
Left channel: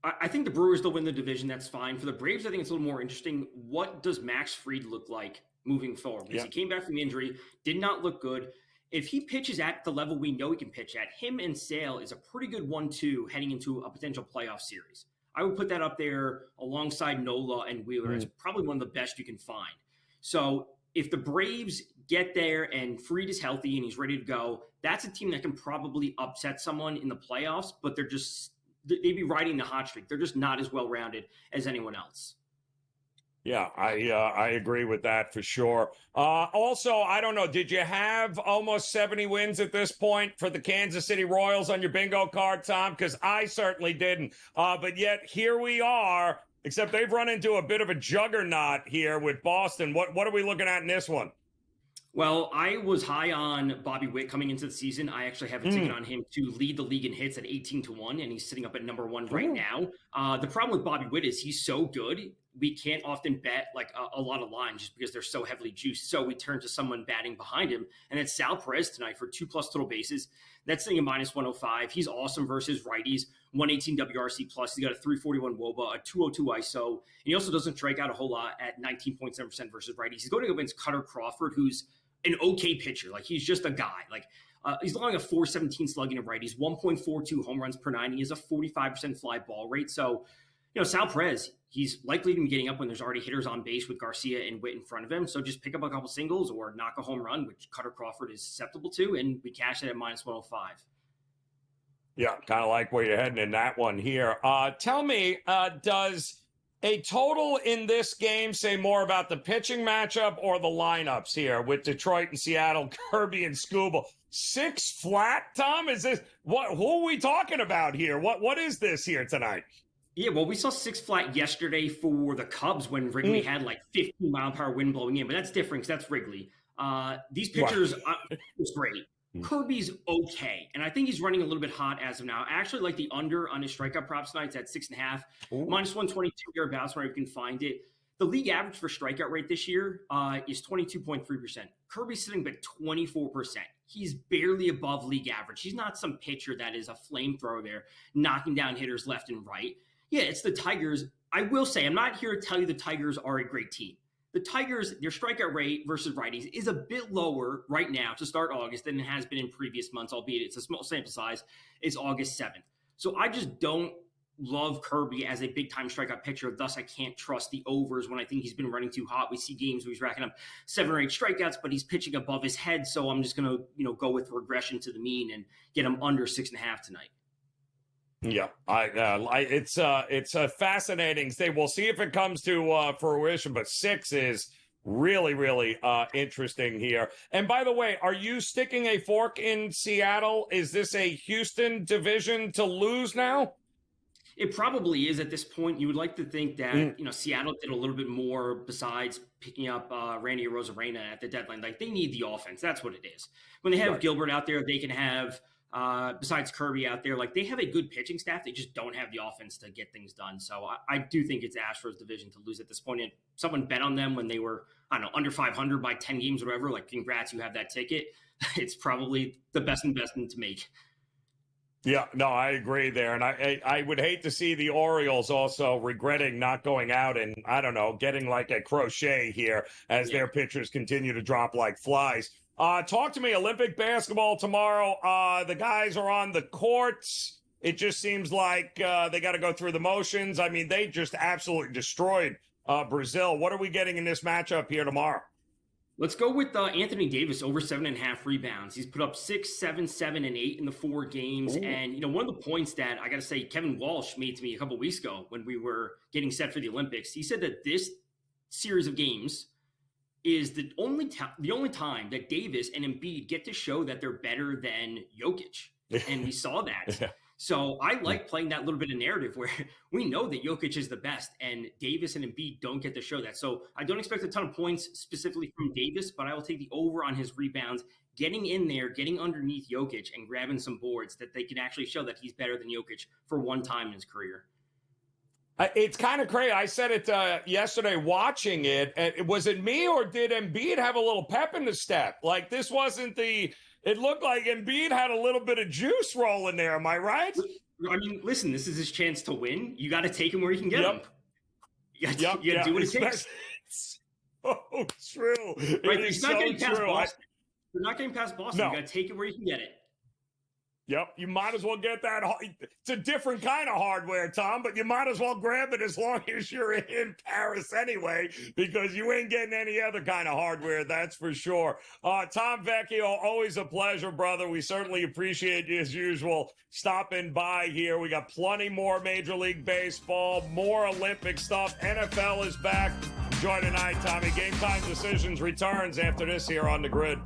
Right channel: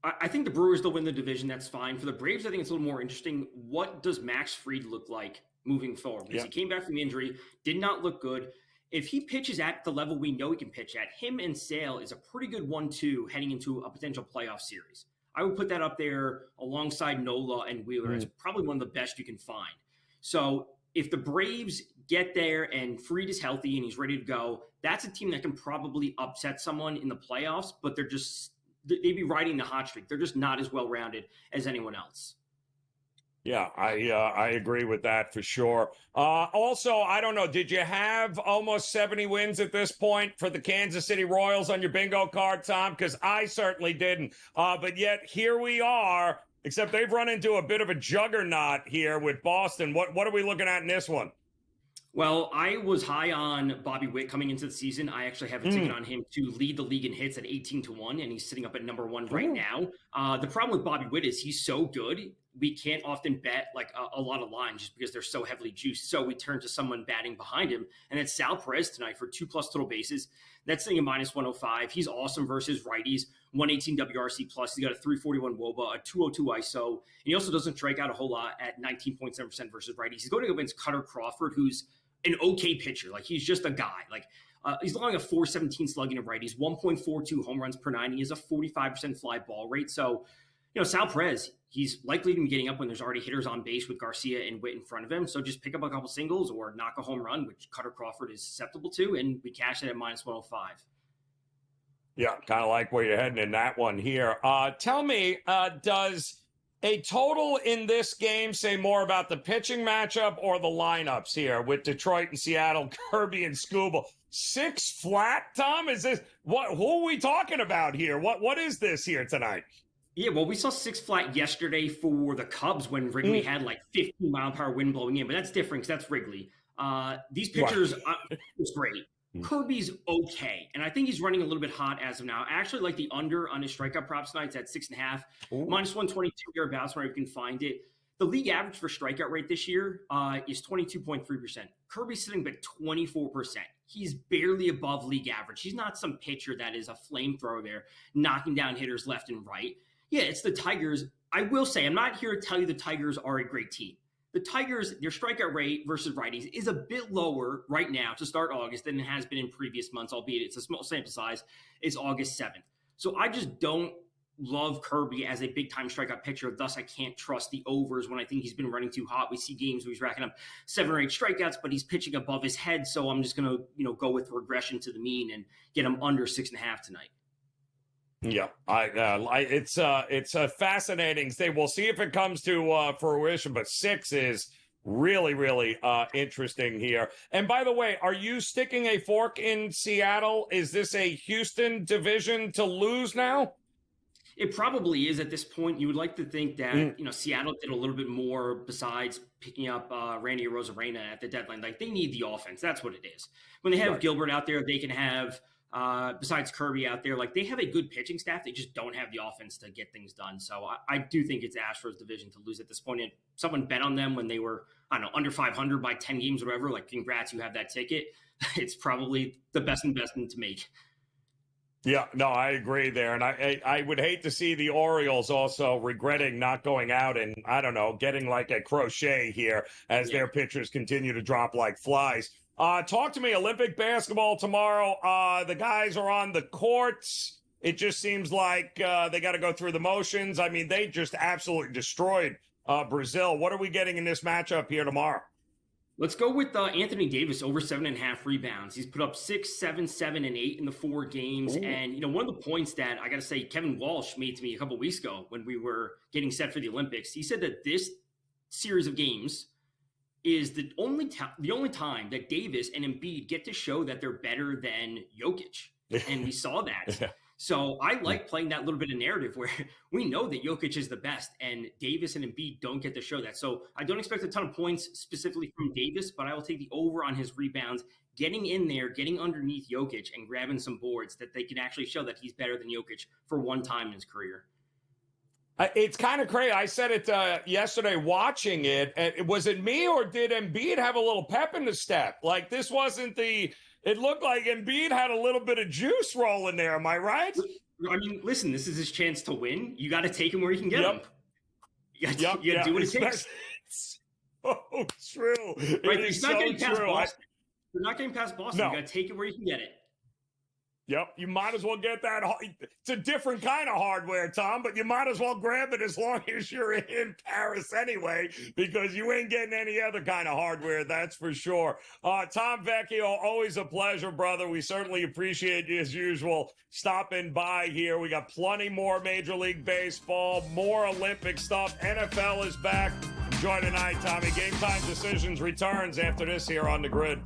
I think the Brewers, they'll win the division. That's fine. For the Braves, I think it's a little more interesting. What does Max Fried look like moving forward? Because he came back from injury, did not look good. If he pitches at the level we know he can pitch at, him and Sale is a pretty good 1-2 heading into a potential playoff series. I would put that up there alongside Nola and Wheeler. It's probably one of the best you can find. So if the Braves get there and Fried is healthy and he's ready to go, that's a team that can probably upset someone in the playoffs, but they'd be riding the hot streak. They're just not as well-rounded as anyone else. Yeah, I agree with that for sure. Also, I don't know, did you have almost 70 wins at this point for the Kansas City Royals on your bingo card, Tom? Because I certainly didn't. But yet here we are, except they've run into a bit of a juggernaut here with Boston. What are we looking at in this one? Well, I was high on Bobby Witt coming into the season. I actually have a ticket on him to lead the league in hits at 18-1, and he's sitting up at number 1 right now. The problem with Bobby Witt is he's so good, we can't often bet like a lot of lines just because they're so heavily juiced. So we turn to someone batting behind him, and that's Sal Perez tonight for 2+ total bases. That's sitting at minus 105. He's awesome versus righties. 118 WRC plus. He's got a 341 WOBA, a 202 ISO. And he also doesn't strike out a whole lot at 19.7% versus righties. He's going to go against Cutter Crawford, who's an okay pitcher. Like, he's just a guy. Like, he's allowing a 417 slugging of righties, 1.42 home runs per 9. He has a 45% fly ball rate. So, Sal Perez, he's likely to be getting up when there's already hitters on base with Garcia and Witt in front of him. So just pick up a couple singles or knock a home run, which Cutter Crawford is susceptible to, and we cash it at minus 105. Yeah, kind of like where you're heading in that one here. Tell me, does a total in this game say more about the pitching matchup or the lineups here with Detroit and Seattle, Kirby and Skubal? 6 flat, Tom? Is this who are we talking about here? What is this here tonight? Yeah, well, we saw 6 flat yesterday for the Cubs when Wrigley had like 15-mile-per-hour wind blowing in, but that's different because that's Wrigley. These pitchers, it's great. Kirby's okay, and I think he's running a little bit hot as of now. I actually like the under on his strikeout props tonight. It's at 6.5, minus 122 thereabouts where you can find it. The league average for strikeout rate this year is 22.3%. Kirby's sitting at 24%. He's barely above league average. He's not some pitcher that is a flamethrower there, knocking down hitters left and right. Yeah, it's the Tigers. I will say, I'm not here to tell you the Tigers are a great team. The Tigers, their strikeout rate versus righties is a bit lower right now to start August than it has been in previous months, albeit it's a small sample size. It's August 7th. So I just don't love Kirby as a big-time strikeout pitcher. Thus, I can't trust the overs when I think he's been running too hot. We see games where he's racking up 7 or 8 strikeouts, but he's pitching above his head. So I'm just going to go with regression to the mean and get him under 6.5 tonight. Yeah, it's fascinating. We'll see if it comes to fruition, but 6 is really, really interesting here. And by the way, are you sticking a fork in Seattle? Is this a Houston division to lose now? It probably is at this point. You would like to think that, Seattle did a little bit more besides picking up Randy Arozarena at the deadline. Like, they need the offense. That's what it is. When they have Gilbert out there, they can have, besides Kirby out there, like, they have a good pitching staff. They just don't have the offense to get things done. So I do think it's Astros division to lose at this point. And someone bet on them when they were, I don't know, under 500 by 10 games or whatever. Like, congrats, you have that ticket. It's probably the best investment to make. Yeah, no, I agree there. And I would hate to see the Orioles also regretting not going out and, I don't know, getting like a crochet here as their pitchers continue to drop like flies. Talk to me, Olympic basketball tomorrow. The guys are on the courts. It just seems like they got to go through the motions. I mean, they just absolutely destroyed Brazil. What are we getting in this matchup here tomorrow? Let's go with Anthony Davis over 7.5 rebounds. He's put up 6, 7, 7, and 8 in the 4 games. Ooh. And, one of the points that I got to say Kevin Walsh made to me a couple weeks ago when we were getting set for the Olympics, he said that this series of games is the only time that Davis and Embiid get to show that they're better than Jokic. And we saw that. So I like playing that little bit of narrative where we know that Jokic is the best and Davis and Embiid don't get to show that. So I don't expect a ton of points specifically from Davis, but I will take the over on his rebounds, getting in there, getting underneath Jokic and grabbing some boards that they can actually show that he's better than Jokic for one time in his career. It's kind of crazy. I said it yesterday watching it. Was it me or did Embiid have a little pep in the step? Like this wasn't it looked like Embiid had a little bit of juice rolling there. Am I right? I mean, listen, this is his chance to win. You got to take him where you can get him. You got to do what it takes. It's so true. Right, it's so true. You're not getting past Boston. No. You got to take it where you can get it. Yep, you might as well get that. It's a different kind of hardware, Tom, but you might as well grab it as long as you're in Paris anyway, because you ain't getting any other kind of hardware, that's for sure. Tom Vecchio, always a pleasure, brother. We certainly appreciate you, as usual, stopping by here. We got plenty more Major League Baseball, more Olympic stuff. NFL is back. Enjoy the night, Tommy. Game Time Decisions returns after this here on the Grid.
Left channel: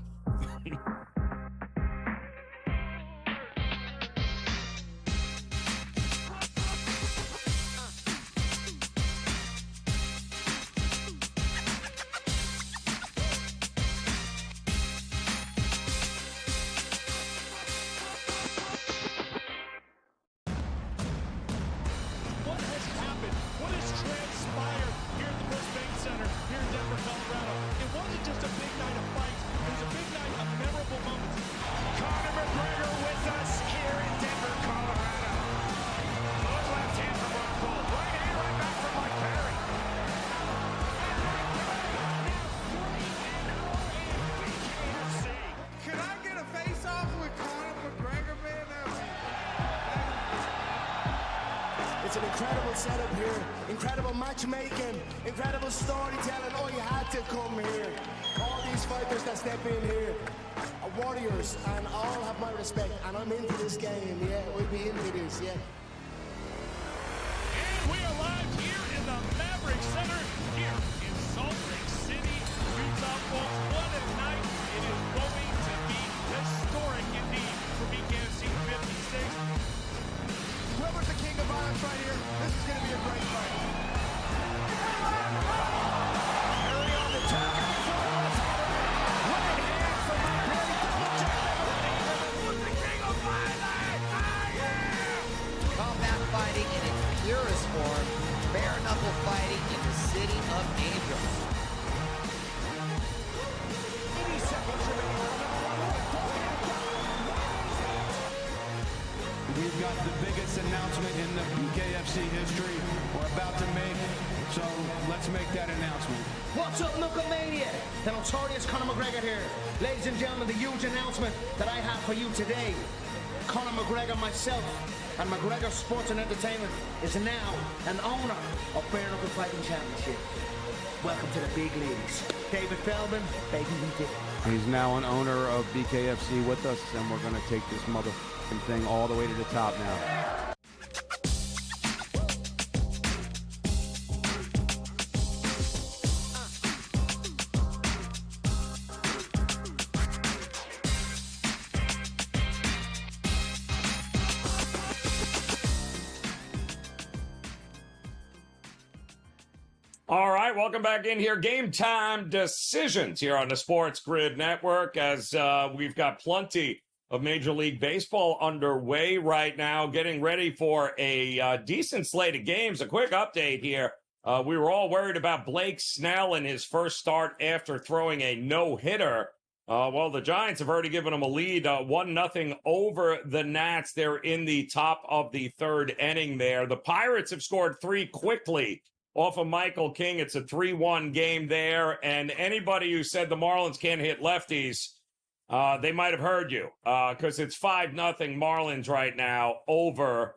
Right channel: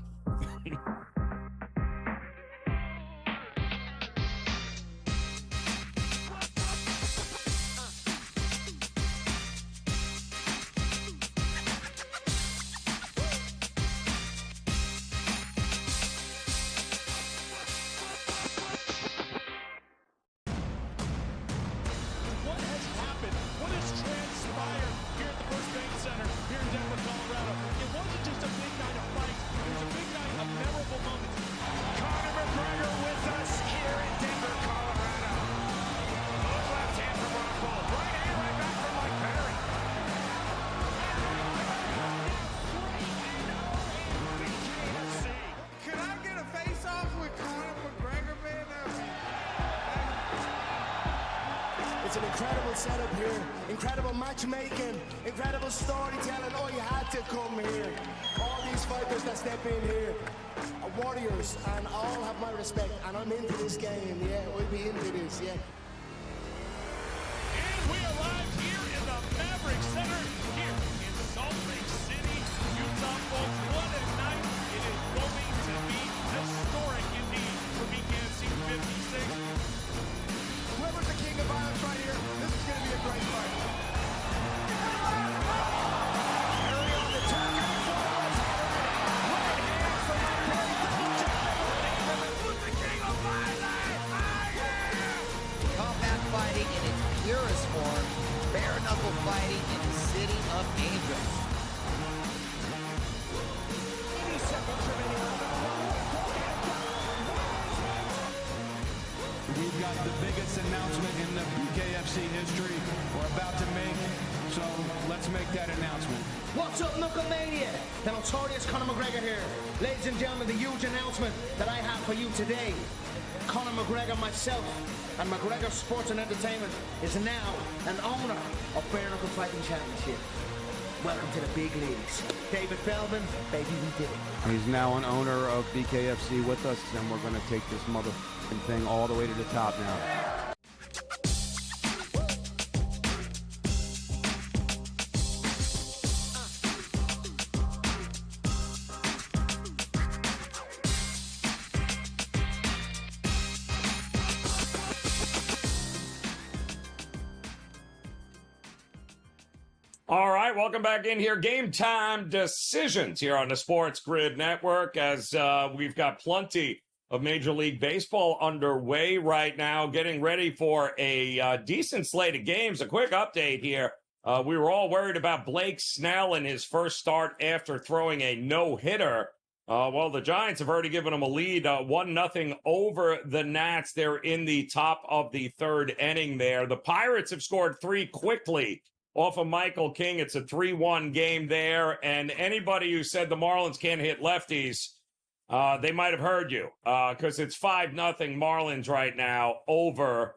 It's an incredible setup here, incredible matchmaking, incredible storytelling. Oh, you had to come here. All these fighters that step in here are warriors, and all have my respect. And I'm into this game, yeah. We'll be into this, yeah. We arrive here in the Maverick Center here in Salt Lake City, Utah. Folks, what a night. It is going to be historic indeed for BKFC 56. Whoever's the king of violence right here, this is going to be a great fight. Combat fighting in its purest form, bare knuckle fighting in the city of angels. We've got the biggest announcement in the BKFC history we're about to make, so let's make that announcement. What's up, Knucklemania? The notorious Conor McGregor here. Ladies and gentlemen, the huge announcement that I have for you today. Conor McGregor, myself, and McGregor Sports and Entertainment is now an owner of Bare Knuckle Fighting Championship. Welcome to the big leagues. David Feldman, baby, we did it. He's now an owner of BKFC with us, and we're going to take this motherfucking thing all the way to the top now. right, welcome back in here. Game Time Decisions here on the Sports Grid Network as we've got plenty of Major League Baseball underway right now, getting ready for a decent slate of games. A quick update here. We were all worried about Blake Snell in his first start after throwing a no-hitter. Well, the Giants have already given him a lead, 1-0 over the Nats. They're in the top of the third inning there. The Pirates have scored 3 quickly off of Michael King. It's a 3-1 game there. And anybody who said the Marlins can't hit lefties, they might have heard you because it's 5-0 Marlins right now over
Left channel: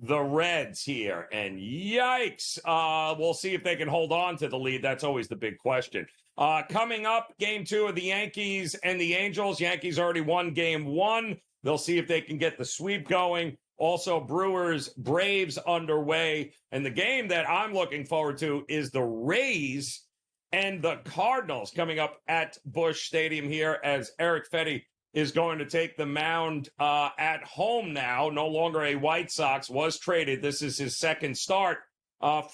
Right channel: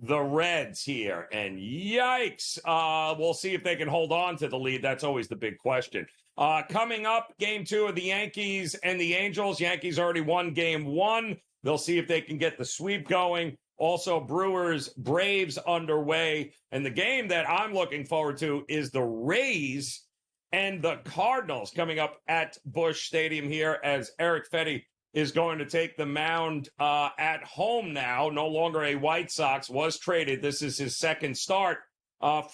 the Reds here. And yikes, we'll see if they can hold on to the lead. That's always the big question. Coming up, game 2 of the Yankees and the Angels. Yankees already won game 1. They'll see if they can get the sweep going. Also, Brewers, Braves underway. And the game that I'm looking forward to is the Rays and the Cardinals coming up at Busch Stadium here as Eric Fetty is going to take the mound at home now. No longer a White Sox, was traded. This is his second start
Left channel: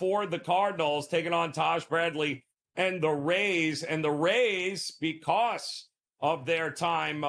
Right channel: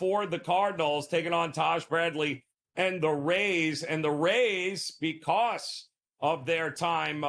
for the Cardinals, taking on Taj Bradley and the Rays. And the Rays, because of their time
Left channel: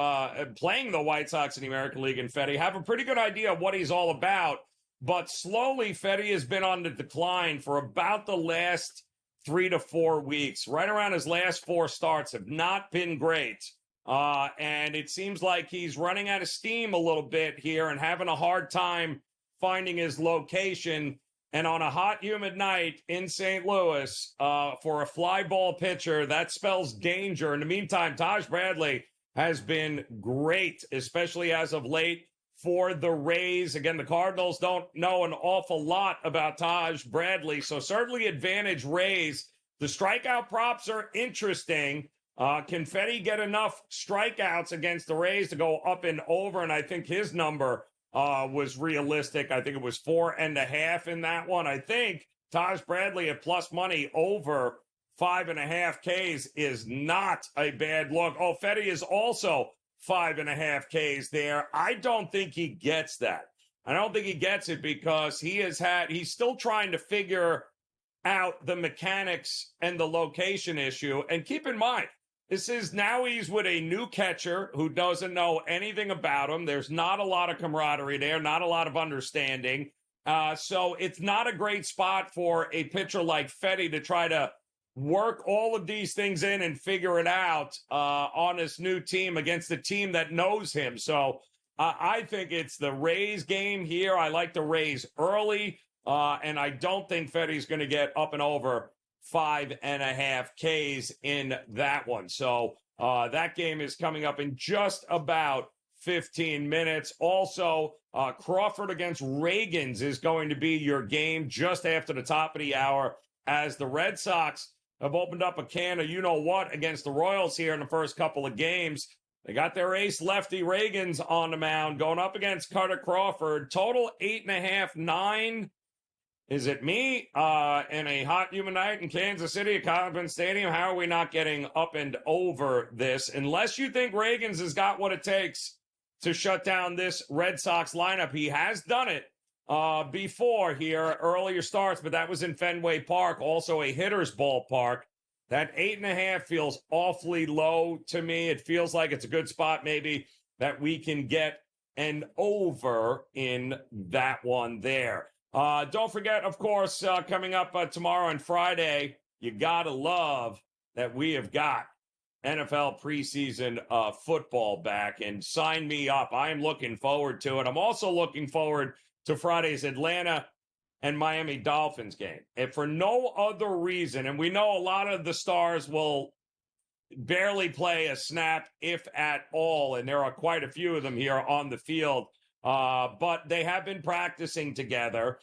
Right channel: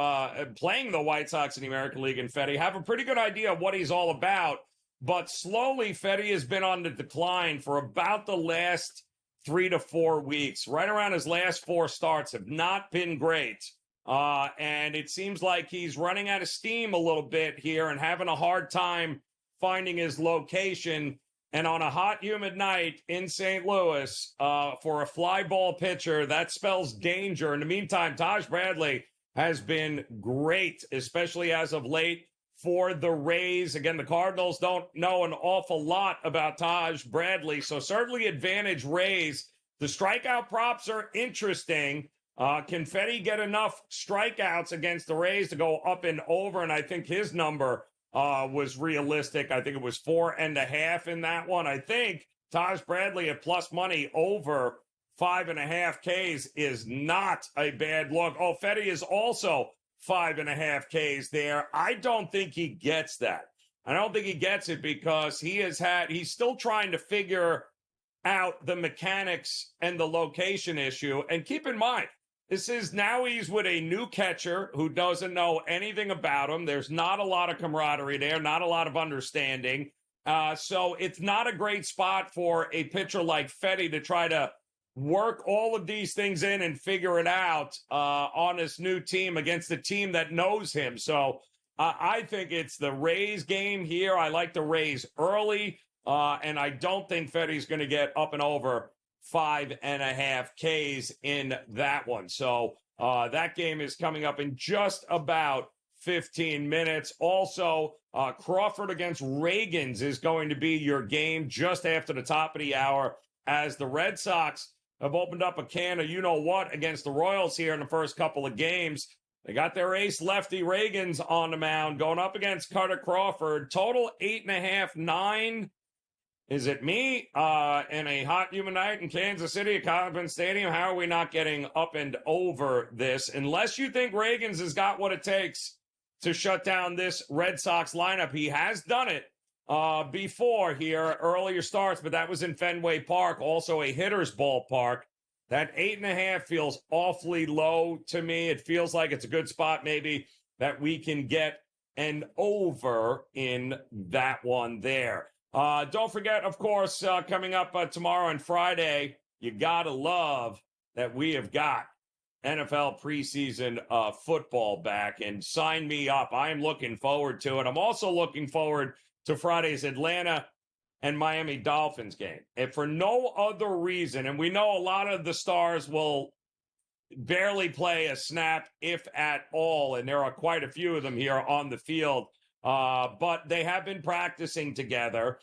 playing the White Sox in the American League and Fetty, have a pretty good idea of what he's all about. But slowly, Fetty has been on the decline for about the last 3 to 4 weeks. Right around his last 4 starts have not been great. And it seems like he's running out of steam a little bit here and having a hard time finding his location. And on a hot, humid night in St. Louis, for a fly ball pitcher, that spells danger. In the meantime, Taj Bradley has been great, especially as of late for the Rays. Again, the Cardinals don't know an awful lot about Taj Bradley, so certainly advantage Rays. The strikeout props are interesting. Can Fetty get enough strikeouts against the Rays to go up and over? And I think his number was realistic. I think it was 4.5 in that one. I think Taj Bradley at plus money over 5.5 Ks is not a bad look. Oh, Fetty is also 5.5 Ks there. I don't think he gets that. I don't think he gets it because he's still trying to figure out the mechanics and the location issue. And keep in mind, he's with a new catcher who doesn't know anything about him. There's not a lot of camaraderie there, not a lot of understanding. So it's not a great spot for a pitcher like Fetty to try to work all of these things in and figure it out on this new team against the team that knows him. So I think it's the Rays game here. I like the Rays early, and I don't think Fetty's going to get up and over 5.5 Ks in that one. So that game is coming up in just about 15 minutes. Also, Crawford against Reagans is going to be your game just after the top of the hour as the Red Sox have opened up a can of you-know-what against the Royals here in the first couple of games. They got their ace lefty Reagans on the mound going up against Carter Crawford. Total 8.5, 9. Is it me in a hot, humid night in Kansas City at Coliseum Stadium? How are we not getting up and over this? Unless you think Reagans has got what it takes to shut down this Red Sox lineup. He has done it before here, earlier starts, but that was in Fenway Park, also a hitter's ballpark. That 8.5 feels awfully low to me. It feels like it's a good spot maybe that we can get an over in that one there. Don't forget, of course, coming up tomorrow and Friday, you got to love that we have got NFL preseason football back, and sign me up. I am looking forward to it. I'm also looking forward to Friday's Atlanta and Miami Dolphins game. And for no other reason, and we know a lot of the stars will barely play a snap, if at all, and there are quite a few of them here on the field, but they have been practicing together.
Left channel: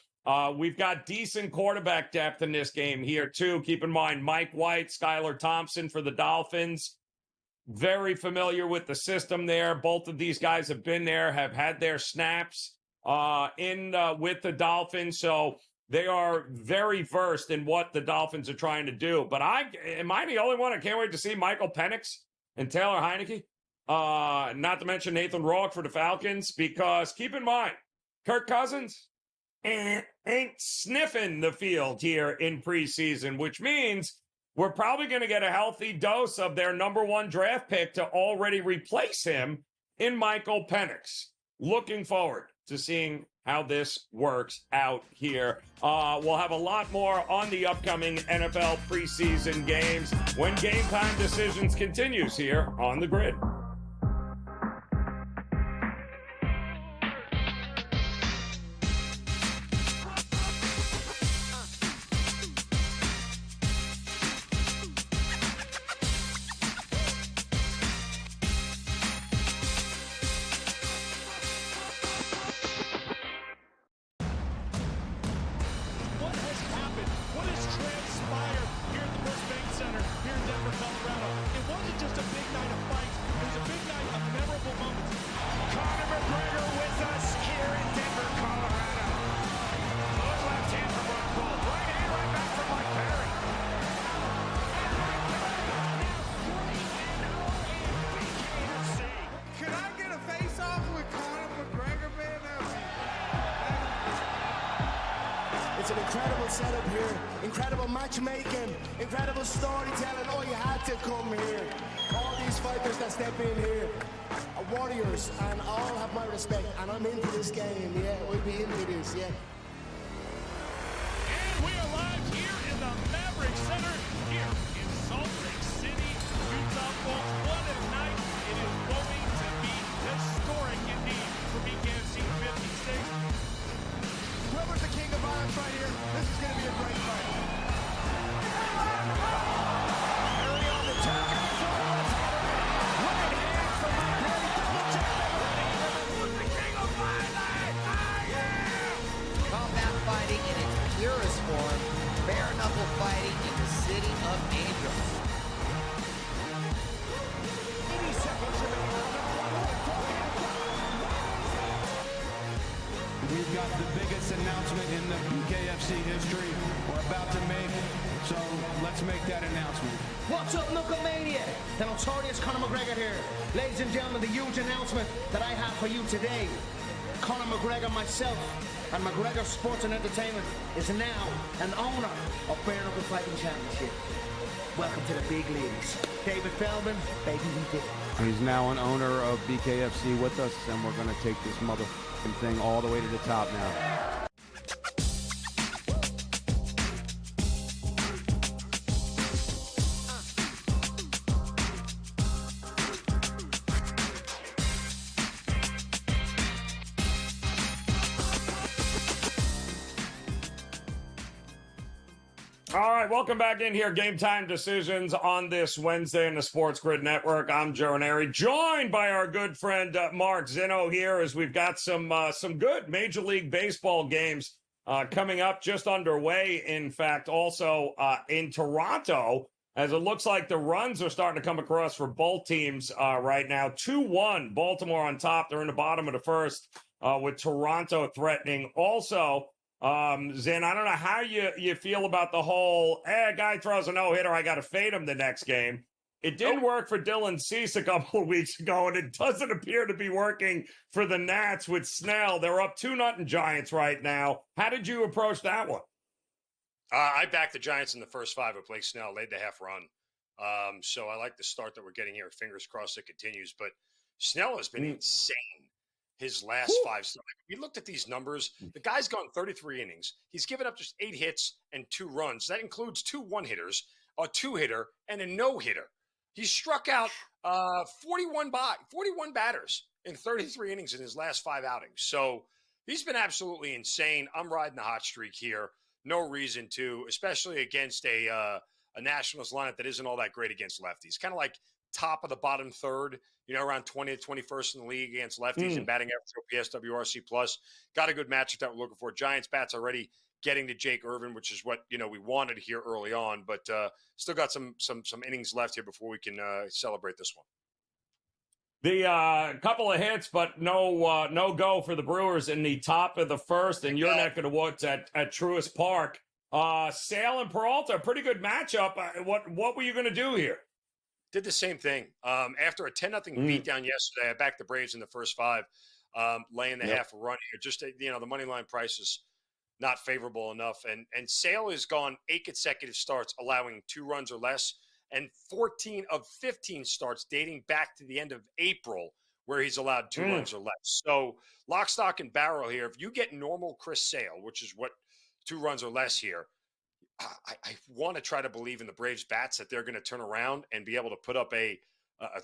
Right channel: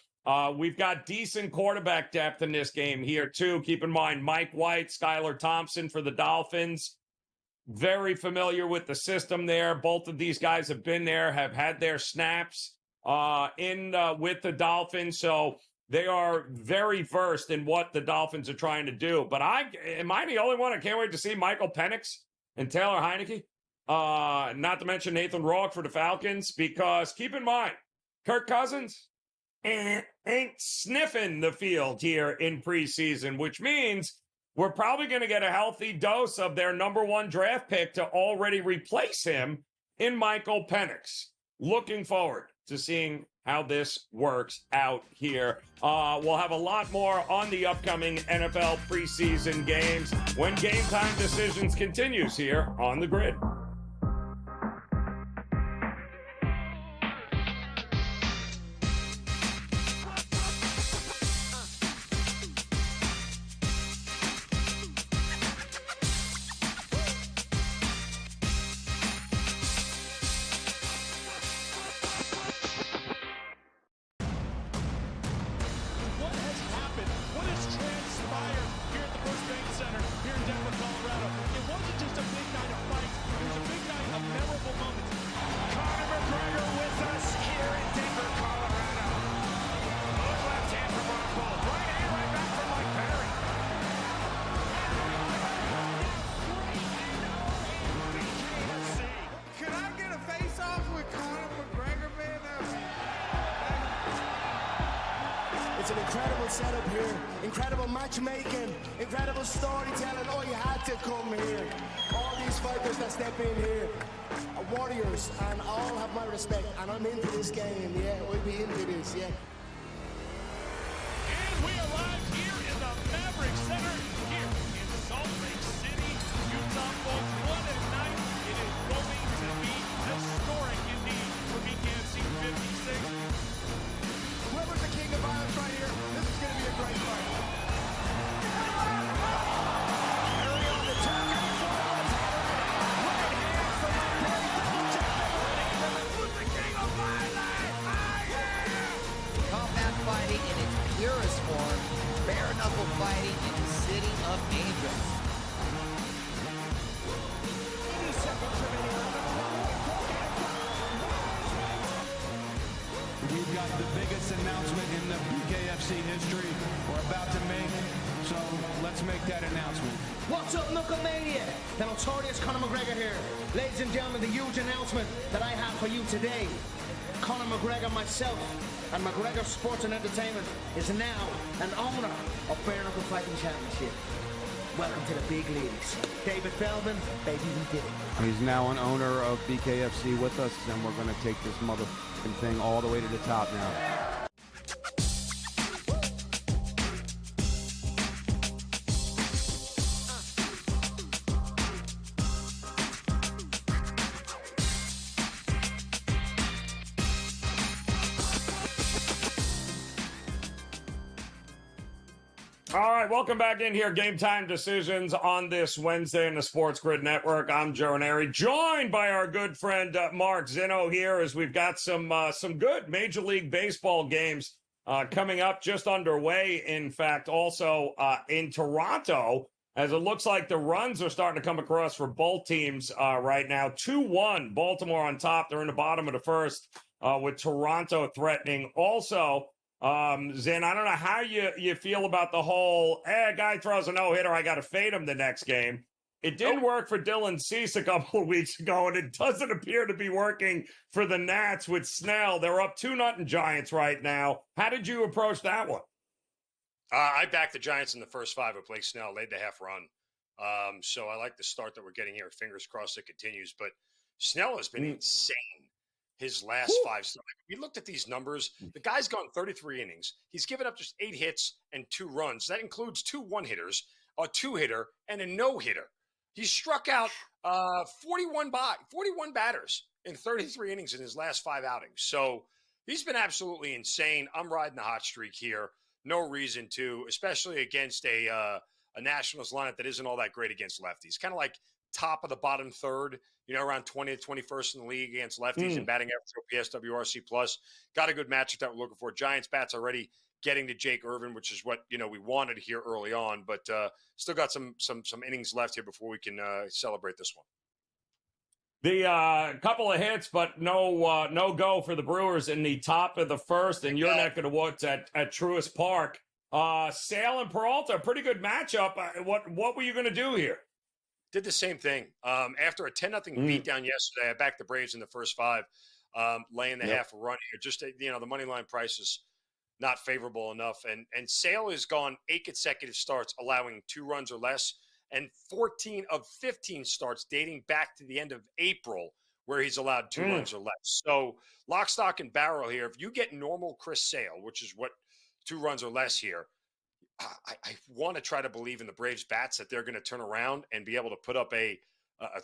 We've got decent quarterback depth in this game here, too. Keep in mind, Mike White, Skylar Thompson for the Dolphins. Very familiar with the system there. Both of these guys have been there, have had their snaps with the Dolphins. So they are very versed in what the Dolphins are trying to do. But am I the only one? I can't wait to see Michael Penix and Taylor Heineke. Not to mention Nathan Rourke for the Falcons, because keep in mind, Kirk Cousins, ain't sniffing the field here in preseason, which means we're probably going to get a healthy dose of their number one draft pick to already replace him in Michael Penix. Looking forward to seeing how this works out here. We'll have a lot more on the upcoming NFL preseason games when Game Time Decisions continues here on the Grid. It's an incredible setup here, incredible matchmaking, incredible storytelling. Oh, you had to come here. All these fighters that step in here are warriors, and all have my respect. And I'm into this game, yeah. We'll be into this, yeah. And we arrive here in the Maverick Center here in Salt Lake City, Utah. For what a night it is going to be. Historic indeed for BKFC 56. Whoever's the king of irons right here, this is going to be a great fight. Combat fighting in its purest form, bare knuckle fighting in the city of angels. We've got the biggest announcement in the BKFC history we're about to make, so let's make that announcement. What's up, Knucklemania? The notorious Conor McGregor here. Ladies and gentlemen, the huge announcement that I have for you today. Conor McGregor, myself, and McGregor Sports and Entertainment is now an owner of Bare Knuckle Fighting Championship. Welcome to the big leagues. David Feldman, baby, he did. He's now an owner of BKFC with us, and we're going to take this motherfucking thing all the way to the top now. All right, welcome back in here. Game Time Decisions on this Wednesday in the SportsGrid Network. I'm Joe Raineri, joined by our good friend Mark Zinno here as we've got some good Major League Baseball games coming up, just underway. In fact, also in Toronto, as it looks like the runs are starting to come across for both teams right now. 2-1, Baltimore on top. They're in the bottom of the first with Toronto threatening. Also, Zen, I don't know how you feel about the whole, a guy throws a no-hitter, I got to fade him the next game. It didn't work for Dylan Cease a couple of weeks ago, and it doesn't appear to be working for the Nats with Snell. They're up 2-0 Giants right now. How did you approach that one? I backed the Giants in the first five. Replaced Snell, laid the half run. So I like the start that we're getting here. Fingers crossed it continues. But Snell has been insane his last five. We looked at these numbers. The guy's gone 33 innings. He's given up just 8 hits and 2 runs. That includes 2 one-hitters, a 2-hitter, and a no-hitter. He struck out 41 batters in 33 innings in his last 5 outings. So he's been absolutely insane. I'm riding the hot streak here. No reason to, especially against a Nationals lineup that isn't all that great against lefties. Kind of like top of the bottom third, around 20th, 21st in the league against lefties and batting average OPS, WRC plus. Got a good matchup that we're looking for. Giants bats already getting to Jake Irvin, which is what, we wanted here early on, but still got some innings left here before we can celebrate this one. The couple of hits, but no go for the Brewers in the top of the first, and your neck of the woods at Truist Park. Sale and Peralta, pretty good matchup. What were you going to do here? Did the same thing. After a 10-0 beatdown yesterday, I backed the Braves in the first 5, laying the half a run here. Just, the money line prices not favorable enough. And Sale has gone 8 consecutive starts allowing 2 runs or less, and 14 of 15 starts dating back to the end of April where he's allowed 2 runs or less. So lock, stock, and barrel here. If you get normal Chris Sale, which is what 2 runs or less here, I want to try to believe in the Braves bats that they're going to turn around and be able to put up a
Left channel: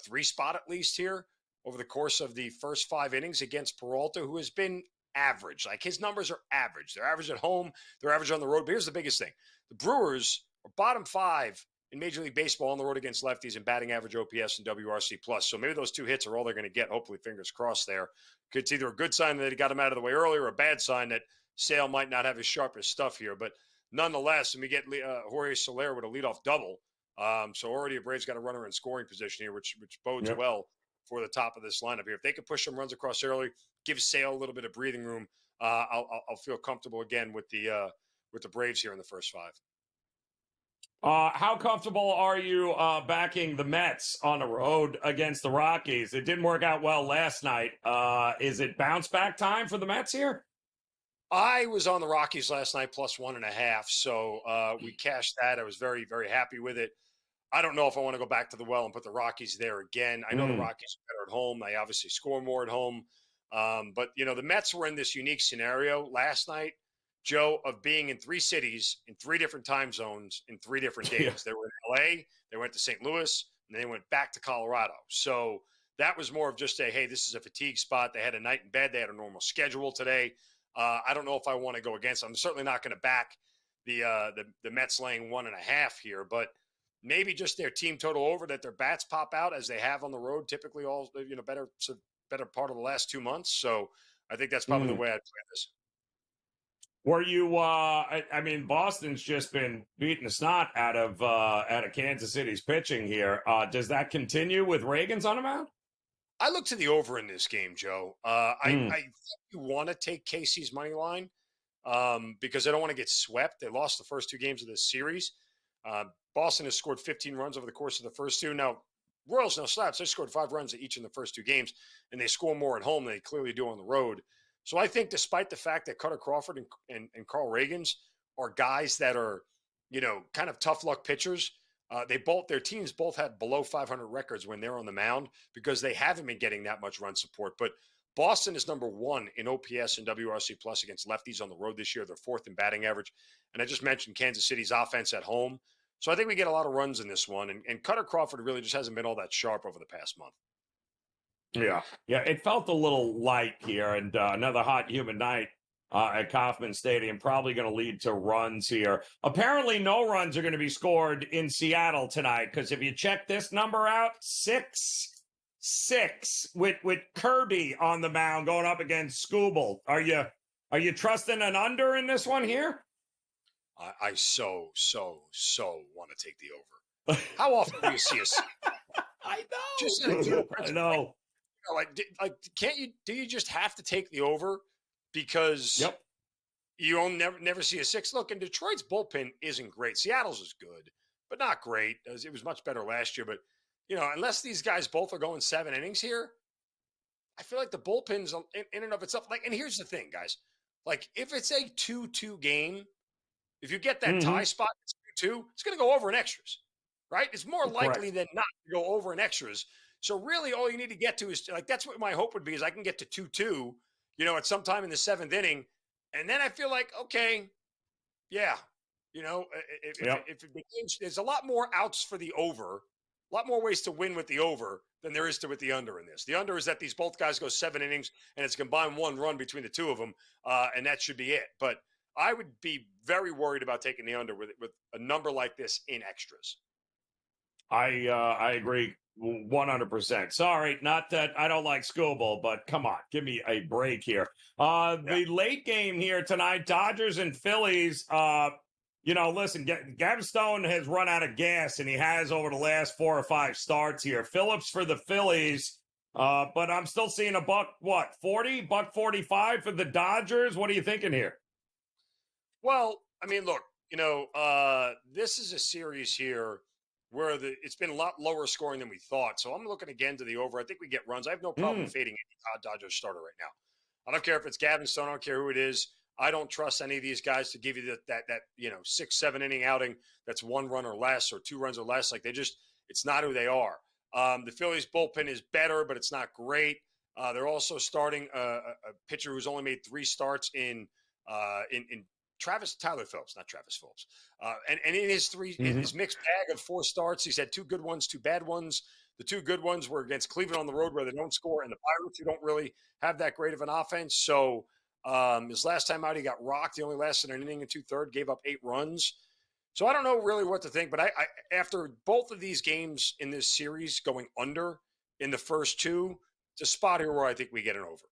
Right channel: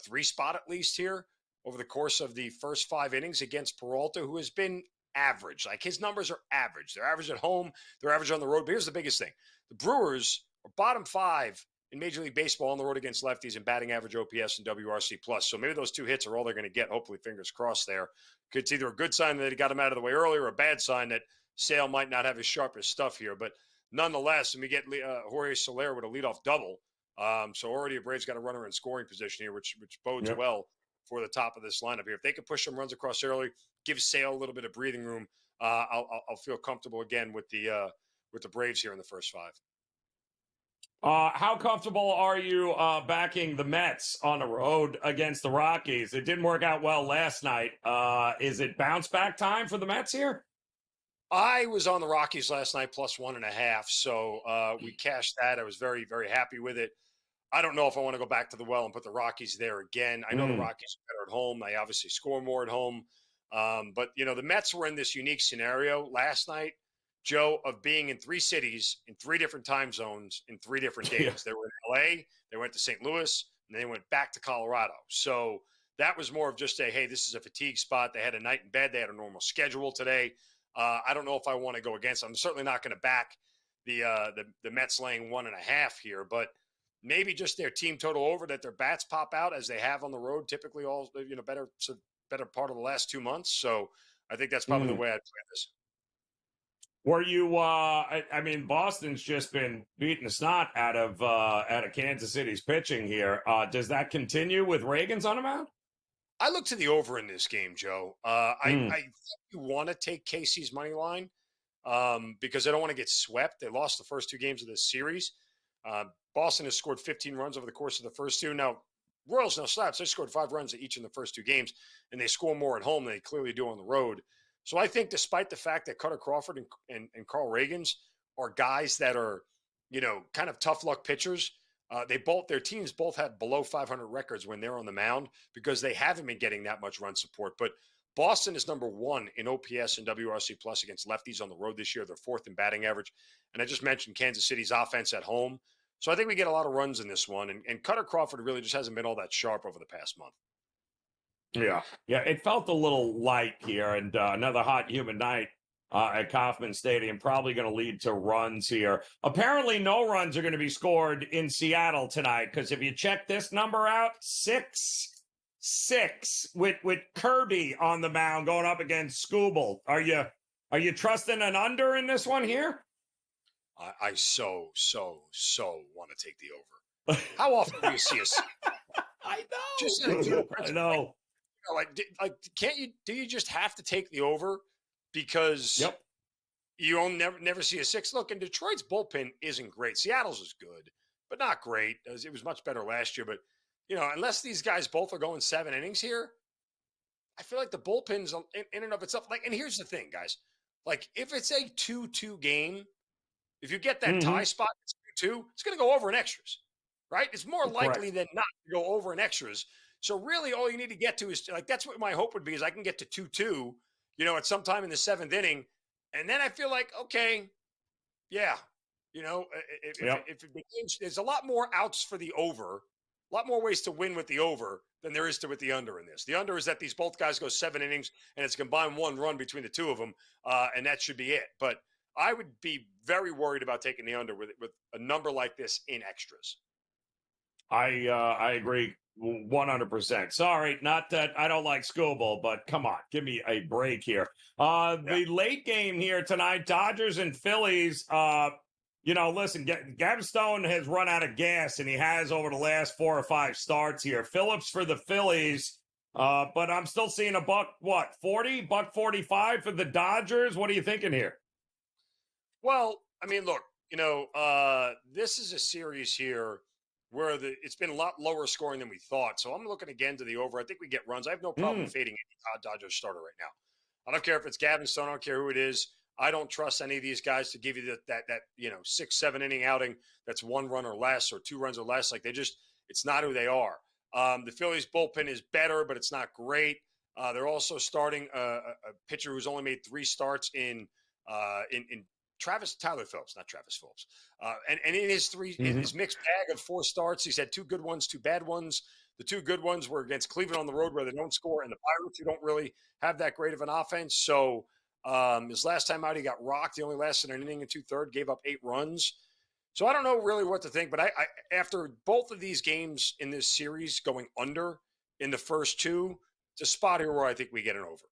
3 spot at least here over the course of the first 5 innings against Peralta, who has been average. Like, his numbers are average. They're average at home. They're average on the road. But here's the biggest thing. The Brewers are bottom 5 in Major League Baseball on the road against lefties in batting average, OPS, and WRC+. So maybe those 2 hits are all they're going to get. Hopefully, fingers crossed there. It's either a good sign that he got him out of the way earlier or a bad sign that Sale might not have his sharpest stuff here. But nonetheless, and we get Jorge Soler with a leadoff double. So already a Braves got a runner in scoring position here, which bodes well for the top of this lineup here. If they could push some runs across early, give Sale a little bit of breathing room, I'll feel comfortable again with the Braves here in the first 5. How comfortable are you backing the Mets on the road against the Rockies? It didn't work out well last night. Is it bounce back time for the Mets here? I was on the Rockies last night plus 1.5, so we cashed that. I was very, very happy with it. I don't know if I want to go back to the well and put the Rockies there again. I know the Rockies are better at home. They obviously score more at home. But, the Mets were in this unique scenario last night, Joe, of being in 3 cities in 3 different time zones in 3 different days. Yeah. They were in L.A., they went to St. Louis, and they went back to Colorado. So that was more of just hey, this is a fatigue spot. They had a night in bed. They had a normal schedule today. I don't know if I want to go against them. I'm certainly not going to back the Mets laying 1.5 here, but maybe just their team total over, that their bats pop out as they have on the road, typically all better part of the last 2 months. So I think that's probably the way I'd play this. Were you? Boston's just been beating the snot out of Kansas City's pitching here. Does that continue with Reagan's on the mound? I look to the over in this game, Joe. I think you want to take KC's money line because they don't want to get swept. They lost the first 2 games of this series. Boston has scored 15 runs over the course of the first 2. Now, Royals no slaps. They scored 5 runs each in the first 2 games, and they score more at home than they clearly do on the road. So I think despite the fact that Cutter Crawford and Carl Reagans are guys that are, kind of tough luck pitchers, their teams both have below 500 records when they're on the mound because they haven't been getting that much run support. But Boston is number 1 in OPS and WRC plus against lefties on the road this year. They're 4th in batting average. And I just mentioned Kansas City's offense at home. So I think we get a lot of runs in this one. And Cutter Crawford really just hasn't been all that sharp over the past month. Yeah, it felt a little light here, and another hot, humid night at Kauffman Stadium, probably going to lead to runs here. Apparently, no runs are going to be scored in Seattle tonight, because if you check this number out, 6 with Kirby on the mound going up against Skubal. Are you trusting an under in this one here? I so want to take the over. How often do you see us? I know. Can't you? Do you just have to take the over because you never see a 6? Look, and Detroit's bullpen isn't great. Seattle's is good, but not great. It was much better last year. But unless these guys both are going 7 innings here, I feel like the bullpen's in and of itself. And here's the thing, guys. If it's a 2-2 game, if you get that tie spot, it's 2-2, it's going to go over in extras, right? It's more likely than not to go over in extras. So really all you need to get to is that's what my hope would be, is I can get to 2-2, at some time in the 7th inning. And then I feel like, okay, yeah, if the game, there's a lot more outs for the over, a lot more ways to win with the over than there is to with the under in this. The under is that these both guys go 7 innings and it's combined 1 run between the 2 of them. And that should be it. But I would be very worried about taking the under with a number like this in extras. I agree 100%. Sorry, not that I don't like Skubal, but come on, give me a break here. The late game here tonight, Dodgers and Phillies. Listen, Gavin Stone has run out of gas, and he has over the last 4 or 5 starts here. Phillips for the Phillies, but I'm still seeing a $1.40, $1.45 for the Dodgers. What are you thinking here? Well, I mean, look, this is a series here where it's been a lot lower scoring than we thought. So I'm looking again to the over. I think we get runs. I have no problem fading any Dodgers starter right now. I don't care if it's Gavin Stone. I don't care who it is. I don't trust any of these guys to give you that 6-7 inning outing that's 1 run or less or 2 runs or less. Like it's not who they are. The Phillies bullpen is better, but it's not great. They're also starting a pitcher who's only made 3 starts in Tyler Phillips, not Travis Phillips. And in his his mixed bag of 4 starts, he's had 2 good ones, 2 bad ones. The 2 good ones were against Cleveland on the road where they don't score, and the Pirates who don't really have that great of an offense. So his last time out, he got rocked. He only lasted an inning and 2/3, gave up 8 runs. So I don't know really what to think, but I after both of these games in this series going under in the first 2, it's a spot here where I think we get an over.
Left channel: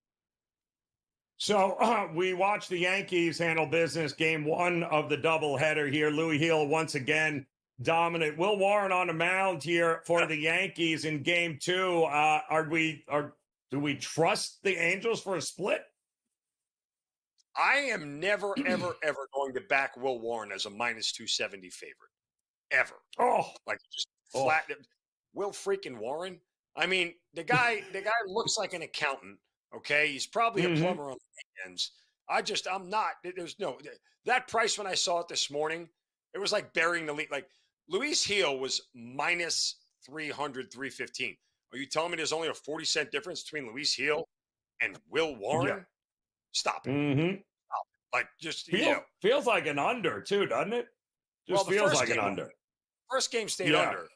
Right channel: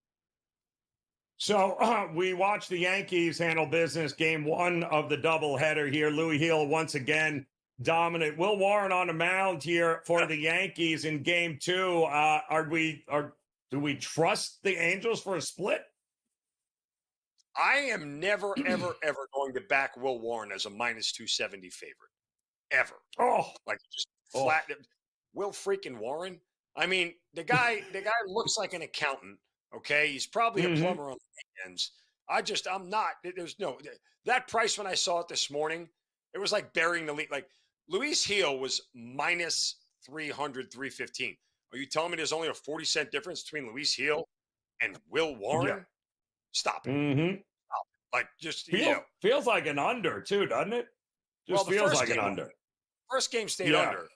So we watched the Yankees handle business game 1 of the doubleheader here. Louis Hill once again dominant. Will Warren on the mound here for the Yankees in game 2. Do we trust the Angels for a split? I am never, ever, ever going to back Will Warren as a -270 favorite. Ever. Like just flat. Will freaking Warren? I mean, the guy looks like an accountant. Okay, he's probably a plumber on the weekends. I'm not. There's no that price when I saw it this morning. It was like burying the lead. Like Luis Gil was -300, 315. Are you telling me there's only a 40-cent difference between Luis Gil and Will Warren? Yeah. Stop it. Stop it. Like just feels like an under too, doesn't it? Just feels like an under. First game stayed under,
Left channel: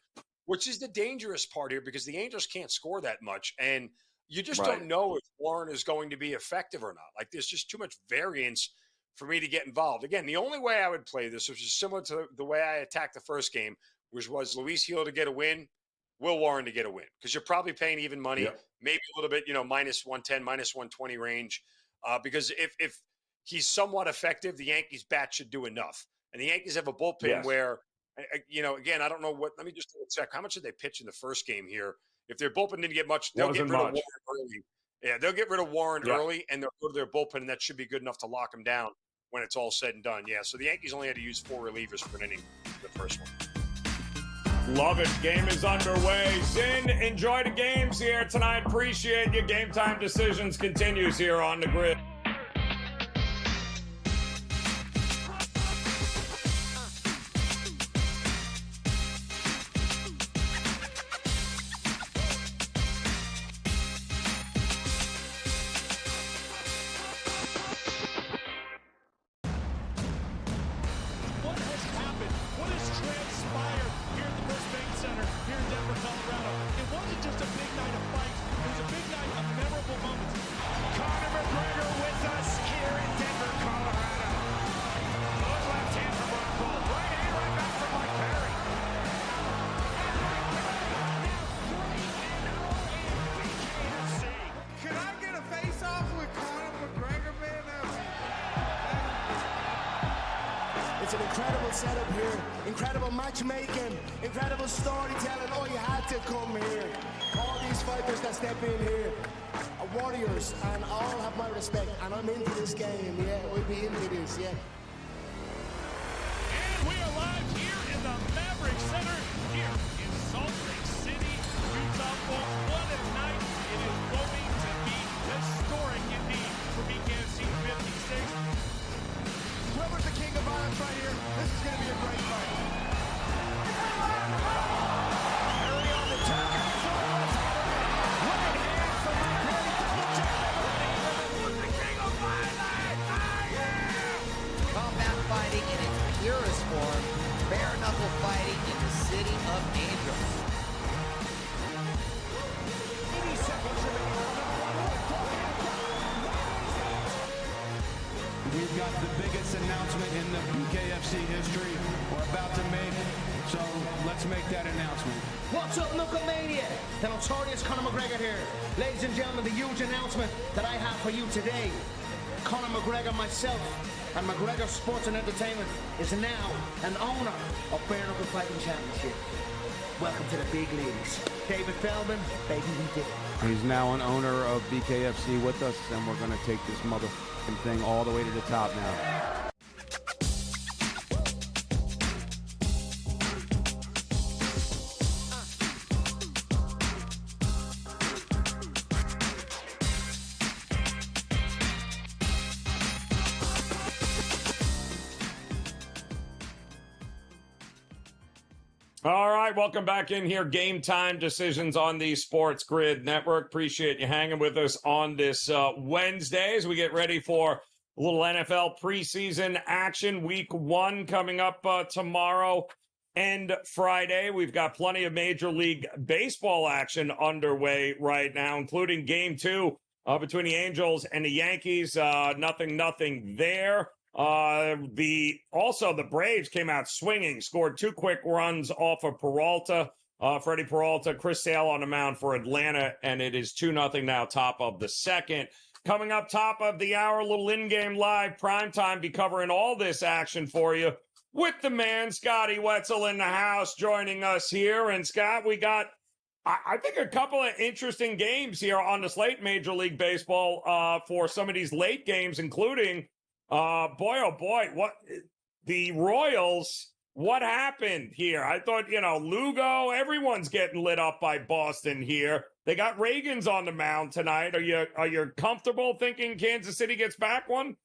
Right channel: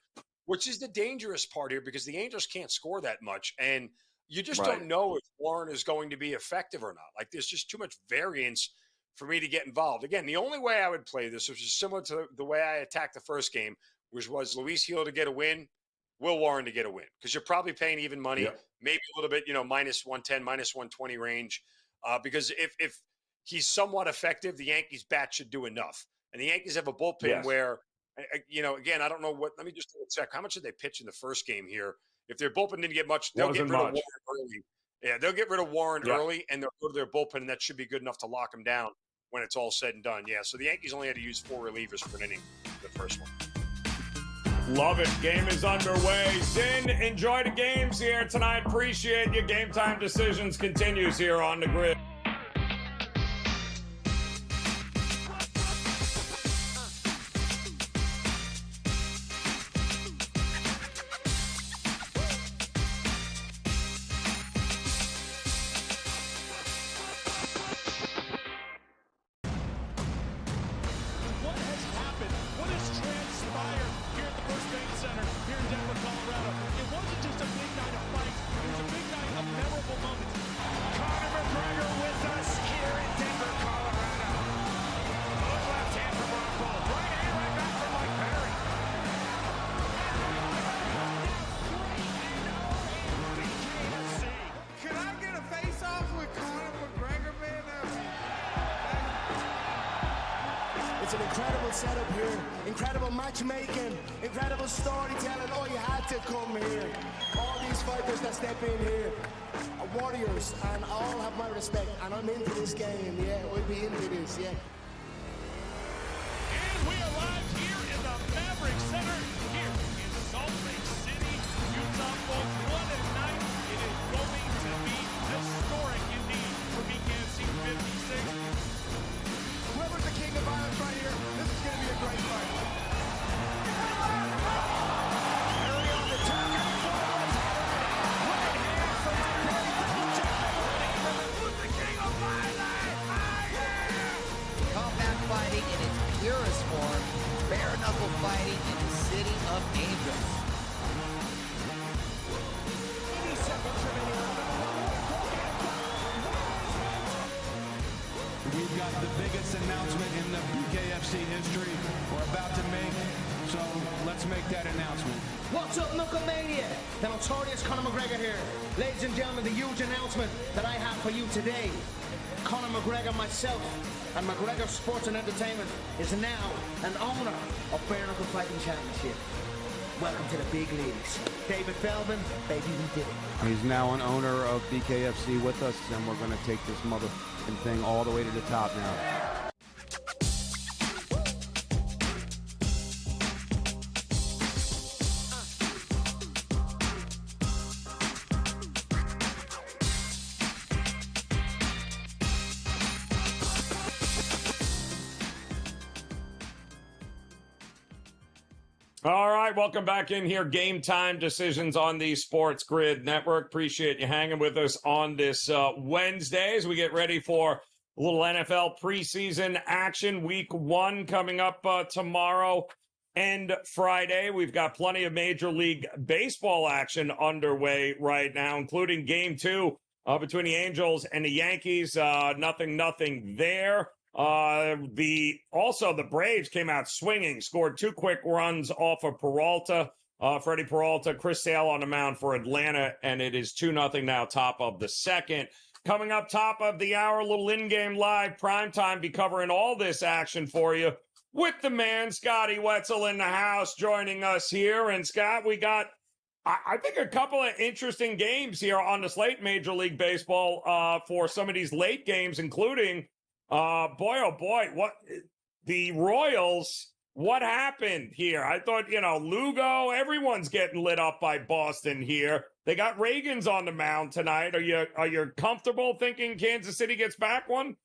which is the dangerous part here because the Angels can't score that much, and you just don't know if Warren is going to be effective or not. Like there's just too much variance for me to get involved. Again, the only way I would play this, which is similar to the way I attacked the first game, which was Luis Gil to get a win, Will Warren to get a win, because you're probably paying even money, maybe a little bit, -110, -120 range. Because if he's somewhat effective, the Yankees bat should do enough. And the Yankees have a bullpen where, again, I don't know what. Let me just check. How much did they pitch in the first game here? If their bullpen didn't get much, they'll get rid of Warren early. Yeah, they'll get rid of Warren early, and they'll go to their bullpen, and that should be good enough to lock them down when it's all said and done. Yeah, so the Yankees only had to use 4 relievers for an inning for the first one. Love it. Game is underway. Zin, enjoy the games here tonight. Appreciate you. Game Time Decisions continues here on the grid. It's an incredible setup here, incredible matchmaking, incredible storytelling. Oh, you had to come here. All these fighters that step in here are warriors, and all have my respect. And I'm into this game, yeah. We'll be into this, yeah. We arrive here in the Maverick Center here in Salt Lake City, Utah. What a night. It is going to be historic indeed for BKFC 56. Whoever's the king of violence right here, this is going to be a great fight. Combat fighting in its purest form, bare knuckle fighting in the city of angels. We've got the biggest announcement in the BKFC history we're about to make, so let's make that announcement. What's up, Knucklemania? The notorious Conor McGregor here. Ladies and gentlemen, the huge announcement that I have for you today. Conor McGregor, myself, and McGregor Sports and Entertainment is now an owner of Bare Knuckle Fighting Championship. Welcome to the big leagues. David Feldman, baby, we did it. He's now an owner of BKFC with us, and we're going to take this motherfucking thing all the way to the top now. All right, welcome back in here. Game Time Decisions on the Sports Grid Network. Appreciate you hanging with us on this Wednesday as we get ready for a little NFL preseason action. Week 1 coming up tomorrow and Friday. We've got plenty of Major League Baseball action underway right now, including Game 2 between the Angels and the Yankees. Nothing there. The Braves came out swinging, scored 2 quick runs off of Peralta. Freddie Peralta, Chris Sale on the mound for Atlanta, and it is 2-0 now, top of the second. Coming up top of the hour, a little in-game live primetime, be covering all this action for you with the man, Scotty Wetzel, in the house joining us here. And Scott, we got, I think, a couple of interesting games here on the slate, Major League Baseball, for some of these late games, including what the Royals, what happened here? I thought, Lugo, everyone's getting lit up by Boston here. They got Reagans on the mound tonight. Are you comfortable thinking Kansas City gets back one?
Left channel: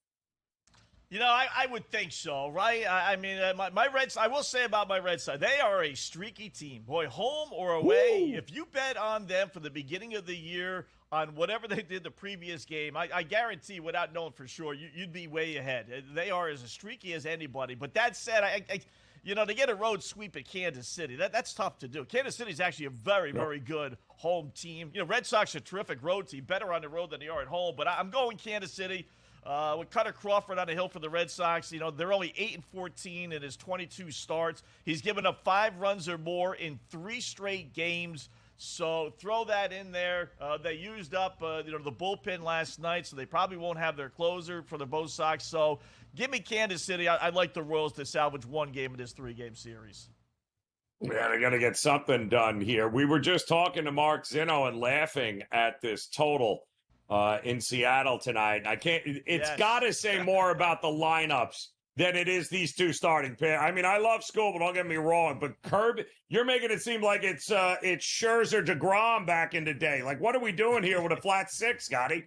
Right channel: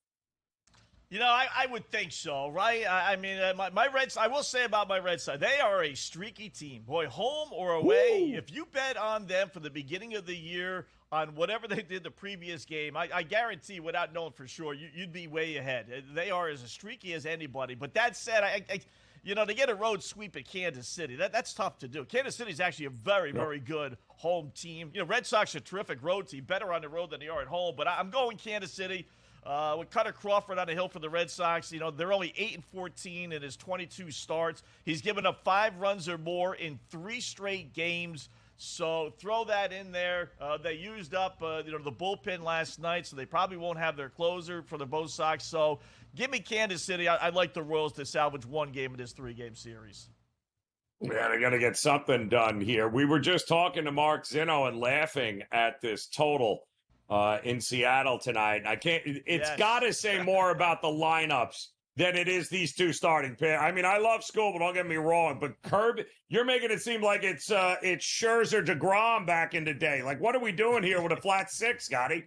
I would think so, right? I mean, my Reds, I will say about my Red Sox, they are a streaky team. Boy, home or away, if you bet on them for the beginning of the year on whatever they did the previous game, I guarantee, without knowing for sure, you'd be way ahead. They are as streaky as anybody. But that said, to get a road sweep at Kansas City, that's tough to do. Kansas City is actually a very, very good home team. Red Sox are a terrific road team, better on the road than they are at home. But I'm going Kansas City. With Cutter Crawford on the hill for the Red Sox, they're only 8-14 in his 22 starts. He's given up 5 runs or more in 3 straight games. So throw that in there. They used up, the bullpen last night, so they probably won't have their closer for the both Sox. So give me Kansas City. I'd like the Royals to salvage 1 game in this 3-game series. Yeah, they got to get something done here. We were just talking to Mark Zinno and laughing at this total in Seattle tonight. It's got to say more about the lineups than it is these 2 starting pairs. I mean, I love School, but don't get me wrong. But Kirby, you're making it seem like it's Scherzer, DeGrom back in the day. Like, what are we doing here with a flat 6, Scotty?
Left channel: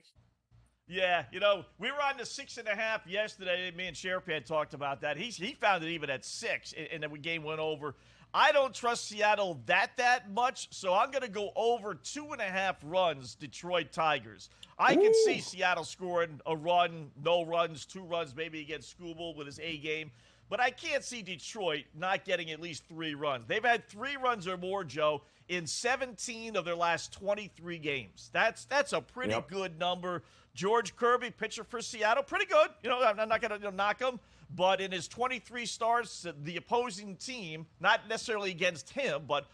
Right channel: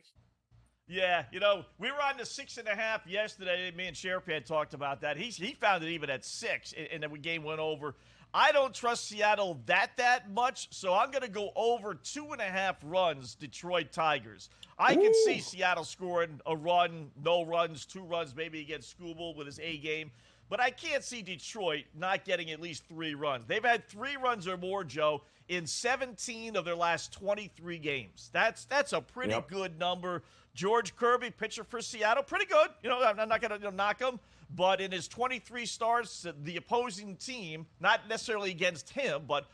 Yeah, we were on the 6.5 yesterday. Me and Sherpan talked about that. He found it even at 6, and then the game went over. I don't trust Seattle that much, so I'm going to go over 2.5 runs, Detroit Tigers. I can see Seattle scoring a run, no runs, 2 runs, maybe against Skubal with his A game. But I can't see Detroit not getting at least 3 runs. They've had 3 runs or more, Joe, in 17 of their last 23 games. That's a pretty good number. George Kirby, pitcher for Seattle, pretty good. I'm not going to knock him. But in his 23 starts, the opposing team, not necessarily against him, but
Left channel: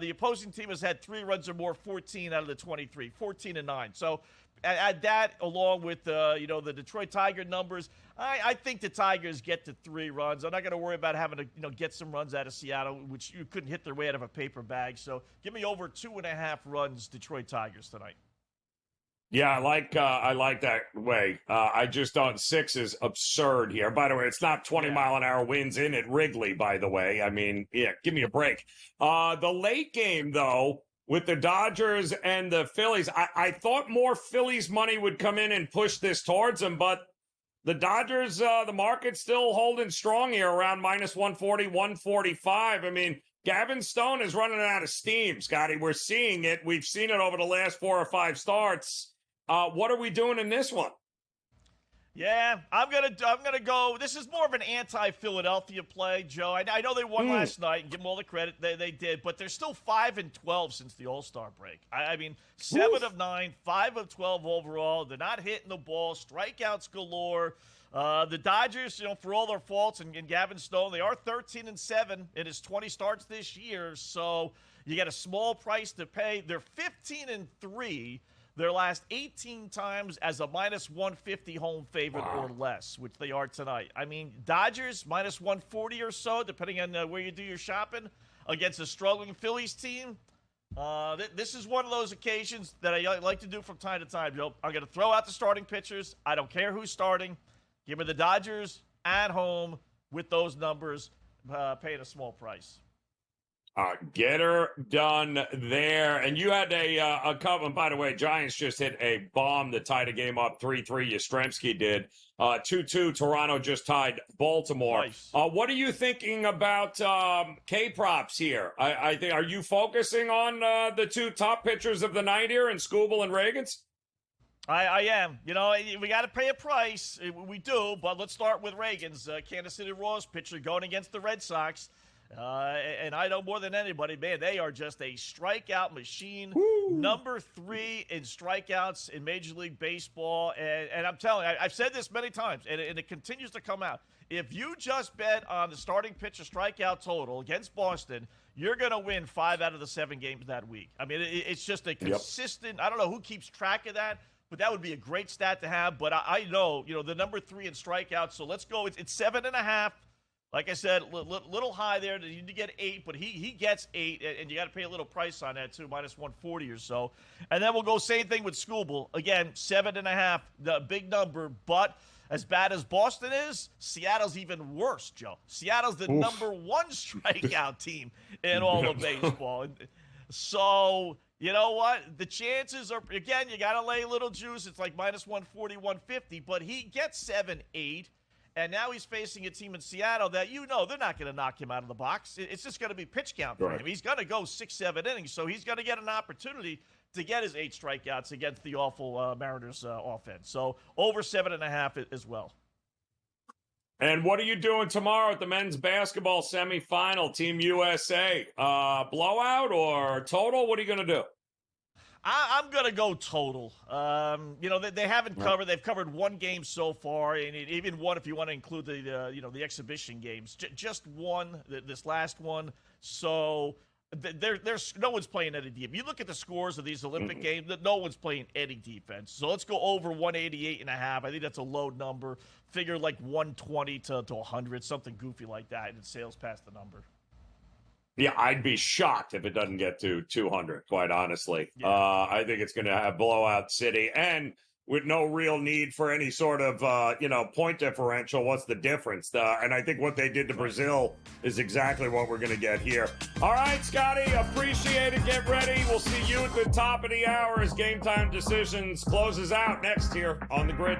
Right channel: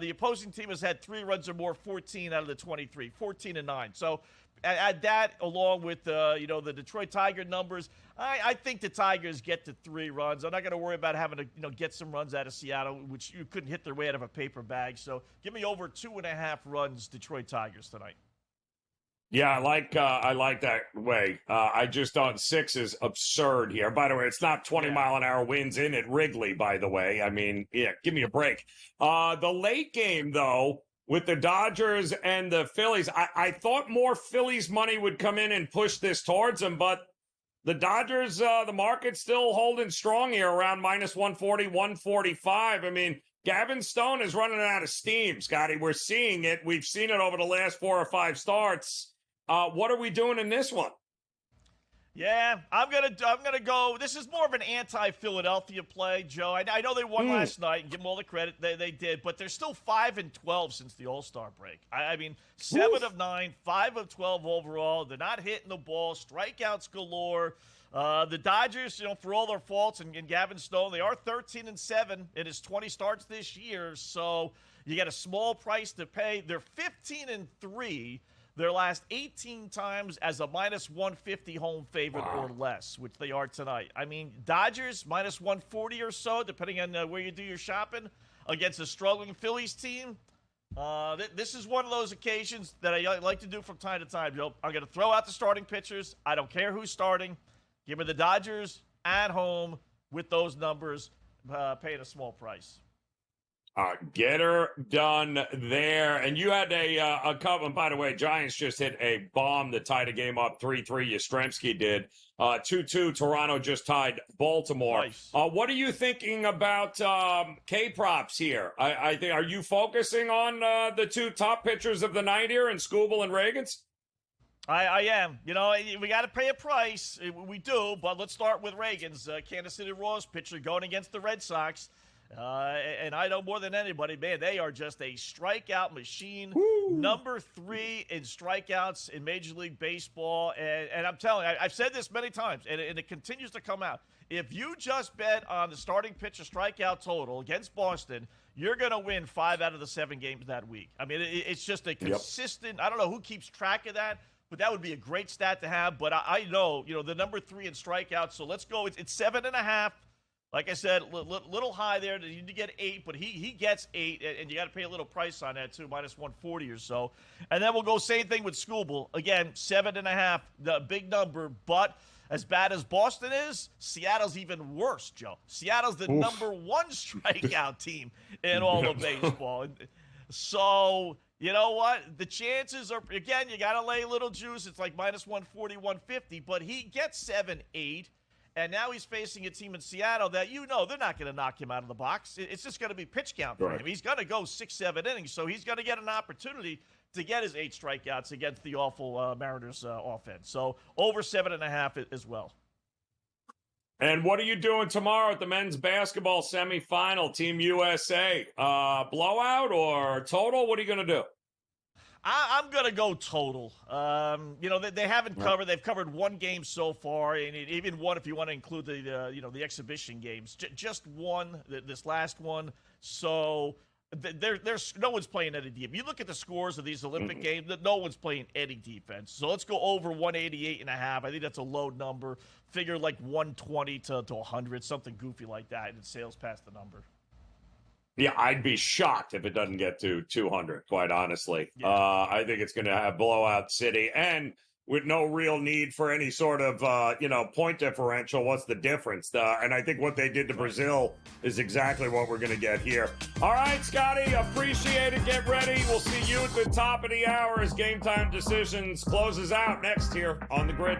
the opposing team has had 3 runs or more, 14 out of the 23, 14-9. So add that along with the Detroit Tiger numbers. I think the Tigers get to 3 runs. I'm not going to worry about having to get some runs out of Seattle, which you couldn't hit their way out of a paper bag. So give me over 2.5 runs, Detroit Tigers tonight. Yeah, I like that way. I just thought 6 is absurd here. By the way, it's not 20-mile-an-hour winds in at Wrigley, by the way. I mean, give me a break. The late game, though, with the Dodgers and the Phillies, I thought more Phillies money would come in and push this towards them, but the Dodgers, the market's still holding strong here around minus 140, 145. I mean, Gavin Stone is running out of steam, Scotty. We're seeing it. We've seen it over the last 4 or 5 starts. What are we doing in this one? Yeah, I'm gonna go. This is more of an anti-Philadelphia play, Joe. I know they won last night, and give them all the credit they did, but they're still 5-12 since the All-Star break. I mean, 7 of 9, 5 of 12 overall. They're not hitting the ball, strikeouts galore. The Dodgers, for all their faults, and Gavin Stone, they are 13-7 in his 20 starts this year. So you got a small price to pay. They're 15-3. Their last 18 times as a minus 150 home favorite or less, which they are tonight. I mean, Dodgers minus 140 or so, depending on where you do your shopping, against a struggling Phillies team. This is one of those occasions that I like to do from time to time, Joe. I'm going to throw out the starting pitchers. I don't care who's starting. Give me the Dodgers at home with those numbers, paying a small price. Get her done there. And you had a couple. And by the way, Giants just hit a bomb that tied a game up 3-3. Yastrzemski did. 2-2. Toronto just tied Baltimore. Nice. What are you thinking about K-props here? I think, are you focusing on the two top pitchers of the night here in Skubal and Reagans? I am. You know, we got to pay a price. We do, but let's start with Reagans, Kansas City Royals pitcher going against the Red Sox. And I know more than anybody, man, they are just a strikeout machine. Woo. Number 3 in strikeouts in Major League Baseball. And I'm telling you, I've said this many times, and it continues to come out. If you just bet on the starting pitcher strikeout total against Boston, you're going to win 5 out of the 7 games that week. I mean, it's just a consistent, I don't know who keeps track of that, but that would be a great stat to have. But I know, the number 3 in strikeouts. So let's go. It's 7.5. Like I said, little high there. You need to get 8, but he gets 8, and you got to pay a little price on that too, minus 140 or so. And then we'll go same thing with Skubal. Again, 7.5, the big number. But as bad as Boston is, Seattle's even worse, Joe. Seattle's the number 1 strikeout team in all of baseball. So, you know what? The chances are, again, you got to lay a little juice. It's like minus 140, 150, but he gets 7, 8. And now he's facing a team in Seattle that, they're not going to knock him out of the box. It's just going to be pitch count for him. He's going to go 6, 7 innings, so he's going to get an opportunity to get his 8 strikeouts against the awful Mariners offense. So over 7.5 as well. And what are you doing tomorrow at the men's basketball semifinal, Team USA? Blowout or total? What are you going to do? I'm going to go total. They haven't covered. They've covered 1 game so far, and even one if you want to include the exhibition games. Just one, this last one. So there's no one's playing any defense. You look at the scores of these Olympic games, no one's playing any defense. So let's go over 188.5. I think that's a low number. Figure like 120 to 100, something goofy like that, and it sails past the number. Yeah, I'd be shocked if it doesn't get to 200, quite honestly. Yeah. I think it's going to have blowout city, and with no real need for any sort of, point differential. What's the difference? And I think what they did to Brazil is exactly what we're going to get here. All right, Scotty, appreciate it. Get ready. We'll see you at the top of the hour as Game Time Decisions closes out next here on the Grid.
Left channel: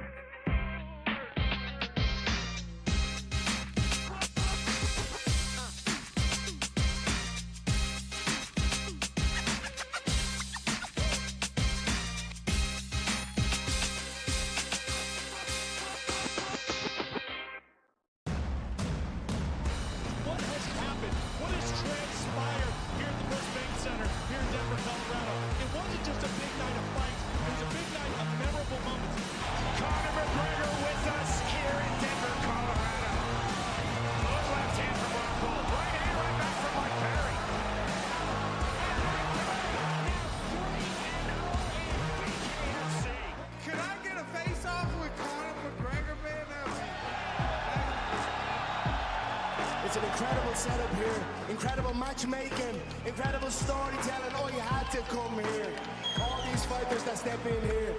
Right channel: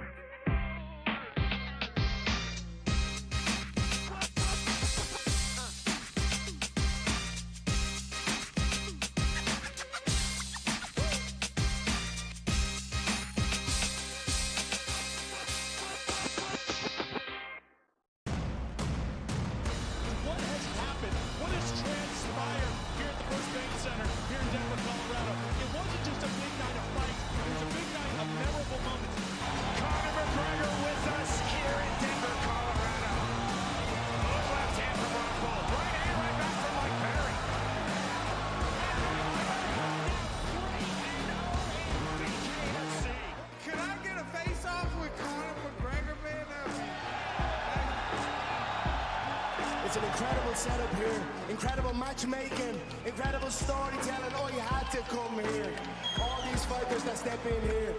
It's an incredible setup here, incredible matchmaking, incredible storytelling. Oh, you had to come here. All these fighters that step in here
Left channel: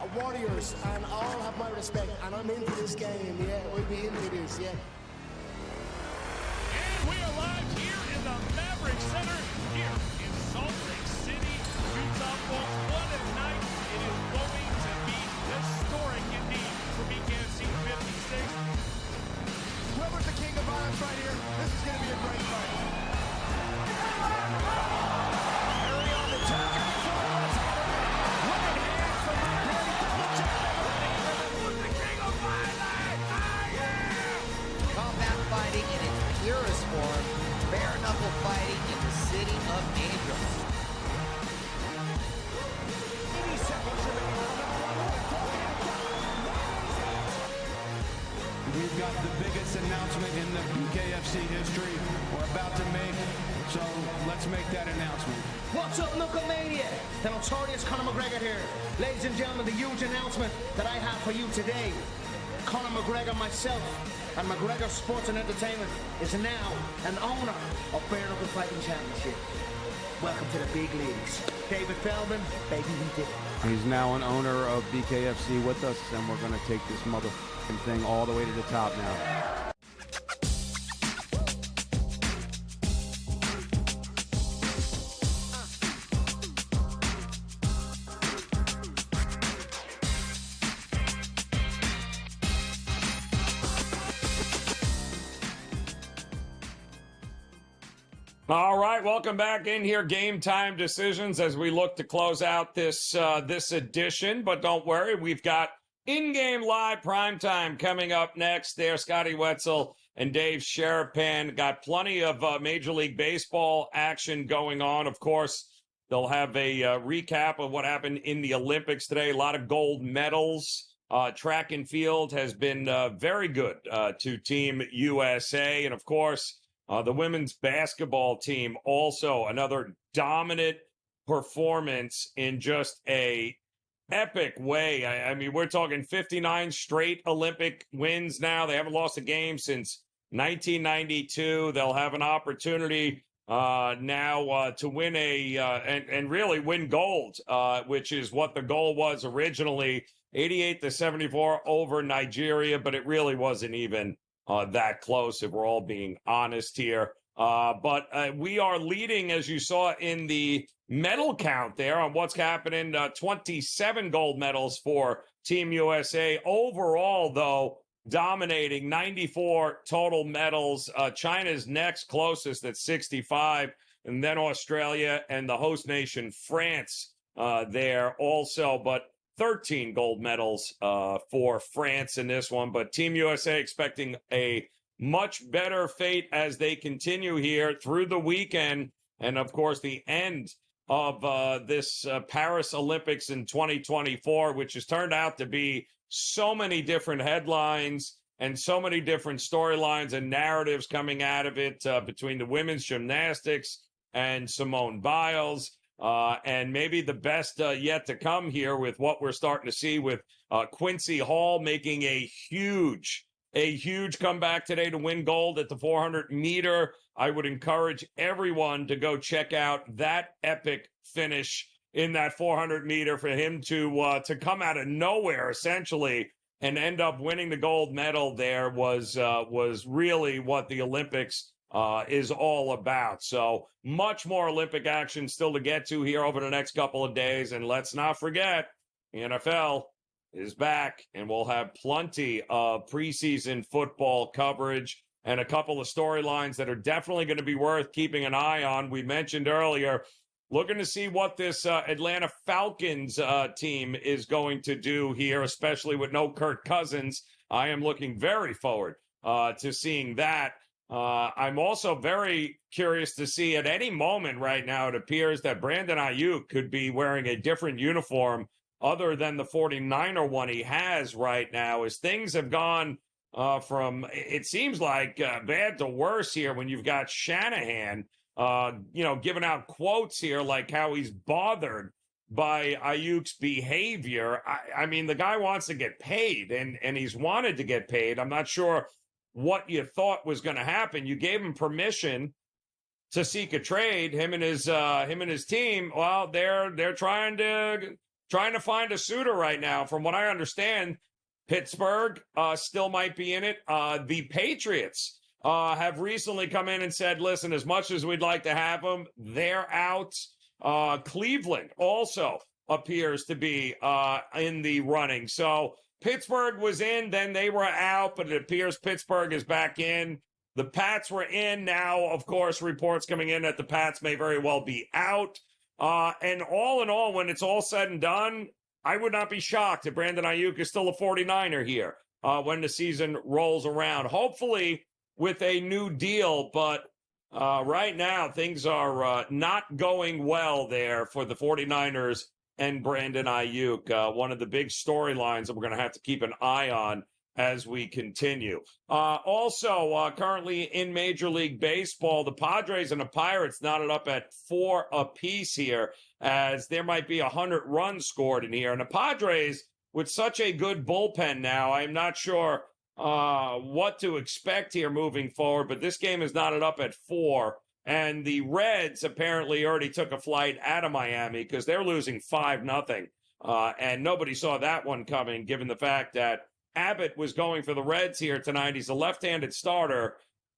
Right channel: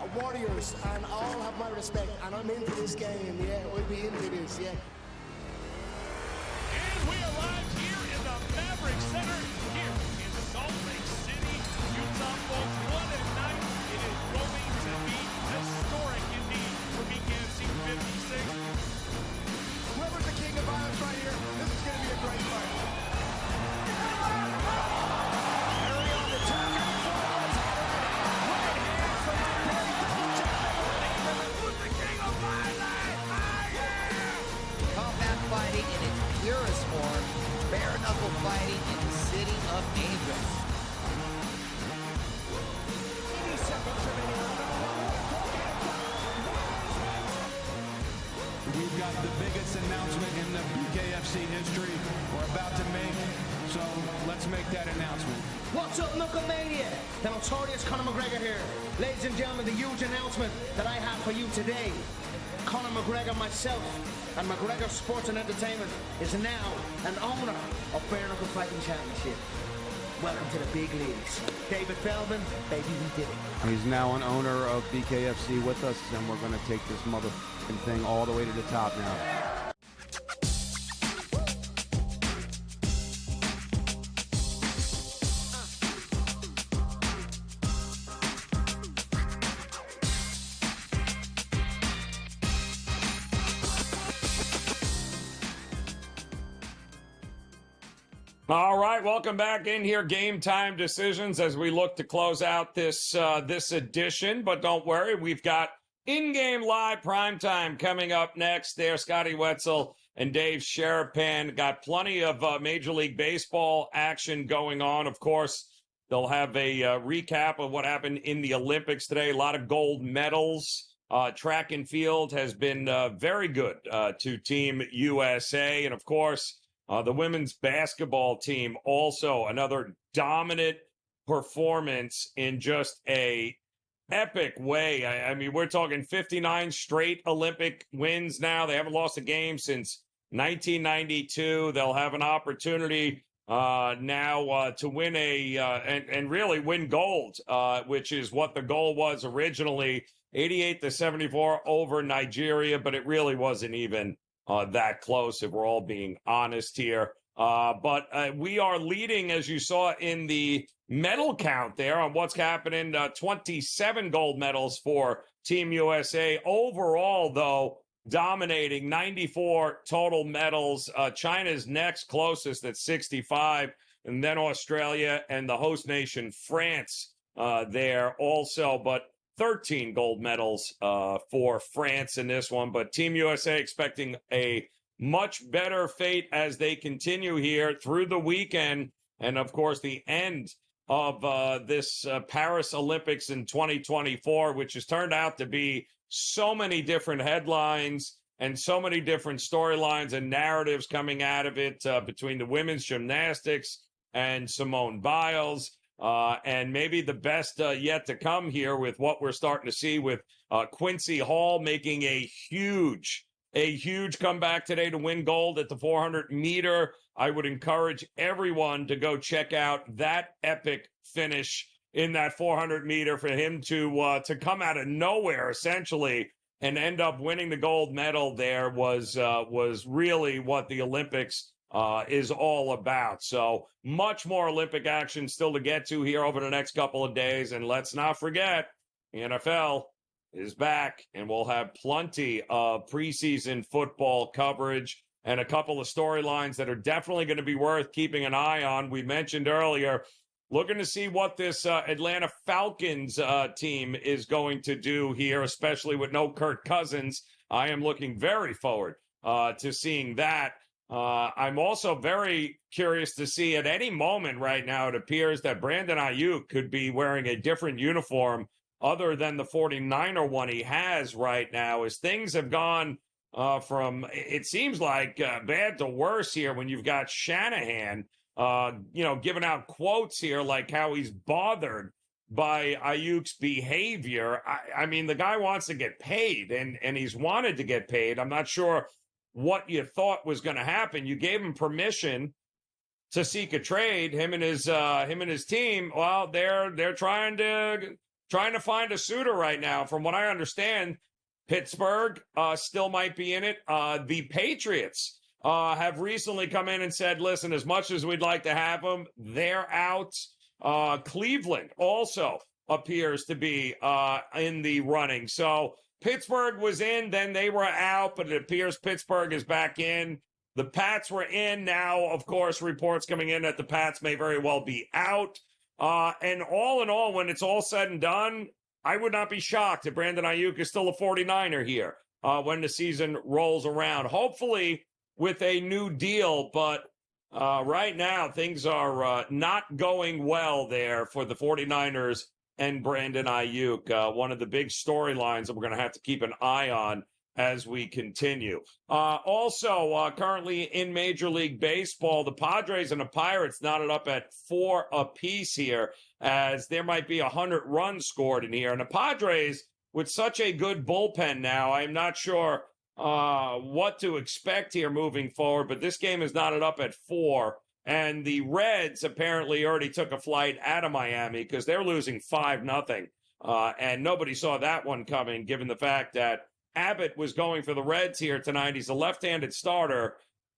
are warriors, and all have my respect. And I'm into this game, yeah. We'll be into this, yeah. We arrive here in the Maverick Center here in Salt Lake City, Utah. What a night! It is going to be historic indeed for BKFC 56. Whoever's the king of violence right here, this is going to be a great fight. Combat fighting in its purest form, bare knuckle fighting in the city of angels. We've got the biggest announcement in the BKFC history we're about to make, so let's make that announcement. What's up, Knucklemania? The notorious Conor McGregor here. Ladies and gentlemen, the huge announcement that I have for you today. Conor McGregor, myself, and McGregor Sports and Entertainment is now an owner of Bare Knuckle Fighting Championship. Welcome to the big leagues. David Feldman, baby, we did it. He's now an owner of BKFC with us, and we're going to take this motherfucking thing all the way to the top now. All right, welcome back in here. Game Time Decisions as we look to close out this edition. But don't worry, we've got in-game live primetime coming up next. There, Scotty Wetzel and Dave Sherapan got plenty of Major League Baseball action going on. Of course, they'll have a recap of what happened in the Olympics today. A lot of gold medals. Track and field has been very good to Team USA, and of course, the women's basketball team also another dominant performance in just a epic way. I mean, we're talking 59 straight Olympic wins now. They haven't lost a game since 1992. They'll have an opportunity now to win and really win gold, which is what the goal was originally, 88-74 over Nigeria, but it really wasn't even that close, if we're all being honest here. But we are leading, as you saw in the medal count there, on what's happening. 27 gold medals for Team USA. Overall, though, dominating 94 total medals. China's next closest at 65, and then Australia and the host nation, France, there also. But 13 gold medals for France in this one. But Team USA expecting a much better fate as they continue here through the weekend. And, of course, the end of this Paris Olympics in 2024, which has turned out to be so many different headlines and so many different storylines and narratives coming out of it between the women's gymnastics and Simone Biles. And maybe the best yet to come here with what we're starting to see with Quincy Hall making a huge comeback today to win gold at the 400 meter. I would encourage everyone to go check out that epic finish in that 400 meter for him to come out of nowhere essentially and end up winning the gold medal. There was really what the Olympics is all about. So much more Olympic action still to get to here over the next couple of days. And let's not forget, the NFL is back, and we'll have plenty of preseason football coverage and a couple of storylines that are definitely going to be worth keeping an eye on. We mentioned earlier, looking to see what this Atlanta Falcons team is going to do here, especially with no Kirk Cousins. I am looking very forward to seeing that. I'm also very curious to see at any moment right now, it appears that Brandon Ayuk could be wearing a different uniform other than the 49er one he has right now, as things have gone from, it seems like, bad to worse here when you've got Shanahan, giving out quotes here like how he's bothered by Ayuk's behavior. I mean, the guy wants to get paid, and he's wanted to get paid. I'm not sure what you thought was going to happen. You gave him permission to seek a trade. Him and his team. Well, they're trying to find a suitor right now. From what I understand, Pittsburgh still might be in it. The Patriots have recently come in and said, listen, as much as we'd like to have them, they're out. Cleveland also appears to be in the running. So Pittsburgh was in, then they were out, but it appears Pittsburgh is back in. The Pats were in. Now, of course, reports coming in that the Pats may very well be out. And all in all, when it's all said and done, I would not be shocked if Brandon Ayuk is still a 49er here when the season rolls around. Hopefully with a new deal, but right now things are not going well there for the 49ers and Brandon Ayuk. One of the big storylines that we're going to have to keep an eye on as we continue. Also, currently in Major League Baseball, the Padres and the Pirates knotted up at 4 apiece here, as there might be 100 runs scored in here. And the Padres, with such a good bullpen now, I'm not sure what to expect here moving forward, but this game is knotted up at 4. And the Reds apparently already took a flight out of Miami because they're losing 5-0. And nobody saw that one coming, given the fact that Abbott was going for the Reds here tonight. He's a left-handed starter,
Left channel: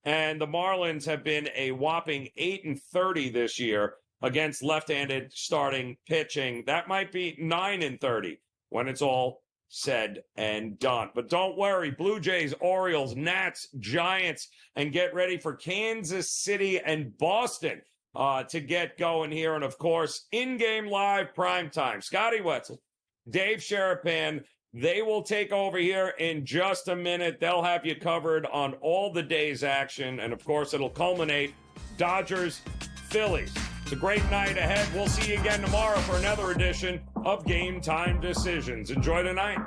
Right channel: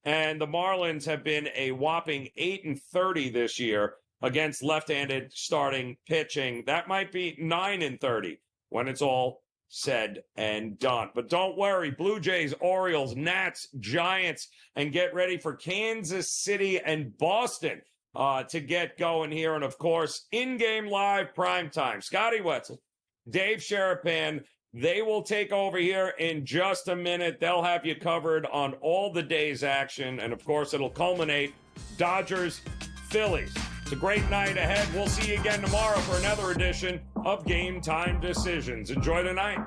and the Marlins have been a whopping 8-30 this year against left-handed starting pitching. That might be 9-30 when it's all said and done. But don't worry, Blue Jays, Orioles, Nats, Giants, and get ready for Kansas City and Boston to get going here. And, of course, in-game live primetime. Scotty Wetzel, Dave Sherapan, they will take over here in just a minute. They'll have you covered on all the day's action. And, of course, it'll culminate Dodgers, Phillies. It's a great night ahead. We'll see you again tomorrow for another edition of Game Time Decisions. Enjoy the night.